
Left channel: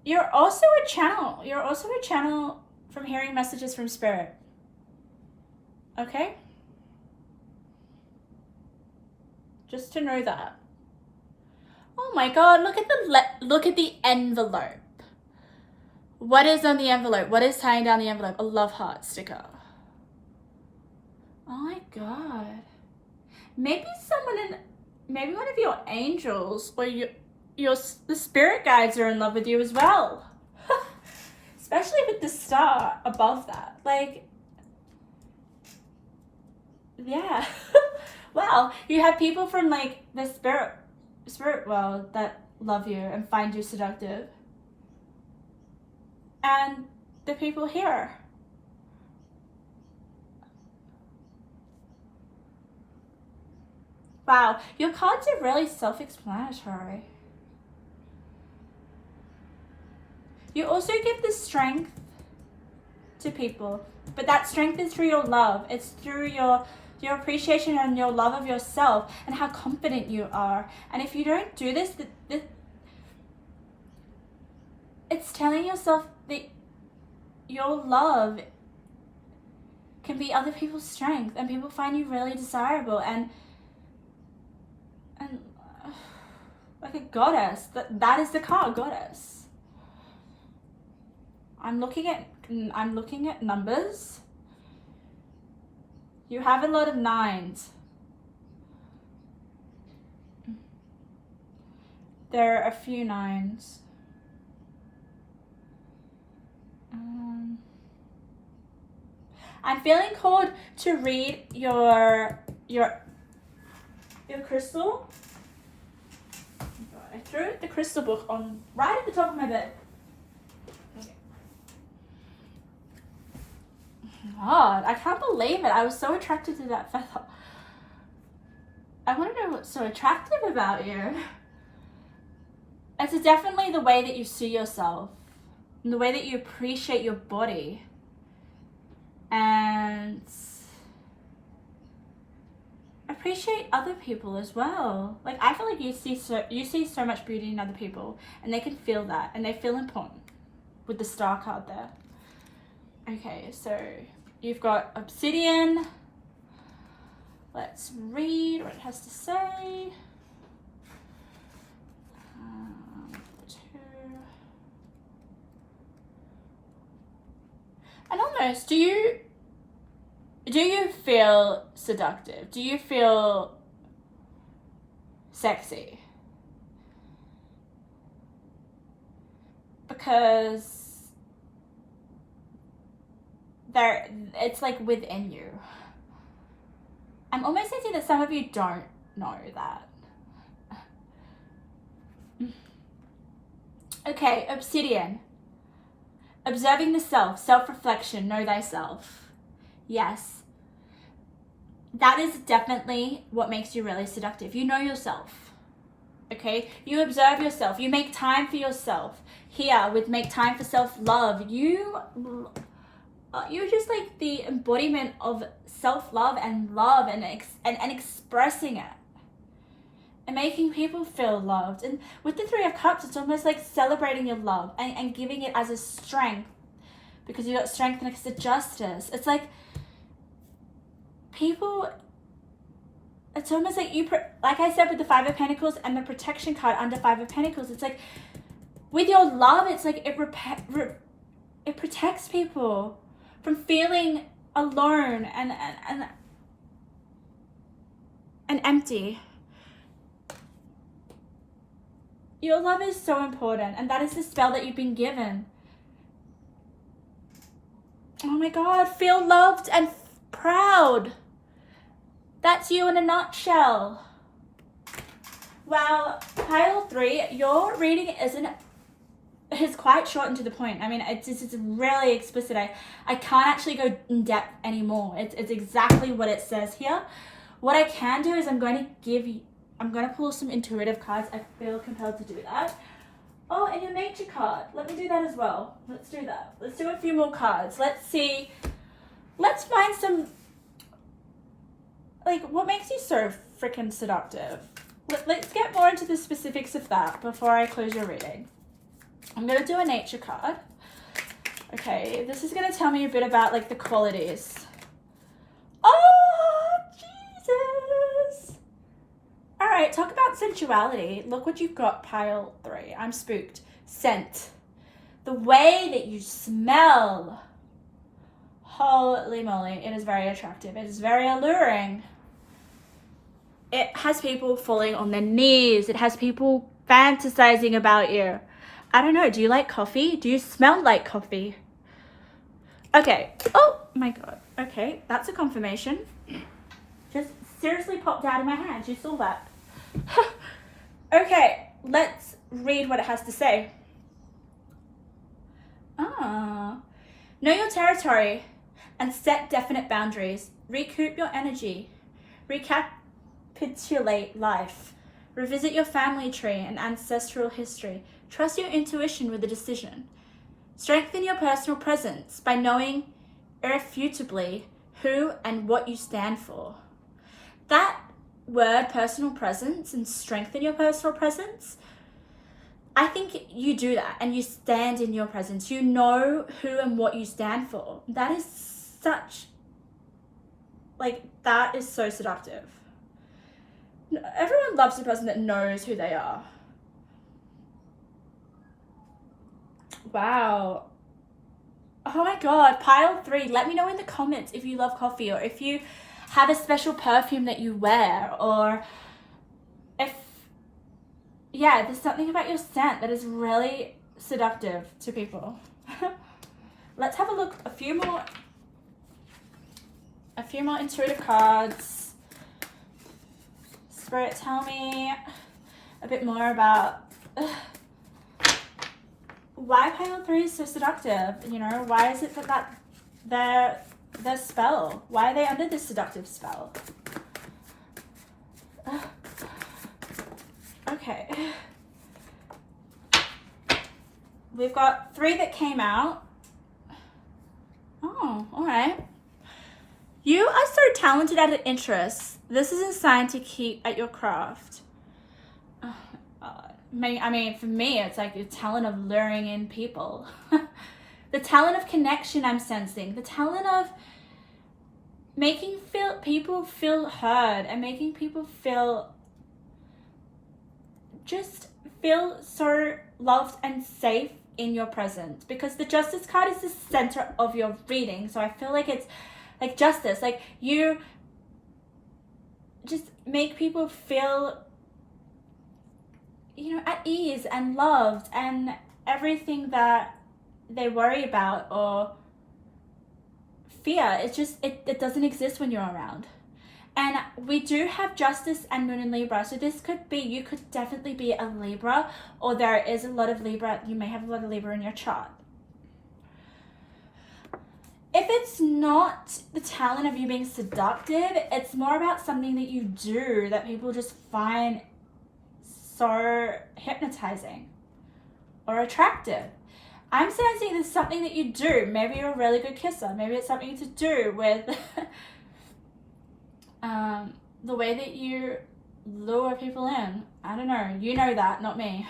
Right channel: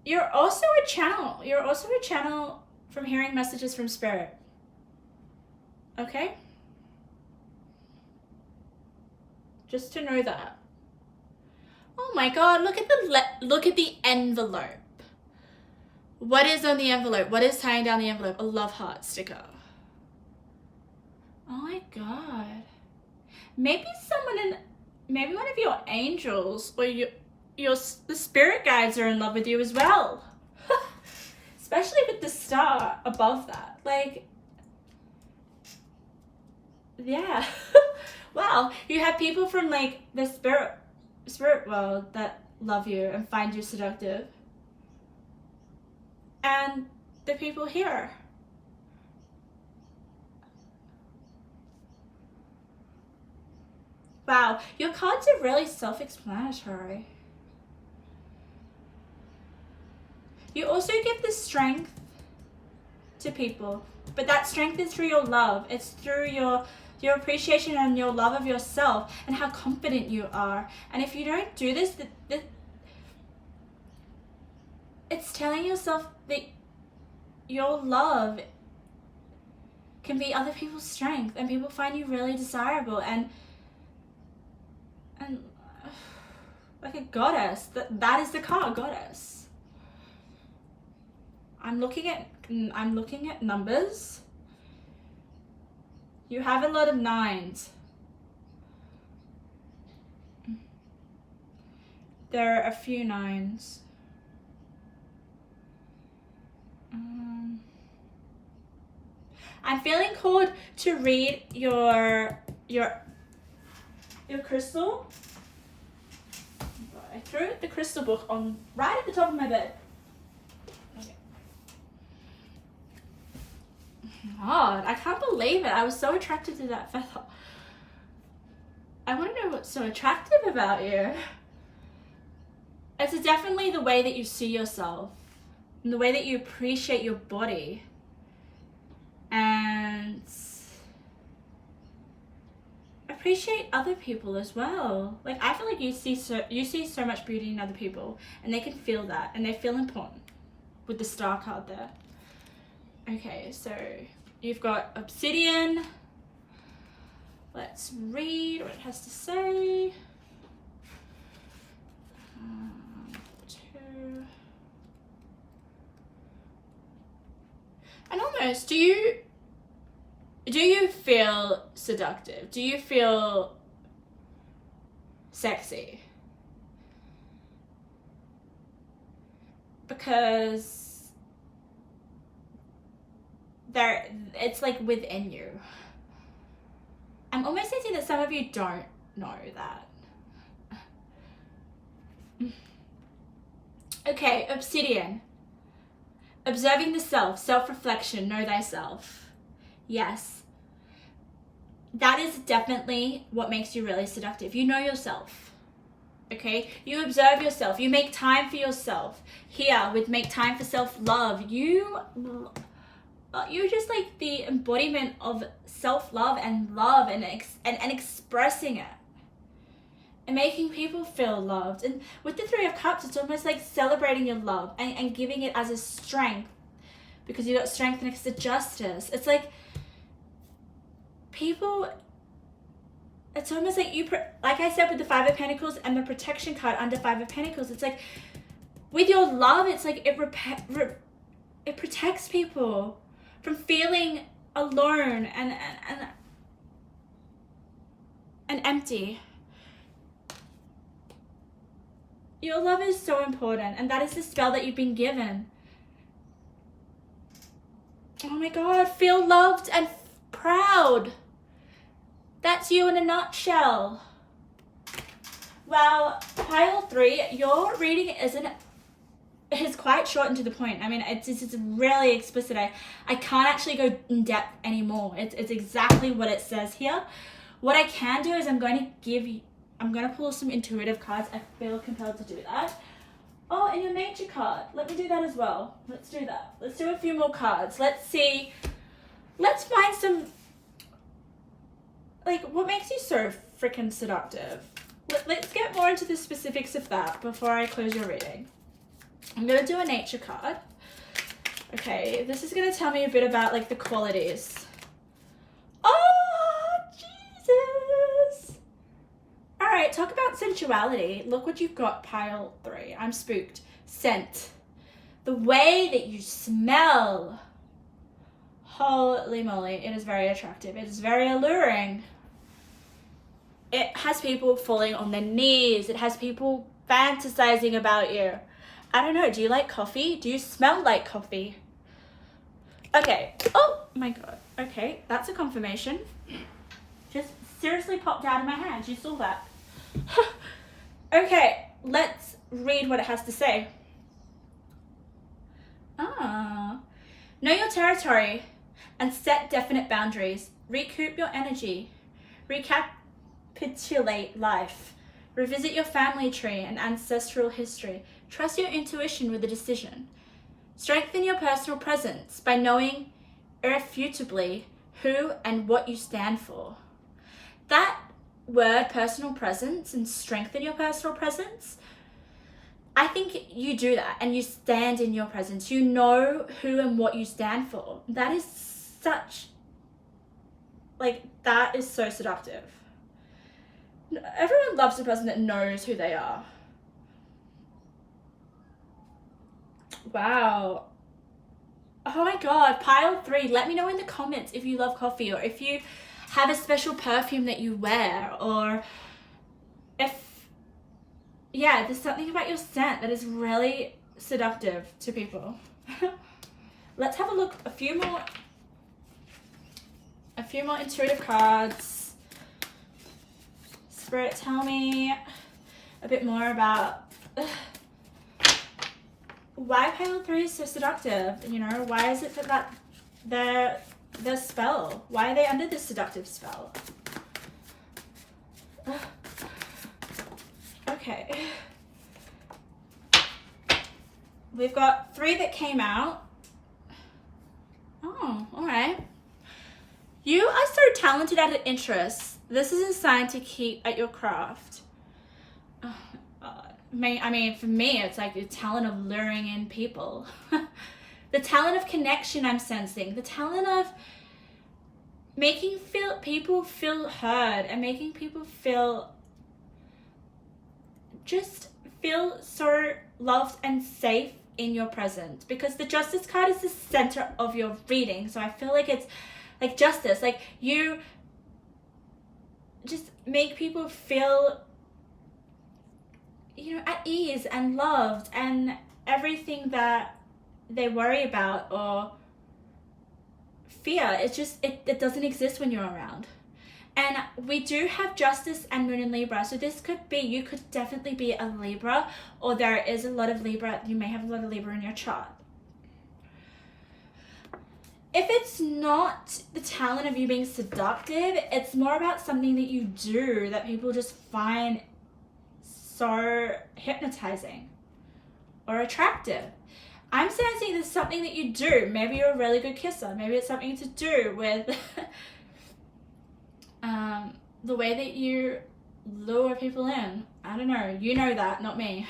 you're also a channel. You're also a channel from hearing messages from spirit. Okay? Just to know that. Oh my god, look at the envelope. What is on the envelope? What is tying down the envelope? A love heart sticker. Oh my god. Maybe maybe one of your angels or the spirit guides are in love with you as well. Especially with the star above that. Like, yeah. Wow, you have people from like the spirit world that love you and find you seductive. And the people here. Wow, your cards are really self-explanatory. You also give the strength to people, but that strength is through your love. It's through your appreciation and your love of yourself and how confident you are. And if you don't do this, it's telling yourself that your love can be other people's strength, and people find you really desirable and like a goddess. That is the card, goddess. I'm looking at numbers. You have a lot of 9s. There are a few 9s. I'm feeling called to read your crystal. I threw the crystal book on right at the top of my bed. God, I can't believe it. I was so attracted to that feather. I want to know what's so attractive about you. It's definitely the way that you see yourself and the way that you appreciate your body. And appreciate other people as well. Like, I feel like you see so much beauty in other people, and they can feel that, and they feel important with the star card there. Okay, so you've got obsidian. Let's read what it has to say. 2. And almost, do you feel seductive? Do you feel sexy? Because it's like within you. I'm almost thinking that some of you don't know that. Okay, obsidian. Observing the self, self-reflection, know thyself. Yes. That is definitely what makes you really seductive. You know yourself. Okay? You observe yourself. You make time for yourself. Here, with make time for self-love, you're just like the embodiment of self-love and love and expressing it and making people feel loved. And with the 3 of Cups, it's almost like celebrating your love and giving it as a strength, because you got strength next to justice. It's like people, it's almost like like I said with the 5 of Pentacles and the protection card under 5 of Pentacles, it's like with your love, it's like it protects people from feeling alone and empty. Your love is so important, and that is the spell that you've been given. Oh my God, feel loved and proud. That's you in a nutshell. Well, pile 3, your reading is quite short and to the point. I mean, it's really explicit. I can't actually go in depth anymore. It's exactly what it says here. What I can do is I'm going to pull some intuitive cards. I feel compelled to do that. Oh, and your nature card. Let me do that as well. Let's do that. Let's do a few more cards. Let's see. Let's find some, like, what makes you so freaking seductive? Let's get more into the specifics of that before I close your reading. I'm going to do a nature card. Okay, this is going to tell me a bit about, like, the qualities. Oh, Jesus. All right, talk about sensuality. Look what you've got, pile 3. I'm spooked. Scent. The way that you smell. Holy moly, it is very attractive. It is very alluring. It has people falling on their knees. It has people fantasizing about you. I don't know, do you like coffee? Do you smell like coffee? Okay, oh my God. Okay, that's a confirmation. Just seriously popped out of my hand. You saw that. Okay, let's read what it has to say. Know your territory and set definite boundaries. Recoup your energy. Recapitulate life. Revisit your family tree and ancestral history. Trust your intuition with a decision. Strengthen your personal presence by knowing irrefutably who and what you stand for. That word, personal presence, and strengthen your personal presence, I think you do that and you stand in your presence. You know who and what you stand for. That is such, like, that is so seductive. Everyone loves a person that knows who they are. Wow. Oh my God, pile 3. Let me know in the comments if you love coffee, or if you have a special perfume that you wear, or if, yeah, there's something about your scent that is really seductive to people. Let's have a look, a few more intuitive cards. Spirit, tell me a bit more about why pile 3 is so seductive. You know, why is it that their spell? Why are they under this seductive spell? Okay. We've got 3 that came out. Oh, all right. You are so talented at an interest. This is a sign to keep at your craft. I mean, for me, it's like the talent of luring in people. The talent of connection I'm sensing. The talent of making people feel heard and making people feel so loved and safe in your presence. Because the Justice card is the center of your reading. So I feel like it's like justice. Like, you just make people feel, you know, at ease and loved, and everything that they worry about or fear, it's just, it doesn't exist when you're around. And we do have Justice and Moon in Libra, so this could be, you could definitely be a Libra, or there is a lot of Libra, you may have a lot of Libra in your chart. If it's not the talent of you being seductive, it's more about something that you do that people just find so hypnotizing or attractive. I'm sensing there's something that you do. Maybe you're a really good kisser. Maybe it's something to do with the way that you lure people in. I don't know. You know that, not me.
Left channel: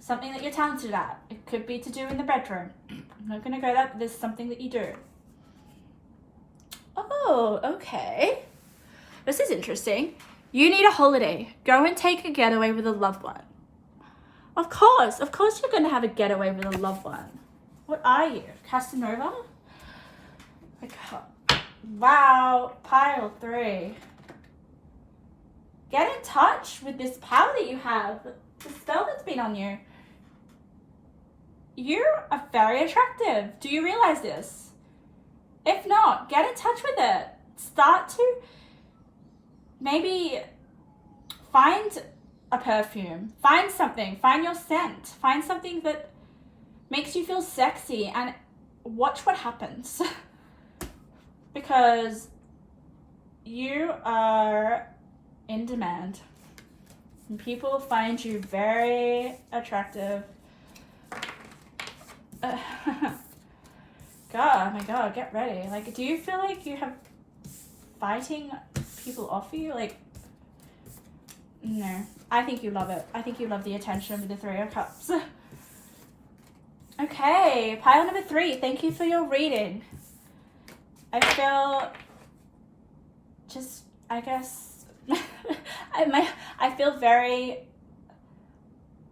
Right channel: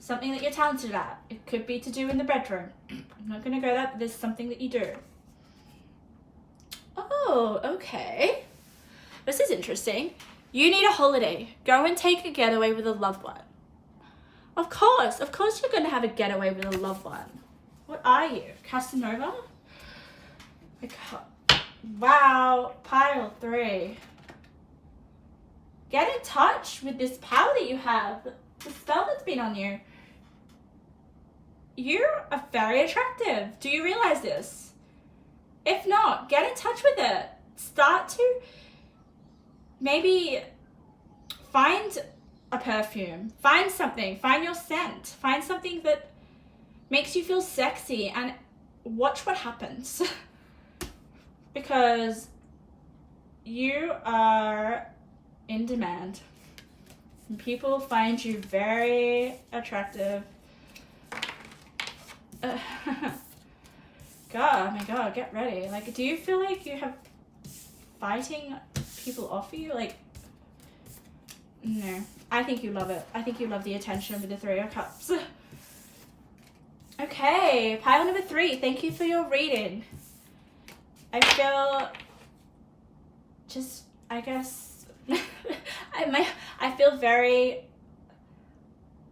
Something that you're talented at. It could be to do in the bedroom. I'm not going to go there, but there's something that you do. Oh, okay. This is interesting. You need a holiday. Go and take a getaway with a loved one. Of course you're going to have a getaway with a loved one. What are you, Casanova? Wow, pile 3. Get in touch with this power that you have, the spell that's been on you. You are very attractive. Do you realize this? If not, get in touch with it. Start to maybe find a perfume, find something, find your scent, find something that makes you feel sexy, and watch what happens. Because you are in demand. And people find you very attractive. God, oh my God, get ready. Like, do you feel like you have fighting people off you? Like, no. I think you love it. I think you love the attention with the 3 of Cups. Okay, pile number 3. Thank you for your reading. I feel just, I guess, I feel very,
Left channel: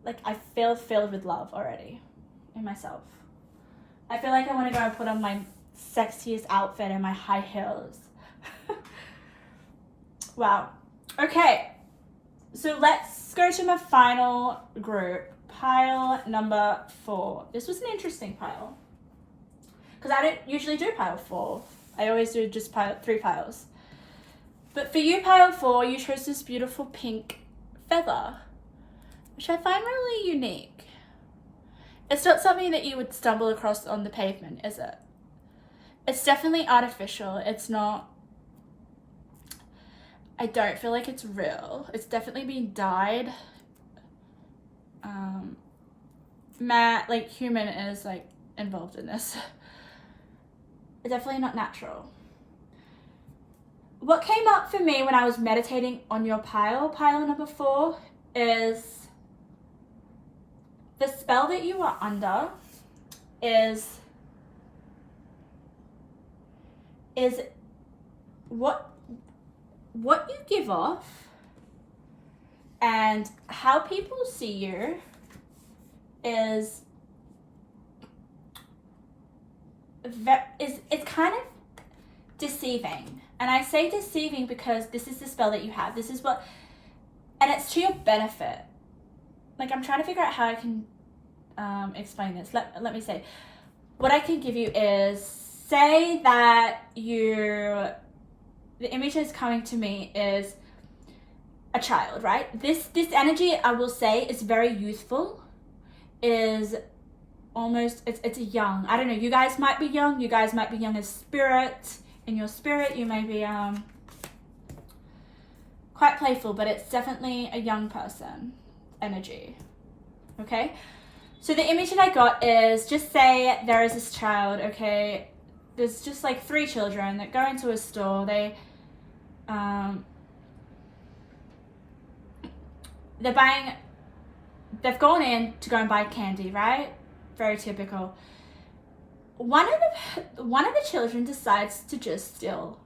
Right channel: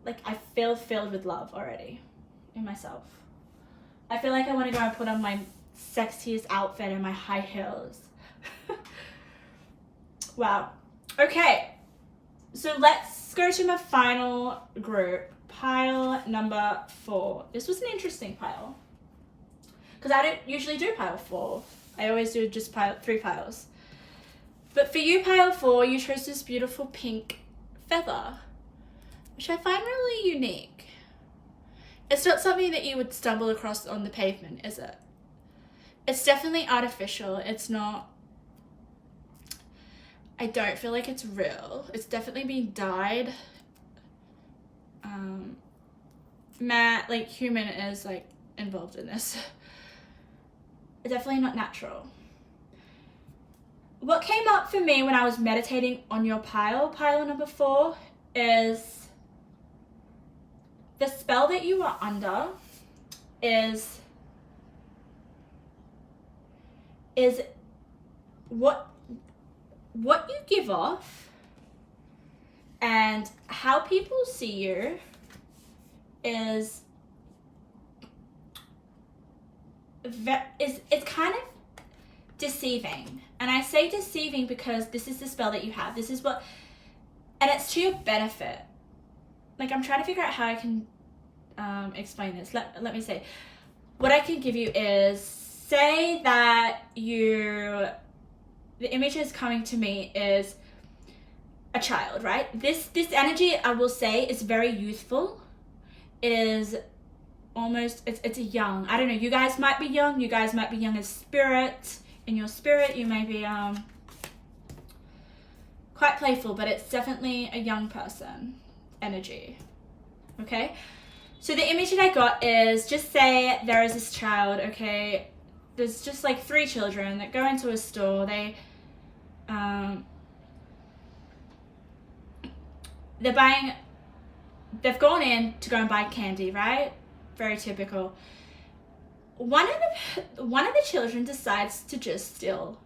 like, I feel filled with love already in myself. I feel like I want to go and put on my sexiest outfit and my high heels. Wow. Okay. So let's go to my final group. Pile number 4. This was an interesting pile. Because I don't usually do pile 4. I always do just 3 piles. But for you, pile 4, you chose this beautiful pink feather, which I find really unique. It's not something that you would stumble across on the pavement, is it? It's definitely artificial. It's not... I don't feel like it's real. It's definitely being dyed. Like, human is, like, involved in this. It's definitely not natural. What came up for me when I was meditating on your pile number 4, is the spell that you are under is what you give off and how people see you is it's kind of deceiving. And I say deceiving because this is the spell that you have. This is what, and it's to your benefit. Like, I'm trying to figure out how I can explain this. Let me say. What I can give you is, say that the image that's coming to me is a child, right? This energy, I will say, is very youthful. Is almost, it's a young, I don't know, you guys might be young. You guys might be young as spirit. In your spirit, you may be quite playful, but it's definitely a young person energy. Okay? So the image that I got is, just say there is this child, okay? There's just like 3 children that go into a store. They've gone in to go and buy candy, right? Very typical. One of the children decides to just steal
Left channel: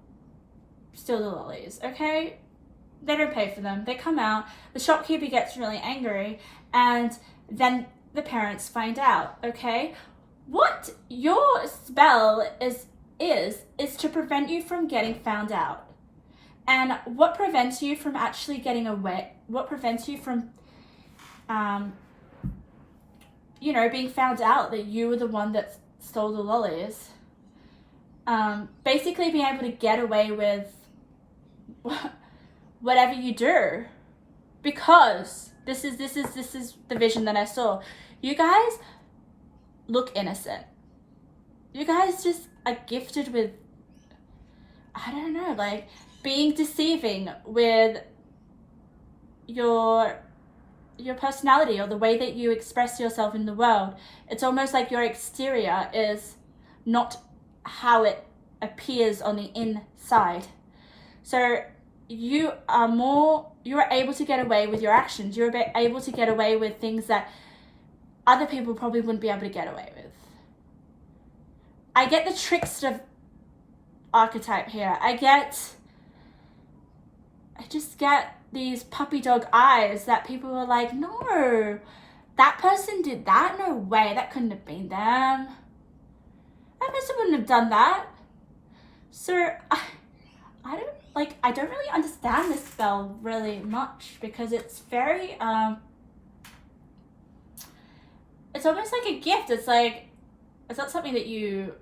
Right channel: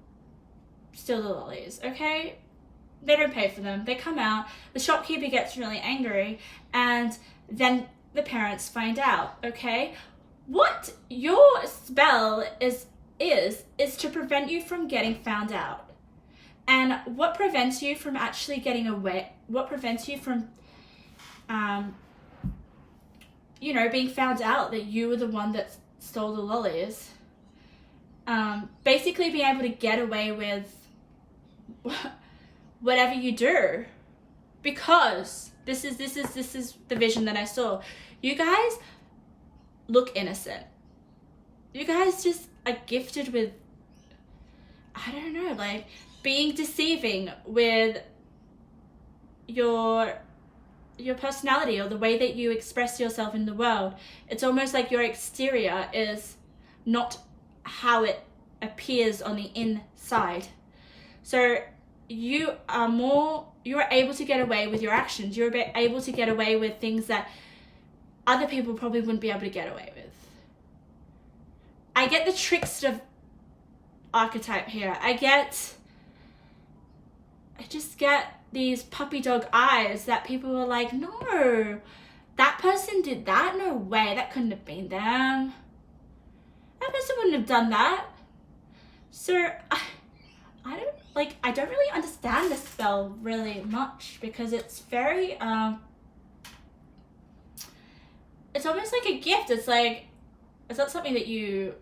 the lollies, okay? They don't pay for them. They come out. The shopkeeper gets really angry, and then the parents find out, okay? What your spell is to prevent you from getting found out. And what prevents you from actually getting away, what prevents you from, being found out that you were the one that stole the lollies. Basically being able to get away with whatever you do, because this is the vision that I saw. You guys look innocent. You guys just are gifted with, I don't know, like being deceiving with your personality or the way that you express yourself in the world. It's almost like your exterior is not how it appears on the inside. So you are able to get away with your actions. You're able to get away with things that other people probably wouldn't be able to get away with. I get the trickster archetype here. I just get these puppy dog eyes that people are like, no, that person did that? No way, that couldn't have been them. That person wouldn't have done that. So I don't really understand this spell really much, because it's very, it's almost like a gift. It's like, it's not something that you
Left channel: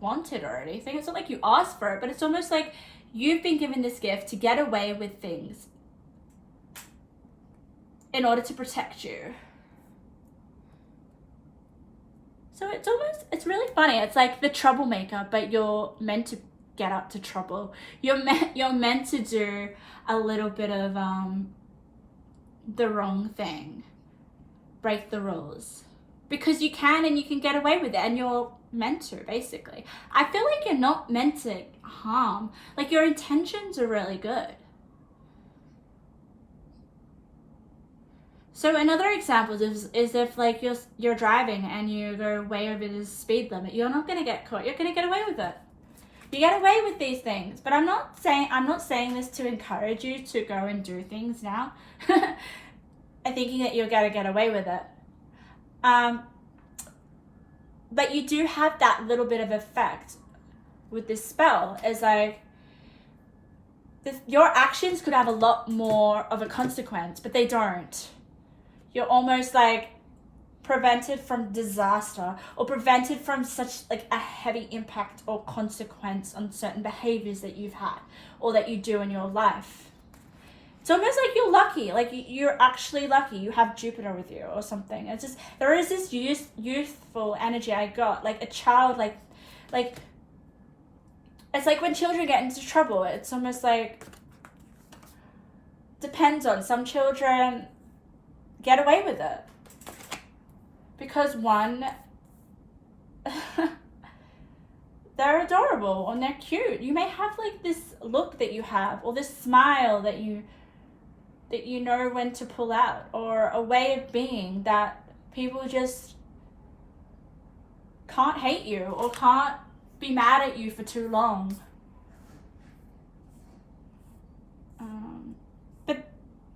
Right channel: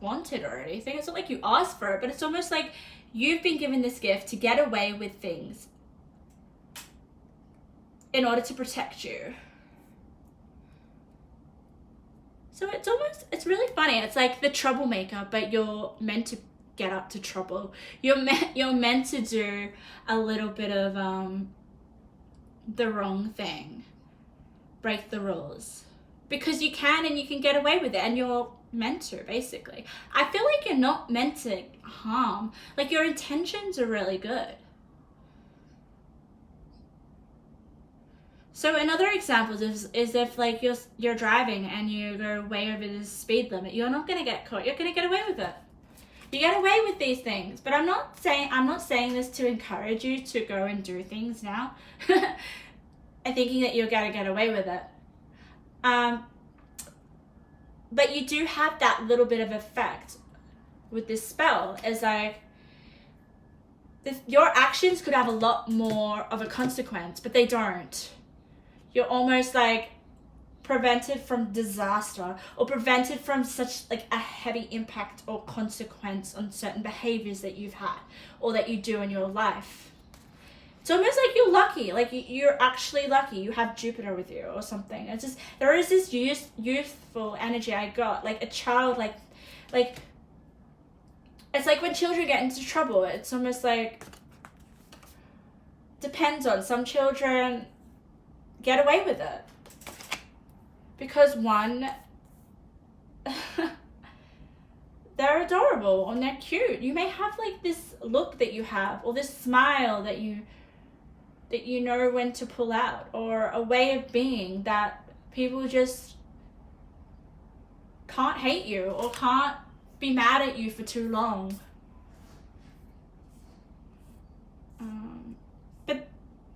wanted or anything. It's not like you asked for it, but it's almost like you've been given this gift to get away with things in order to protect you. So it's really funny. It's like the troublemaker, but you're meant to get up to trouble. You're meant to do a little bit of the wrong thing, break the rules. Because you can, and you can get away with it, and you're meant to, basically. I feel like you're not meant to harm. Like, your intentions are really good. So another example is if like you're driving and you go way over the speed limit, you're not going to get caught. You're going to get away with it. You get away with these things. But I'm not saying this to encourage you to go and do things now and thinking that you're going to get away with it. But you do have that little bit of effect with this spell. Is like your actions could have a lot more of a consequence, but they don't. You're almost like prevented from disaster, or prevented from such like a heavy impact or consequence on certain behaviors that you've had or that you do in your life. It's almost like you're lucky, like you're actually lucky. You have Jupiter with you or something. It's just, there is this youthful energy I got, like a child, like it's like when children get into trouble, it's almost like, depends on, some children get away with it because one, they're adorable and they're cute. You may have like this look that you have, or this smile that you know when to pull out, or a way of being that people just can't hate you or can't be mad at you for too long. But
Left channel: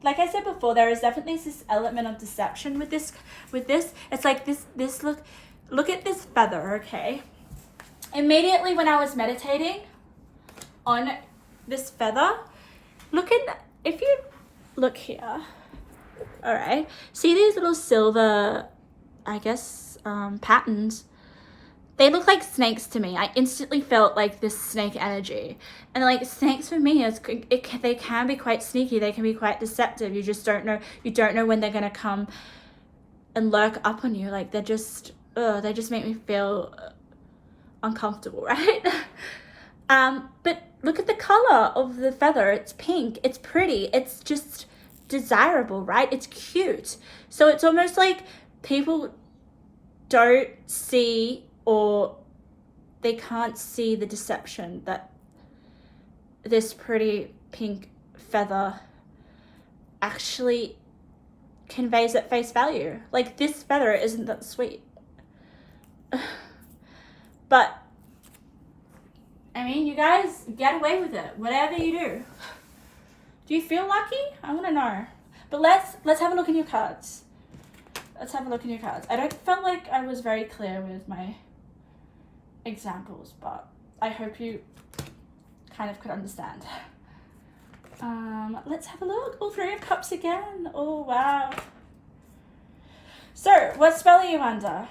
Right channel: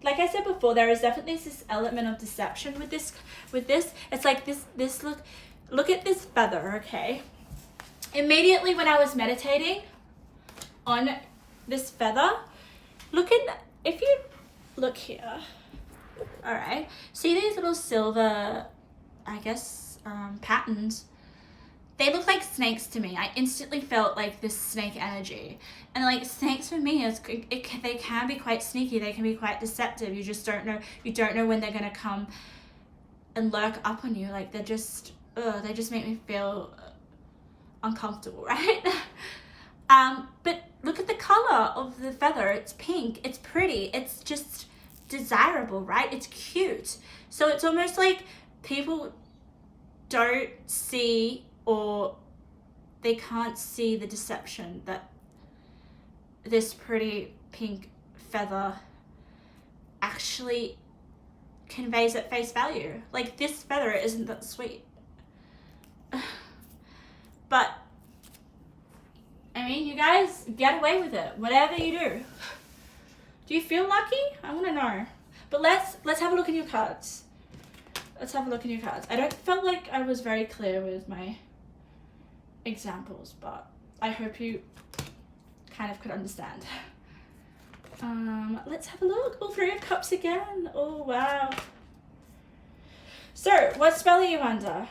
like I said before, there is definitely this element of deception with this. It's like this look at this feather, okay? Immediately when I was meditating on this feather, if you look here, all right, see these little silver, I guess, patterns? They look like snakes to me. I instantly felt like this snake energy. And like snakes for me, they can be quite sneaky. They can be quite deceptive. You just don't know. You don't know when they're going to come and lurk up on you. Like they just make me feel uncomfortable, right? But look at the color of the feather. It's pink. It's pretty. It's just desirable, right? It's cute. So it's almost like people don't see, or they can't see the deception that this pretty pink feather actually conveys at face value. Like, this feather isn't that sweet. But I mean, you guys get away with it, whatever you do. Do you feel lucky? I want to know. But let's have a look in your cards. Let's have a look in your cards. I don't feel like I was very clear with my examples, but I hope you kind of could understand. Let's have a look. Oh, Three of Cups again. Oh, wow. So, what spell are you under?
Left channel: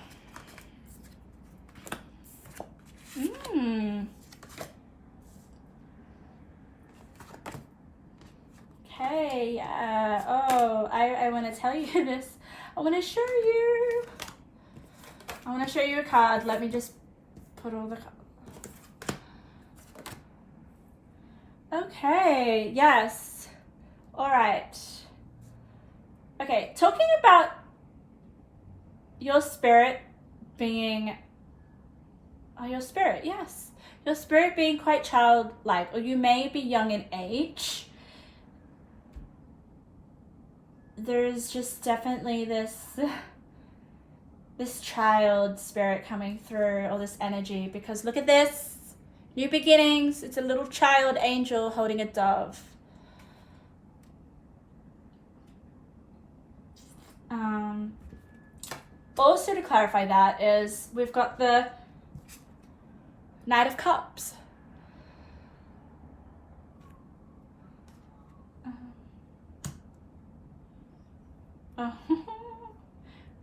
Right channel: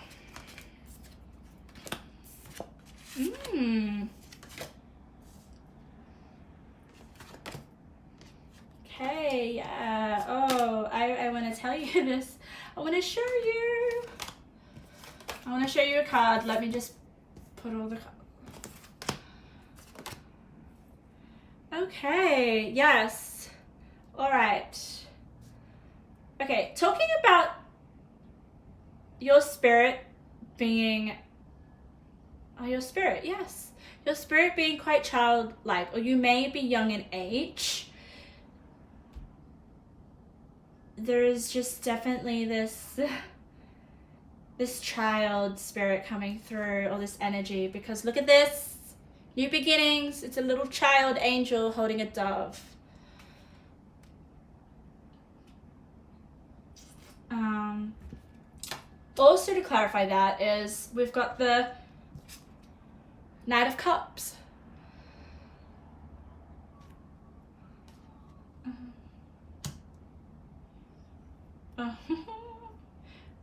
Okay, yeah. Oh, I want to tell you this. I want to show you. I want to show you a card. Let me just put all the cards. Okay, yes. All right. Okay, talking about your spirit being... Oh, your spirit, yes. Your spirit being quite childlike, or you may be young in age. There's just definitely this child spirit coming through, or this energy, because look at this. New beginnings. It's a little child angel holding a dove. Also, to clarify that, is we've got the Knight of Cups.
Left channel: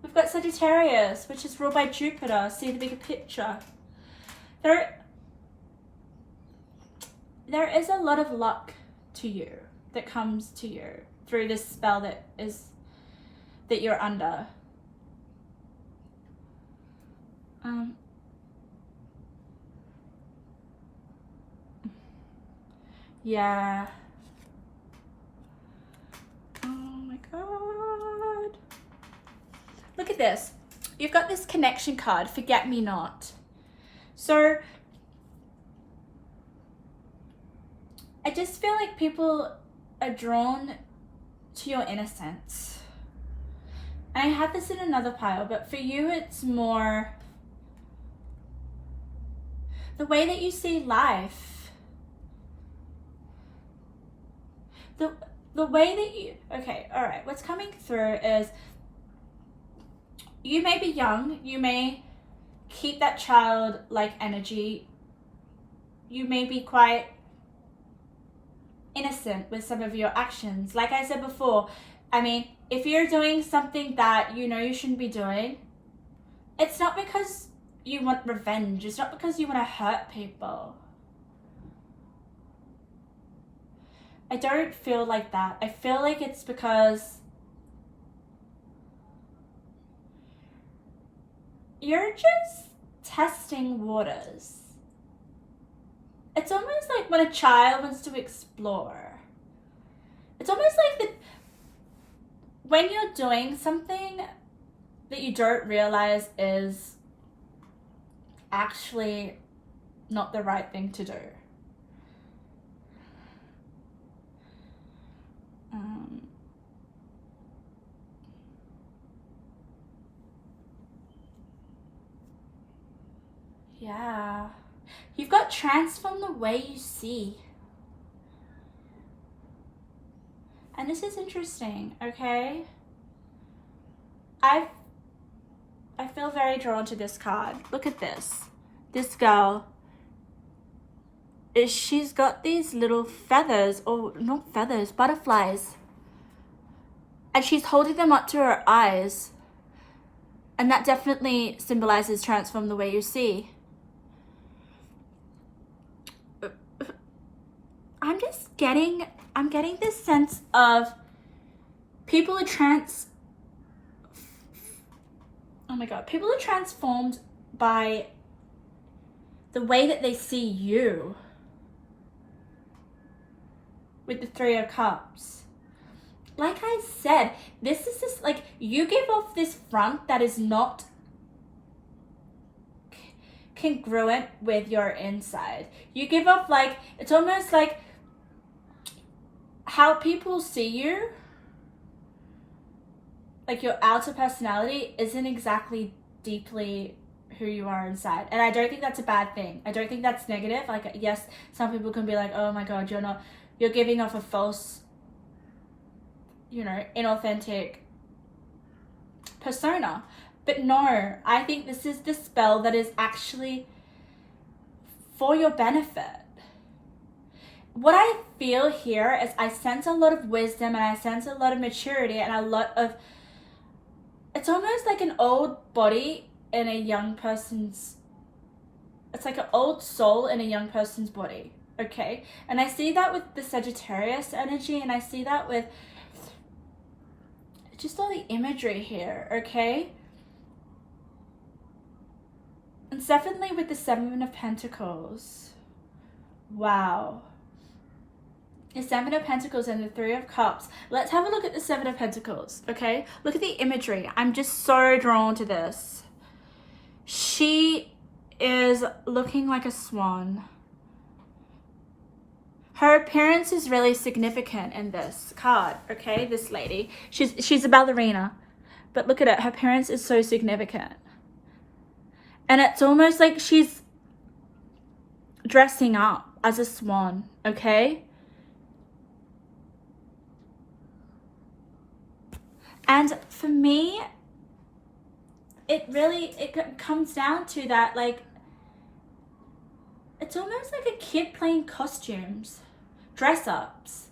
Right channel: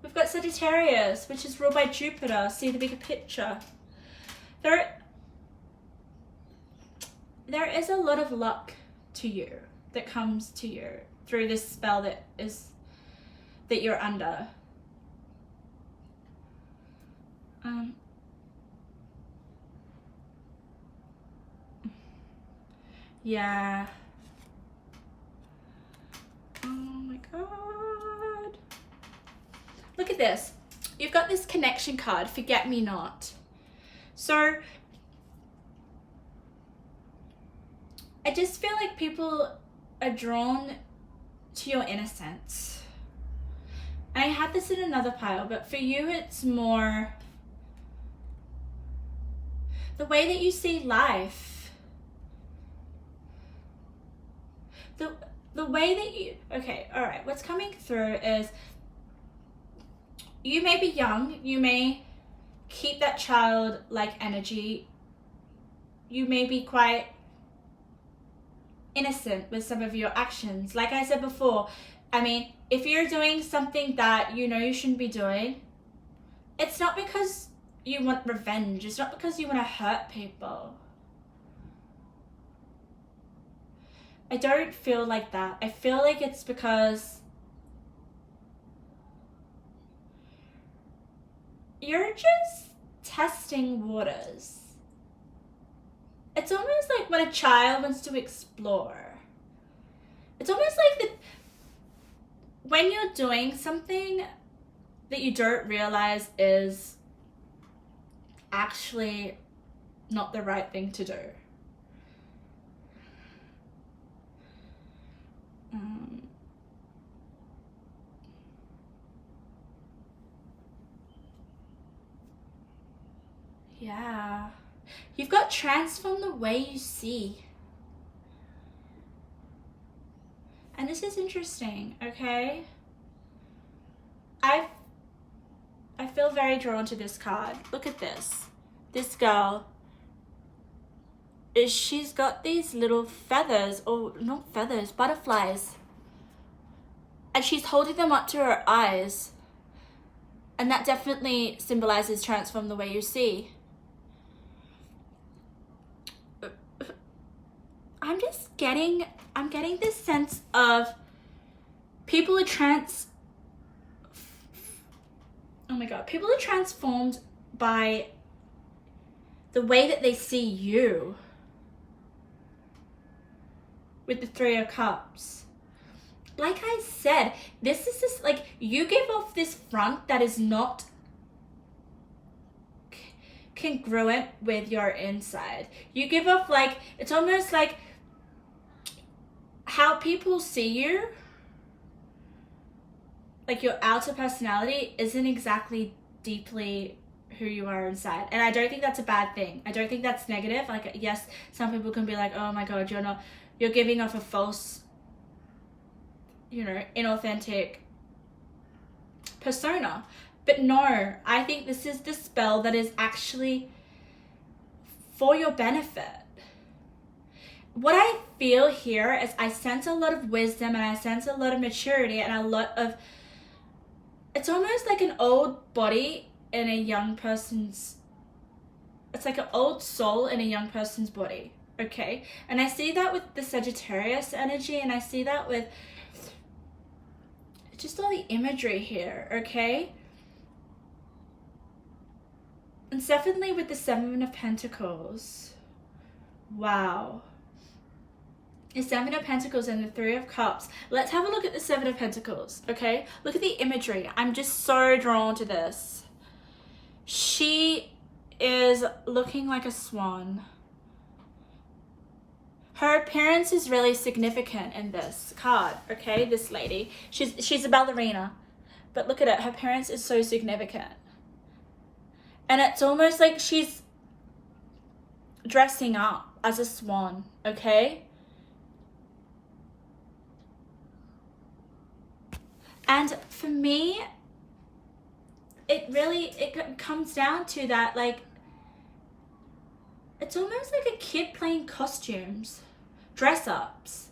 We've got Sagittarius, which is ruled by Jupiter. See the bigger picture. There is a lot of luck to you that comes to you through this spell that you're under. Yeah. Oh my god. with this, you've got this connection card, forget me not. So I just feel like people are drawn to your innocence. And I had this in another pile, but for you it's more the way that you see life. The way that you, okay, all right, what's coming through is you may be young, you may keep that childlike energy, you may be quite innocent with some of your actions. Like I said before, I mean, if you're doing something that you know you shouldn't be doing, it's not because you want revenge, it's not because you want to hurt people. I don't feel like that. I feel like it's because you're just testing waters. It's almost like when a child wants to explore. It's almost like when you're doing something that you don't realize is actually not the right thing to do. Yeah. You've got transform the way you see. And this is interesting, okay? I feel very drawn to this card. Look at this. This girl, she's got these little feathers, or not feathers, butterflies. And she's holding them up to her eyes. And that definitely symbolizes transform the way you see. I'm getting this sense of people are people are transformed by the way that they see you with the Three of Cups. Like I said, this is just like, you give off this front that is not congruent with your inside. You give off like, it's almost like how people see you, like your outer personality isn't exactly deeply who you are inside. And I don't think that's a bad thing. I don't think that's negative. Like, yes, some people can be like, oh my God, you're giving off a false, inauthentic persona. But no, I think this is the spell that is actually for your benefit. What I feel here is I sense a lot of wisdom, and I sense a lot of maturity, and a lot of, it's almost like an old body in a young person's, it's like an old soul in a young person's body, okay? And I see that with the Sagittarius energy, and I see that with just all the imagery here, okay? And definitely with the Seven of Pentacles. Wow. The Seven of Pentacles and the Three of Cups. Let's have a look at the Seven of Pentacles, okay? Look at the imagery. I'm just so drawn to this. She is looking like a swan. Her appearance is really significant in this card, okay? This lady. She's a ballerina. But look at it. Her appearance is so significant. And it's almost like she's dressing up as a swan, okay? And for me, it comes down to that, like, it's almost like a kid playing costumes, dress-ups.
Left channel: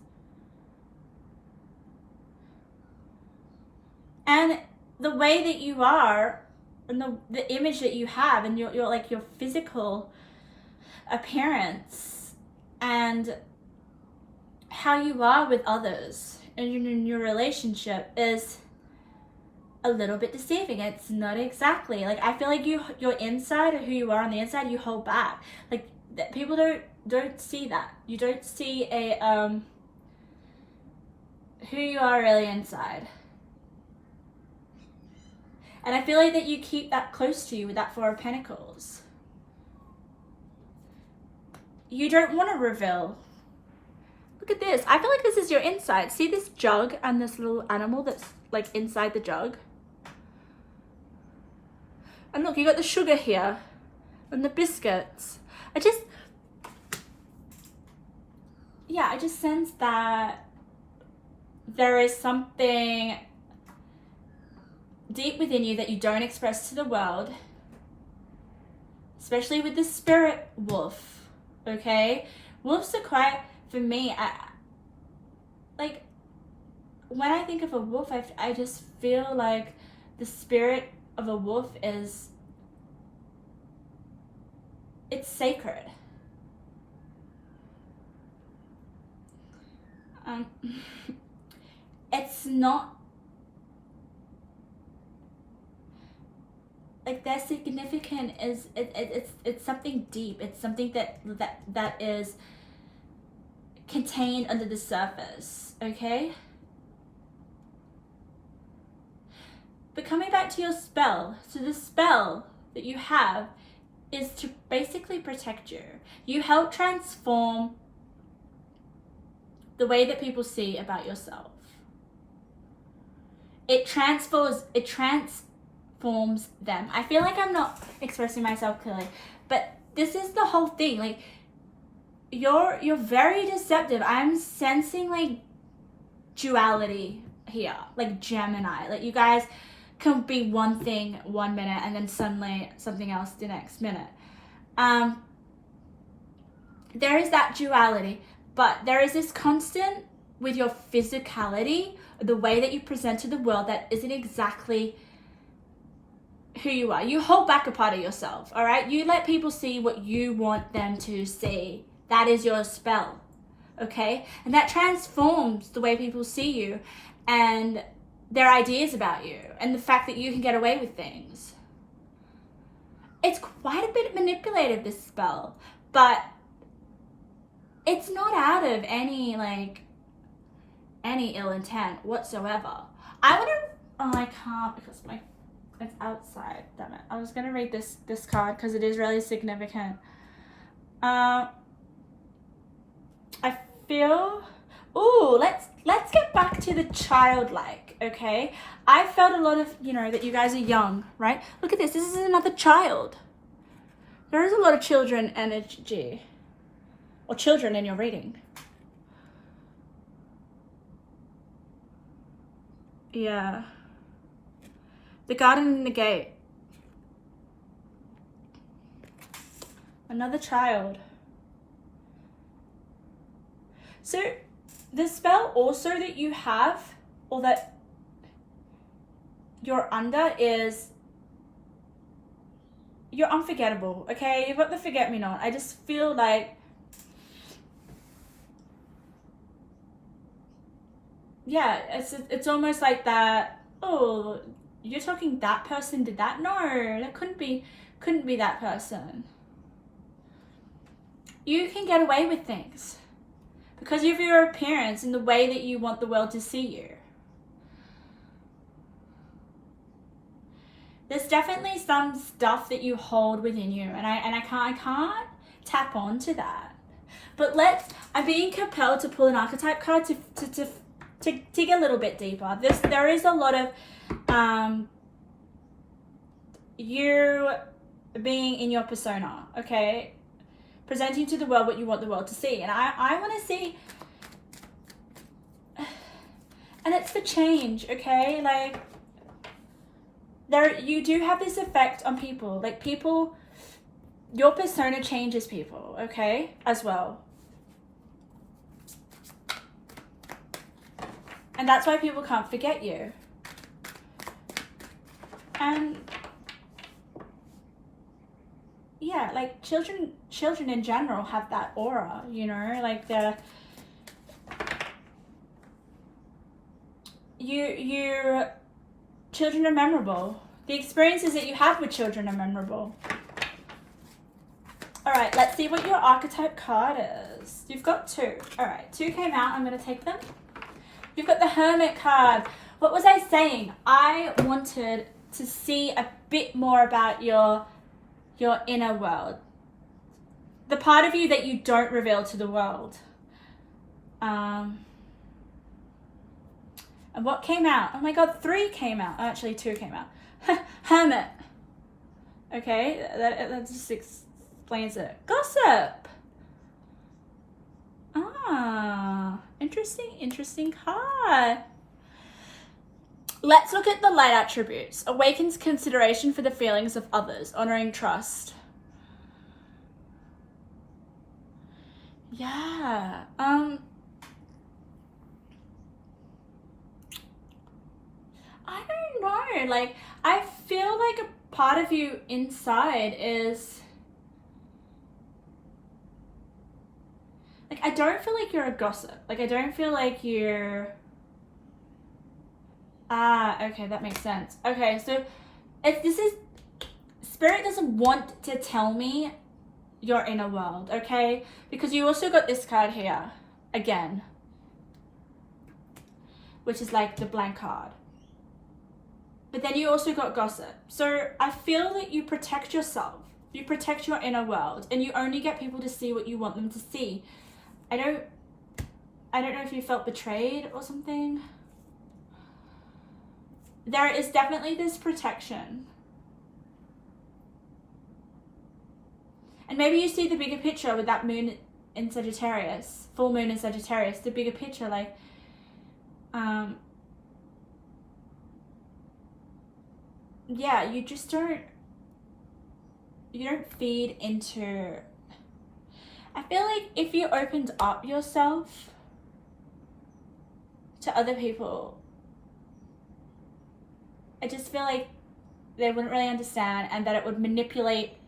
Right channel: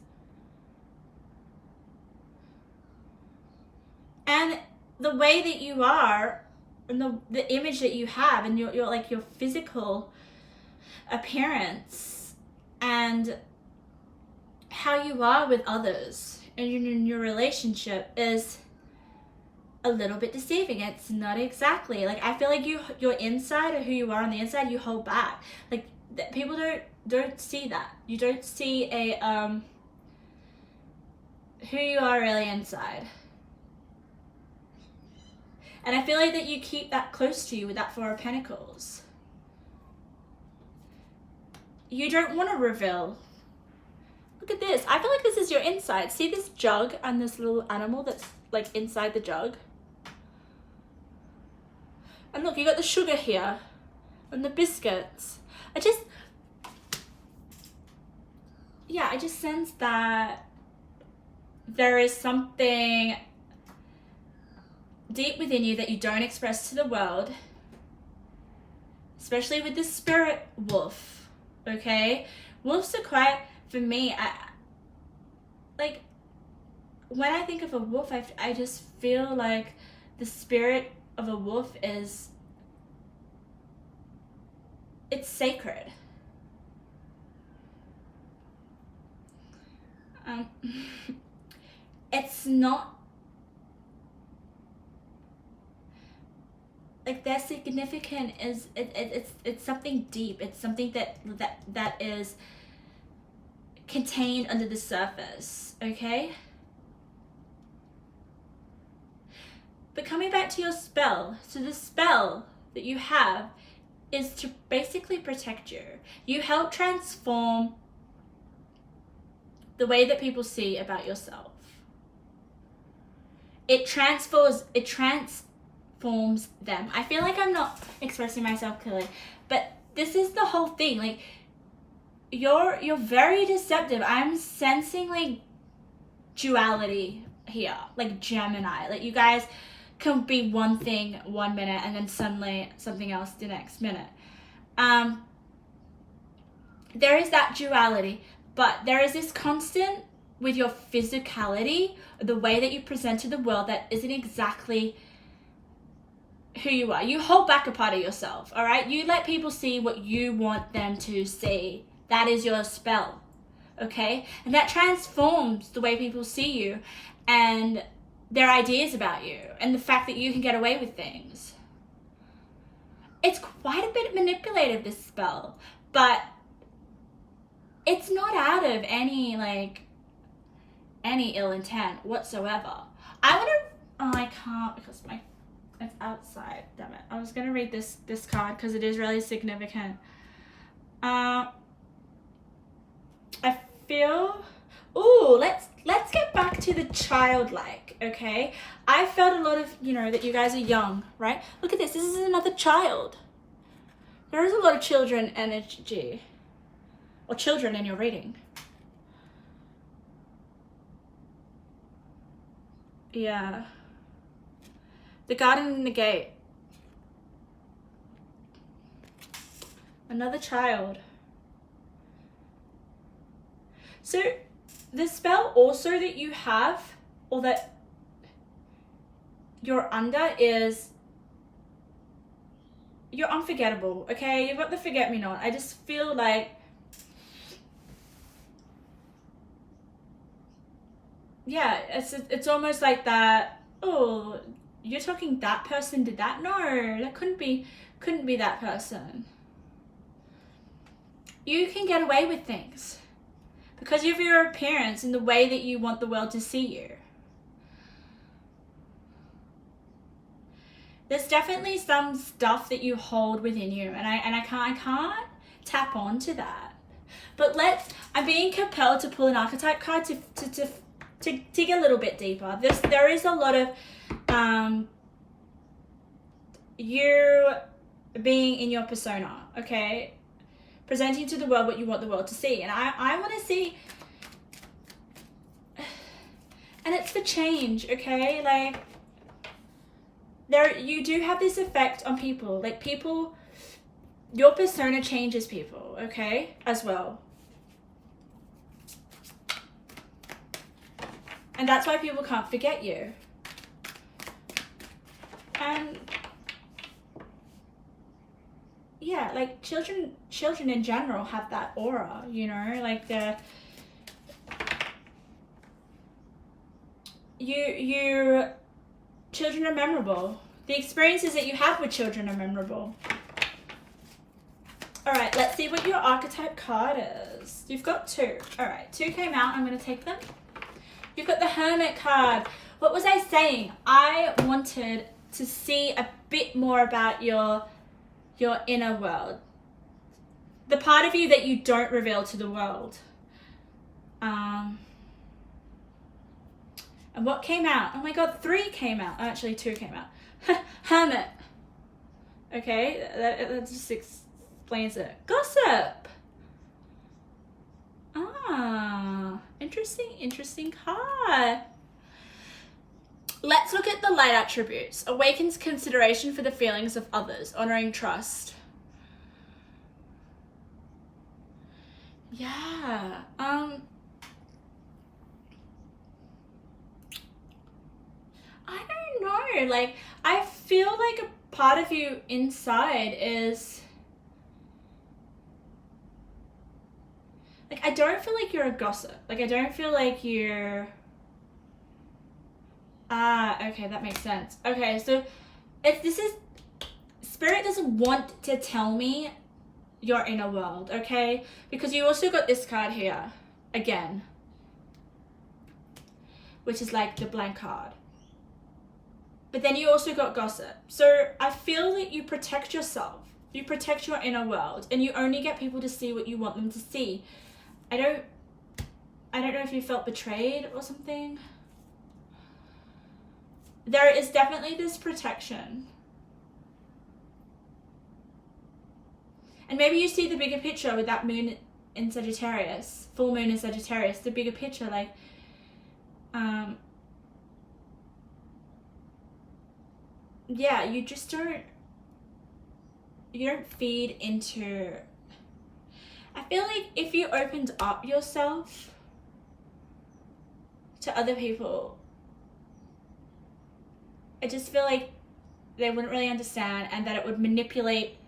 And the way that you are, and the image that you have, and your like your physical appearance, and how you are with others in your relationship is a little bit deceiving. It's not exactly like, I feel like your inside, or who you are on the inside, you hold back. Like, people don't see that. You don't see who you are really inside. And I feel like that you keep that close to you with that Four of Pentacles. You don't want to reveal. Look at this. I feel like this is your inside. See this jug and this little animal that's like inside the jug? And look, you got the sugar here and the biscuits. I just sense that there is something deep within you that you don't express to the world, especially with the spirit wolf, okay? Wolves are quite, for me, like, when I think of a wolf, I just feel like the spirit of a wolf is, it's sacred. It's not like their significant is it's something deep. It's something that is contained under the surface, okay? But coming back to your spell, so the spell that you have is to basically protect you. You help transform the way that people see about yourself. It transforms them. I feel like I'm not expressing myself clearly, but this is the whole thing. Like, you're very deceptive. I'm sensing like duality here, like Gemini. Like, you guys can be one thing 1 minute and then suddenly something else the next minute. There is that duality, but there is this constant with your physicality, the way that you present to the world that isn't exactly who you are. You hold back a part of yourself, all right? You let people see what you want them to see. That is your spell, okay? And that transforms the way people see you and their ideas about you and the fact that you can get away with things. It's quite a bit manipulative, this spell, but it's not out of any ill intent whatsoever. I can't because it's outside, damn it. I was gonna read this card because it is really significant. I feel, let's get back to the childlike, okay? I felt a lot of, that you guys are young, right? Look at this is another child. There is a lot of children energy, or children in your reading. Yeah. The garden and the gate. Another child. So the spell also that you have, or that you're under, is you're unforgettable, okay? You've got the forget-me-not. I just feel like, yeah, it's almost like that, oh, you're talking that person did that? No, that couldn't be that person. You can get away with things because of your appearance and the way that you want the world to see you. There's definitely some stuff that you hold within you, and I can't tap onto that. But I'm being compelled to pull an archetype card to dig a little bit deeper. There is a lot of you being in your persona, okay? Presenting to the world what you want the world to see. And I want to see, and it's for change, okay? Like, you do have this effect on people. Like, people, your persona changes people, okay? As well. And that's why people can't forget you. And yeah, like children in general have that aura, like children are memorable. The experiences that you have with children are memorable. All right, let's see what your archetype card is. You've got 2. All right, 2 came out. I'm going to take them. You've got the Hermit card. What was I saying? I wanted to see a bit more about your inner world. The part of you that you don't reveal to the world. And what came out? Oh my god, 3 came out. Oh, actually 2 came out. Hermit. Okay, that just explains it. Gossip. Ah, interesting card. Let's look at the light attributes. Awakens consideration for the feelings of others, honoring trust. Yeah. I don't know. Like, I feel like a part of you inside is like, I don't feel like you're a gossip. Like, I don't feel like you're okay, that makes sense. Okay, so if this is Spirit doesn't want to tell me your inner world, okay? Because you also got this card here again, which is like the blank card. But then you also got gossip. So I feel that you protect yourself. You protect your inner world, and you only get people to see what you want them to see. I don't know if you felt betrayed or something. There is definitely this protection. And maybe you see the bigger picture with that moon in Sagittarius, full moon in Sagittarius, the bigger picture, like, yeah, you just don't feed into, I feel like if you opened up yourself to other people, I just feel like they wouldn't really understand, and that it would manipulate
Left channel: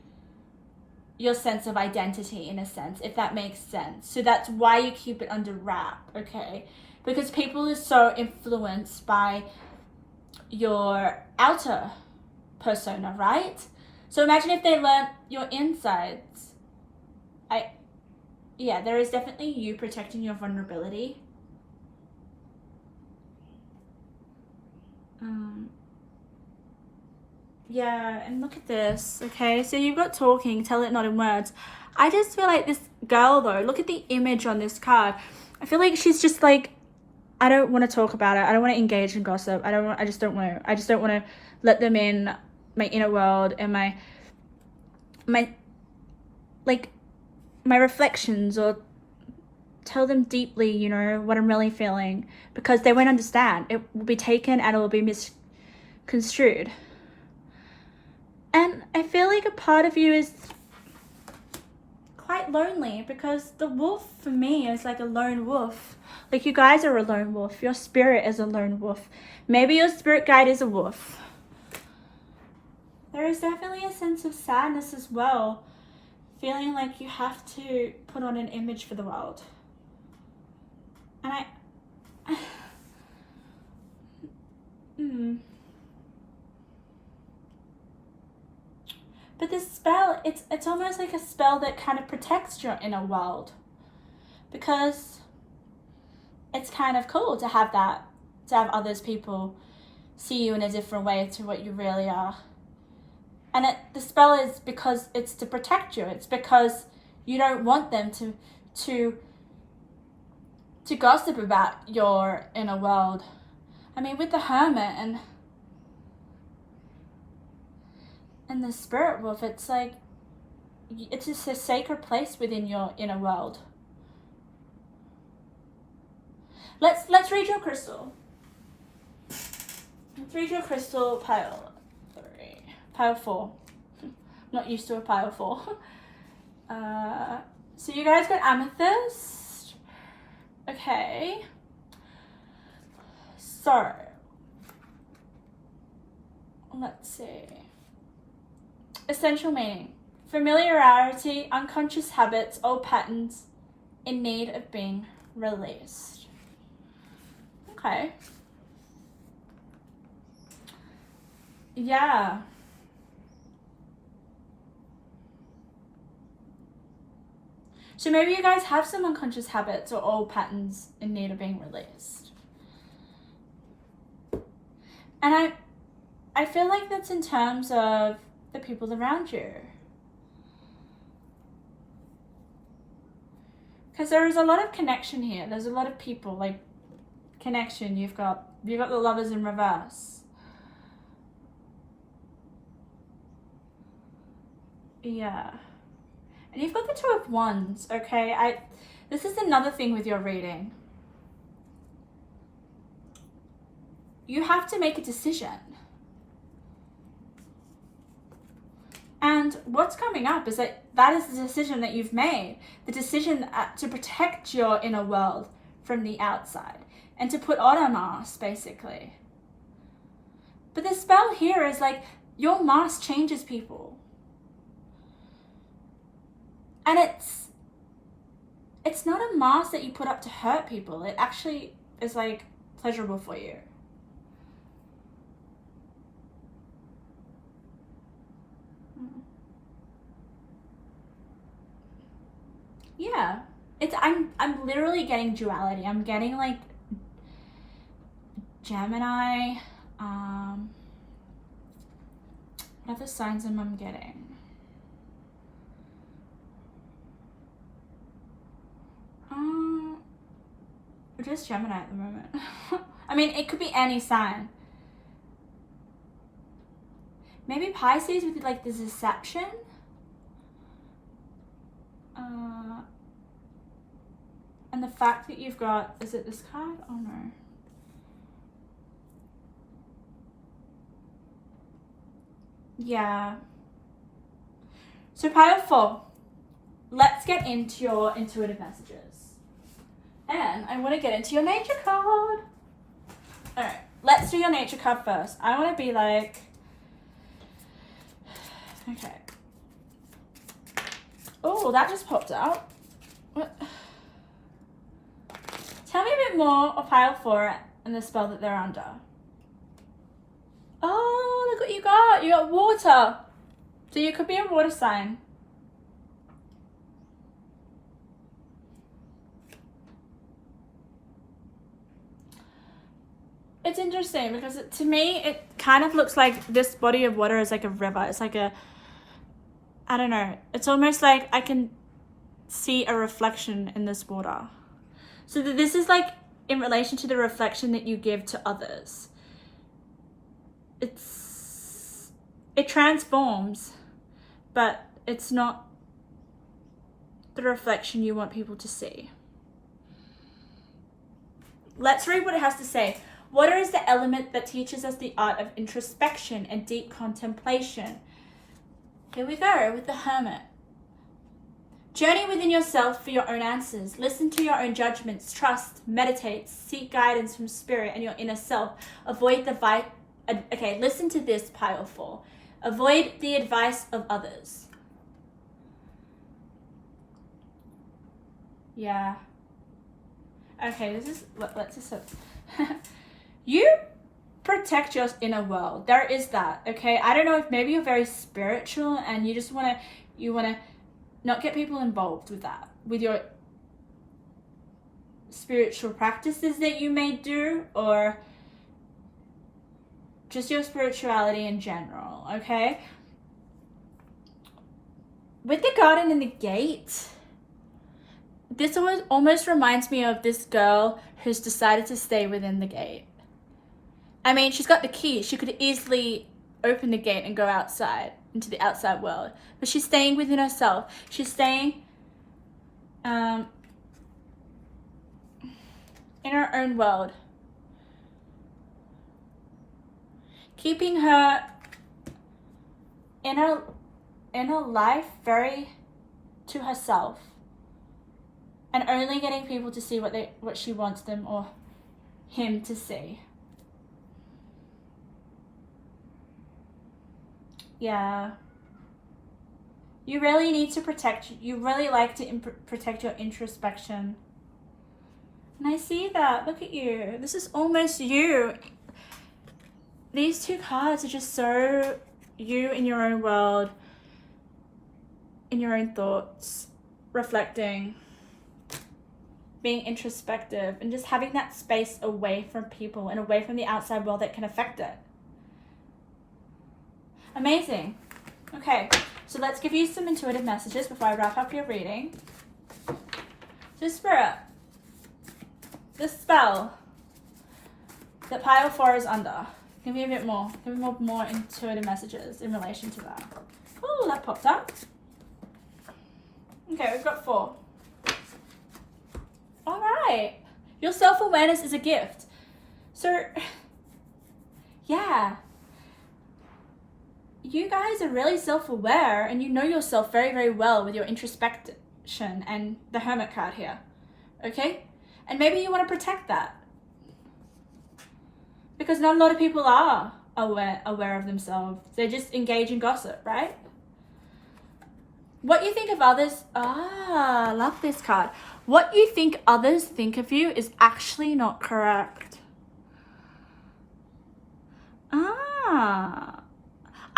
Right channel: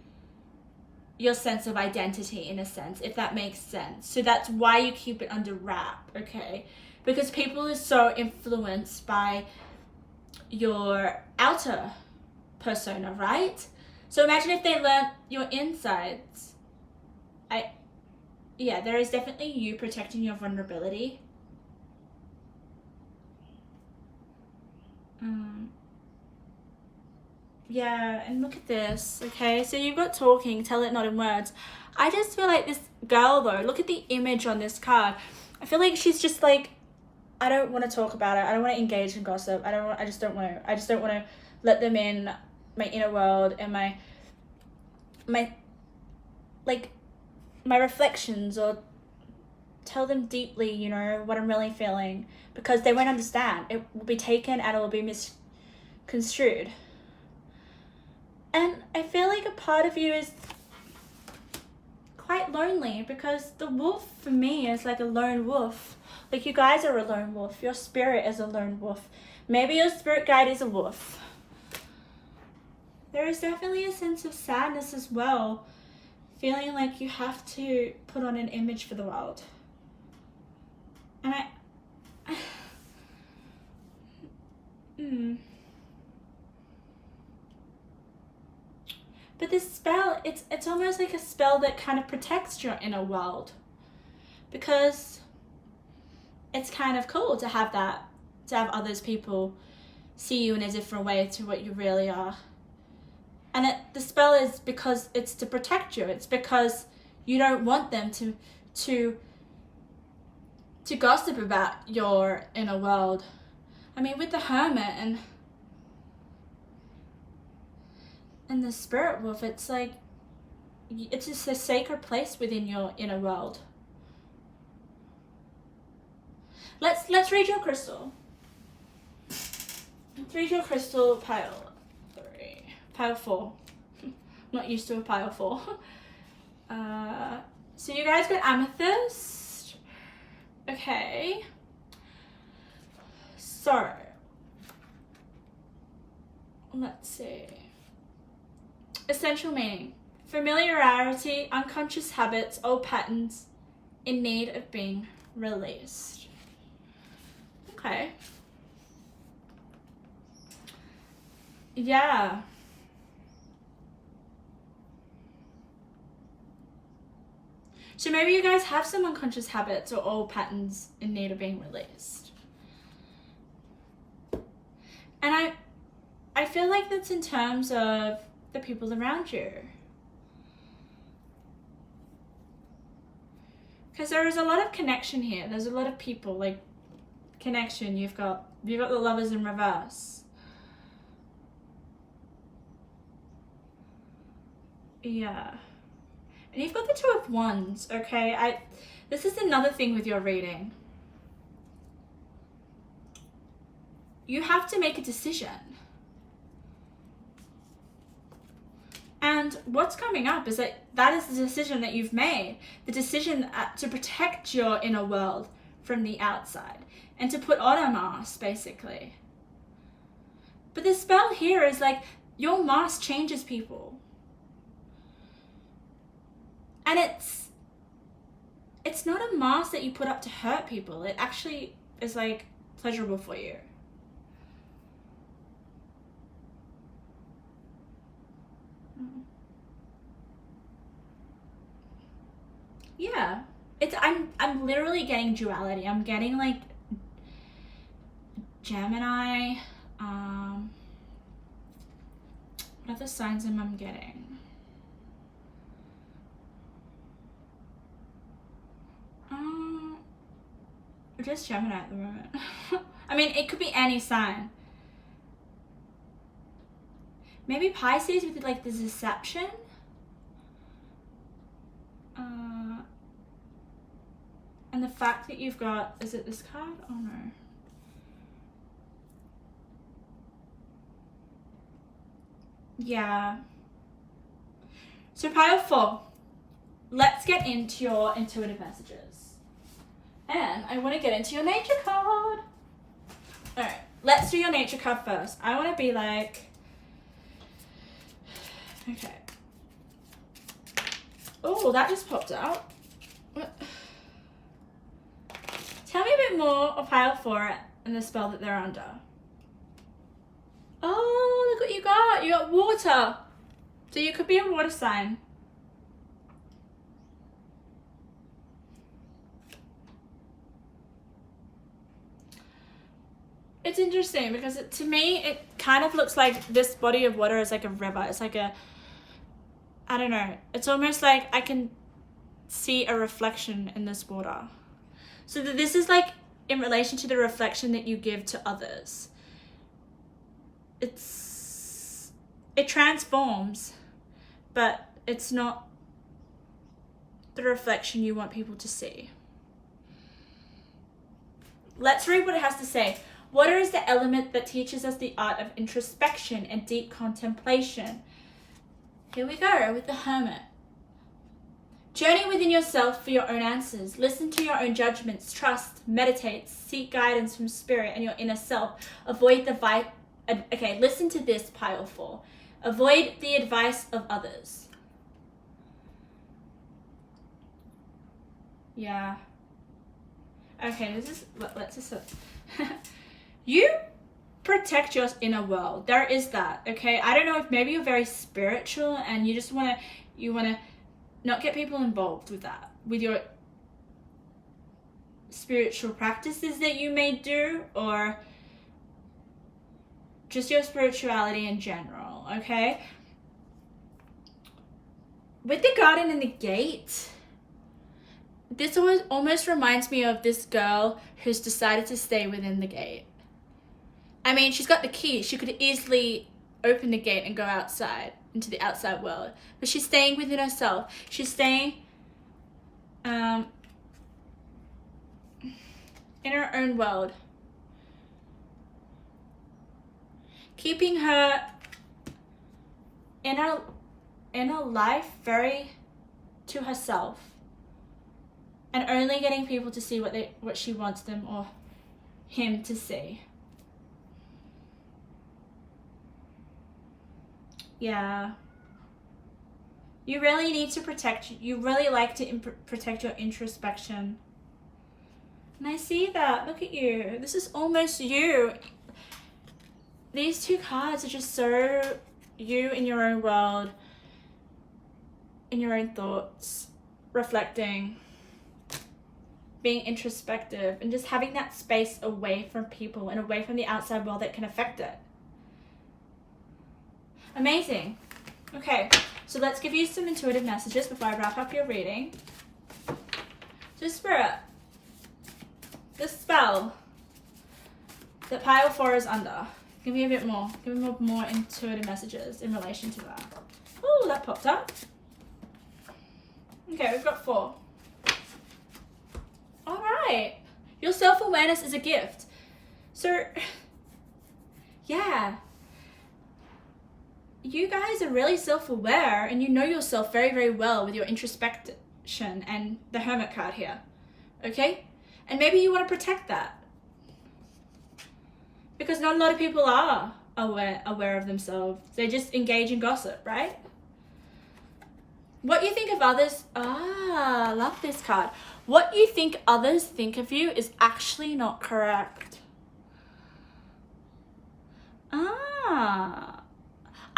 your sense of identity in a sense, if that makes sense. So that's why you keep it under wrap, okay? Because people are so influenced by your outer persona, right? So imagine if they learned your insides. Yeah, there is definitely you protecting your vulnerability. Yeah, and look at this, okay? So you've got talking, tell it not in words. I just feel like this girl, though, look at the image on this card. I feel like she's just like, I don't want to talk about it. I don't want to engage in gossip. I just don't want to let them in my inner world and my reflections, or tell them deeply, you know, what I'm really feeling, because they won't understand. It will be taken and it will be misconstrued. And I feel like a part of you is quite lonely, because the wolf for me is like a lone wolf. Like, you guys are a lone wolf. Your spirit is a lone wolf. Maybe your spirit guide is a wolf. There is definitely a sense of sadness as well. Feeling like you have to put on an image for the world. And But this spell, it's almost like a spell that kind of protects your inner world, because it's kind of cool to have that, to have others people see you in a different way to what you really are. And the spell is because it's to protect you. It's because you don't want them to gossip about your inner world. I mean, with the Hermit and the Spirit Wolf, it's like, it's just a sacred place within your inner world. Let's read your crystal. Let's read your crystal pile 3. Pile 4. I'm not used to a pile 4. So you guys got amethyst. Okay. So, let's see. Essential meaning. Familiarity, unconscious habits, old patterns in need of being released. Okay. Yeah. So maybe you guys have some unconscious habits or old patterns in need of being released. And I feel like that's in terms of the people around you. Because there is a lot of connection here. There's a lot of people, like, connection. You've got the Lovers in reverse. Yeah. And you've got the Two of Wands, okay? This is another thing with your reading. You have to make a decision. And what's coming up is that is the decision that you've made. The decision to protect your inner world from the outside. And to put on a mask, basically. But the spell here is like, your mask changes people. And it's not a mask that you put up to hurt people. It actually is like pleasurable for you. Yeah. I'm literally getting duality. I'm getting like Gemini. What other signs am I getting? Just Gemini at the moment. I mean, it could be any sign. Maybe Pisces with like the deception. And the fact that you've got, is it this card? Oh no. Yeah. So pile 4. Let's get into your intuitive messages. And I want to get into your nature card. Alright, let's do your nature card first. I want to be like, okay. Oh, that just popped out. What? Tell me a bit more of pile 4 and the spell that they're under. Oh, look what you got. You got water. So you could be a water sign. It's interesting because to me, it kind of looks like this body of water is like a river. It's like a, I don't know. It's almost like I can see a reflection in this water. So that this is like in relation to the reflection that you give to others. It transforms, but it's not the reflection you want people to see. Let's read what it has to say. Water is the element that teaches us the art of introspection and deep contemplation. Here we go with the Hermit. Journey within yourself for your own answers. Listen to your own judgments. Trust, meditate, seek guidance from spirit and your inner self. Avoid listen to this, pile 4. Avoid the advice of others. Yeah. Okay, let's just you protect your inner world. There is that, okay? I don't know if maybe you're very spiritual and you just want to not get people involved with that, with your spiritual practices that you may do, or just your spirituality in general, okay? With the garden and the gate, this almost reminds me of this girl who's decided to stay within the gate. I mean, she's got the key. She could easily open the gate and go outside, into the outside world. But she's staying within herself. She's staying in her own world. Keeping her inner life very to herself. And only getting people to see what she wants them or him to see. Yeah. You really need to you really like to protect your introspection. And I see that. Look at you. This is almost you. These two cards are just so you in your own world, in your own thoughts, reflecting, being introspective, and just having that space away from people and away from the outside world that can affect it. Amazing. Okay, so let's give you some intuitive messages before I wrap up your reading. So Spirit, the spell that pile 4 is under. Give me a bit more. Give me more intuitive messages in relation to that. Oh, that popped up. Okay, we've got 4. All right. Your self-awareness is a gift. So, yeah. You guys are really self-aware and you know yourself very, very well with your introspection and the Hermit card here. Okay? And maybe you want to protect that. Because not a lot of people are aware of themselves. They just engage in gossip, right? What you think of others, I love this card. What you think others think of you is actually not correct.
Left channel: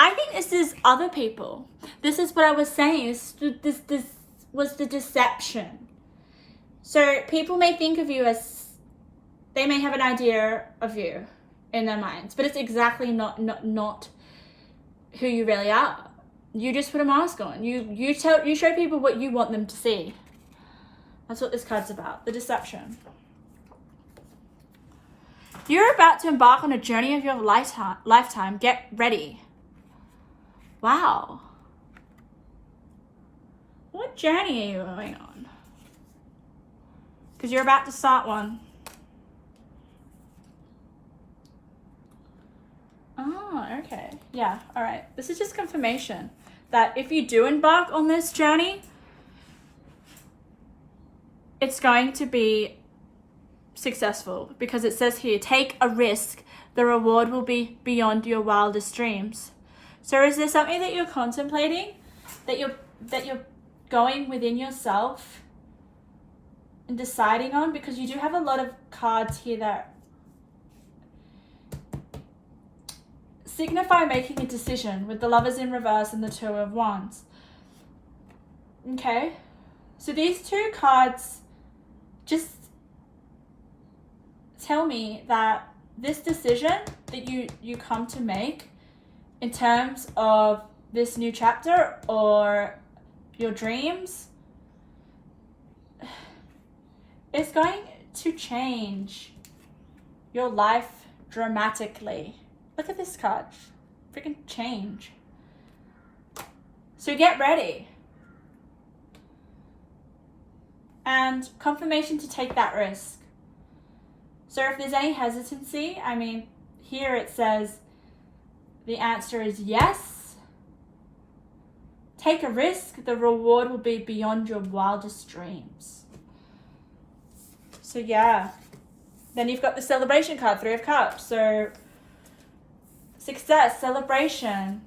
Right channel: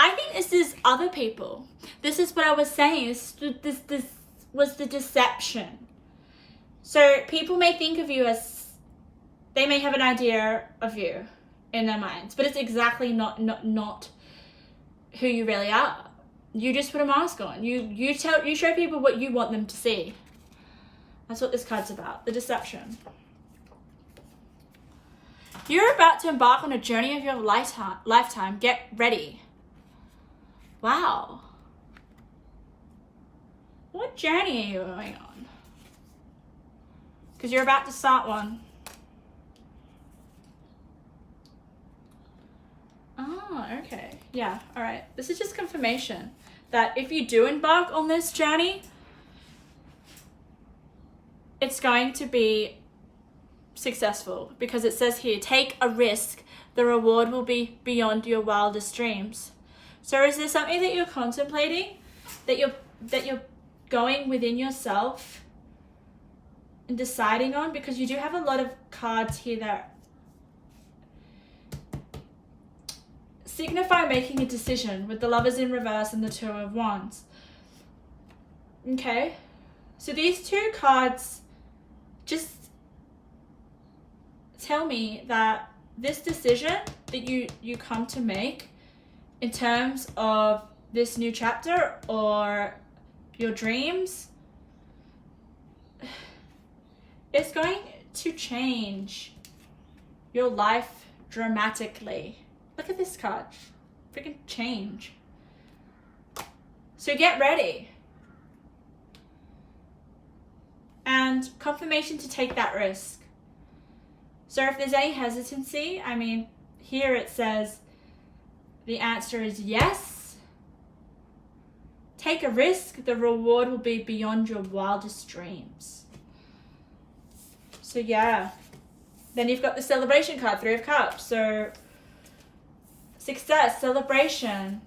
I think this is other people. This is what I was saying. This was the deception. So people may think of you as, they may have an idea of you in their minds, but it's exactly not who you really are. You just put a mask on. You show people what you want them to see. That's what this card's about, the deception. You're about to embark on a journey of your lifetime. Get ready. Wow. What journey are you going on? Because you're about to start one. Oh, okay. Yeah, all right. This is just confirmation that if you do embark on this journey, it's going to be successful, because it says here, take a risk. The reward will be beyond your wildest dreams. So is there something that you're contemplating, that you're going within yourself and deciding on? Because you do have a lot of cards here that signify making a decision, with the Lovers in reverse and the Two of Wands. Okay, so these two cards just tell me that this decision that you come to make in terms of this new chapter or your dreams, it's going to change your life dramatically. Look at this card. Freaking change. So get ready. And confirmation to take that risk. So if there's any hesitancy, I mean, here it says the answer is yes. Take a risk. The reward will be beyond your wildest dreams. So yeah. Then you've got the celebration card, 3 of Cups. So success, celebration.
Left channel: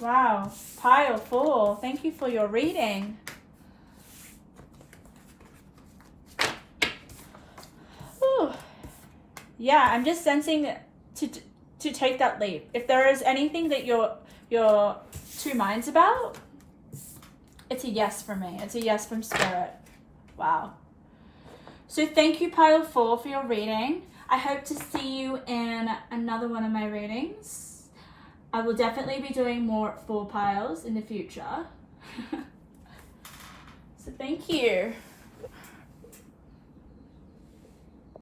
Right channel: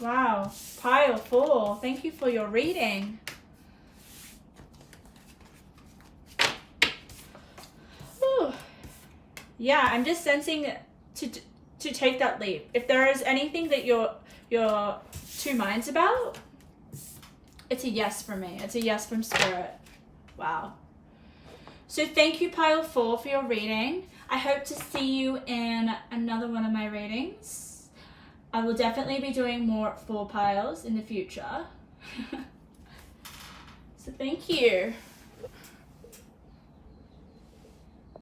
Wow. Pile 4. Thank you for your reading. Whew. Yeah, I'm just sensing to take that leap. If there is anything that you're two minds about, it's a yes from me. It's a yes from Spirit. Wow. So thank you, Pile 4, for your reading. I hope to see you in another one of my readings. I will definitely be doing more 4 piles in the future. So thank you.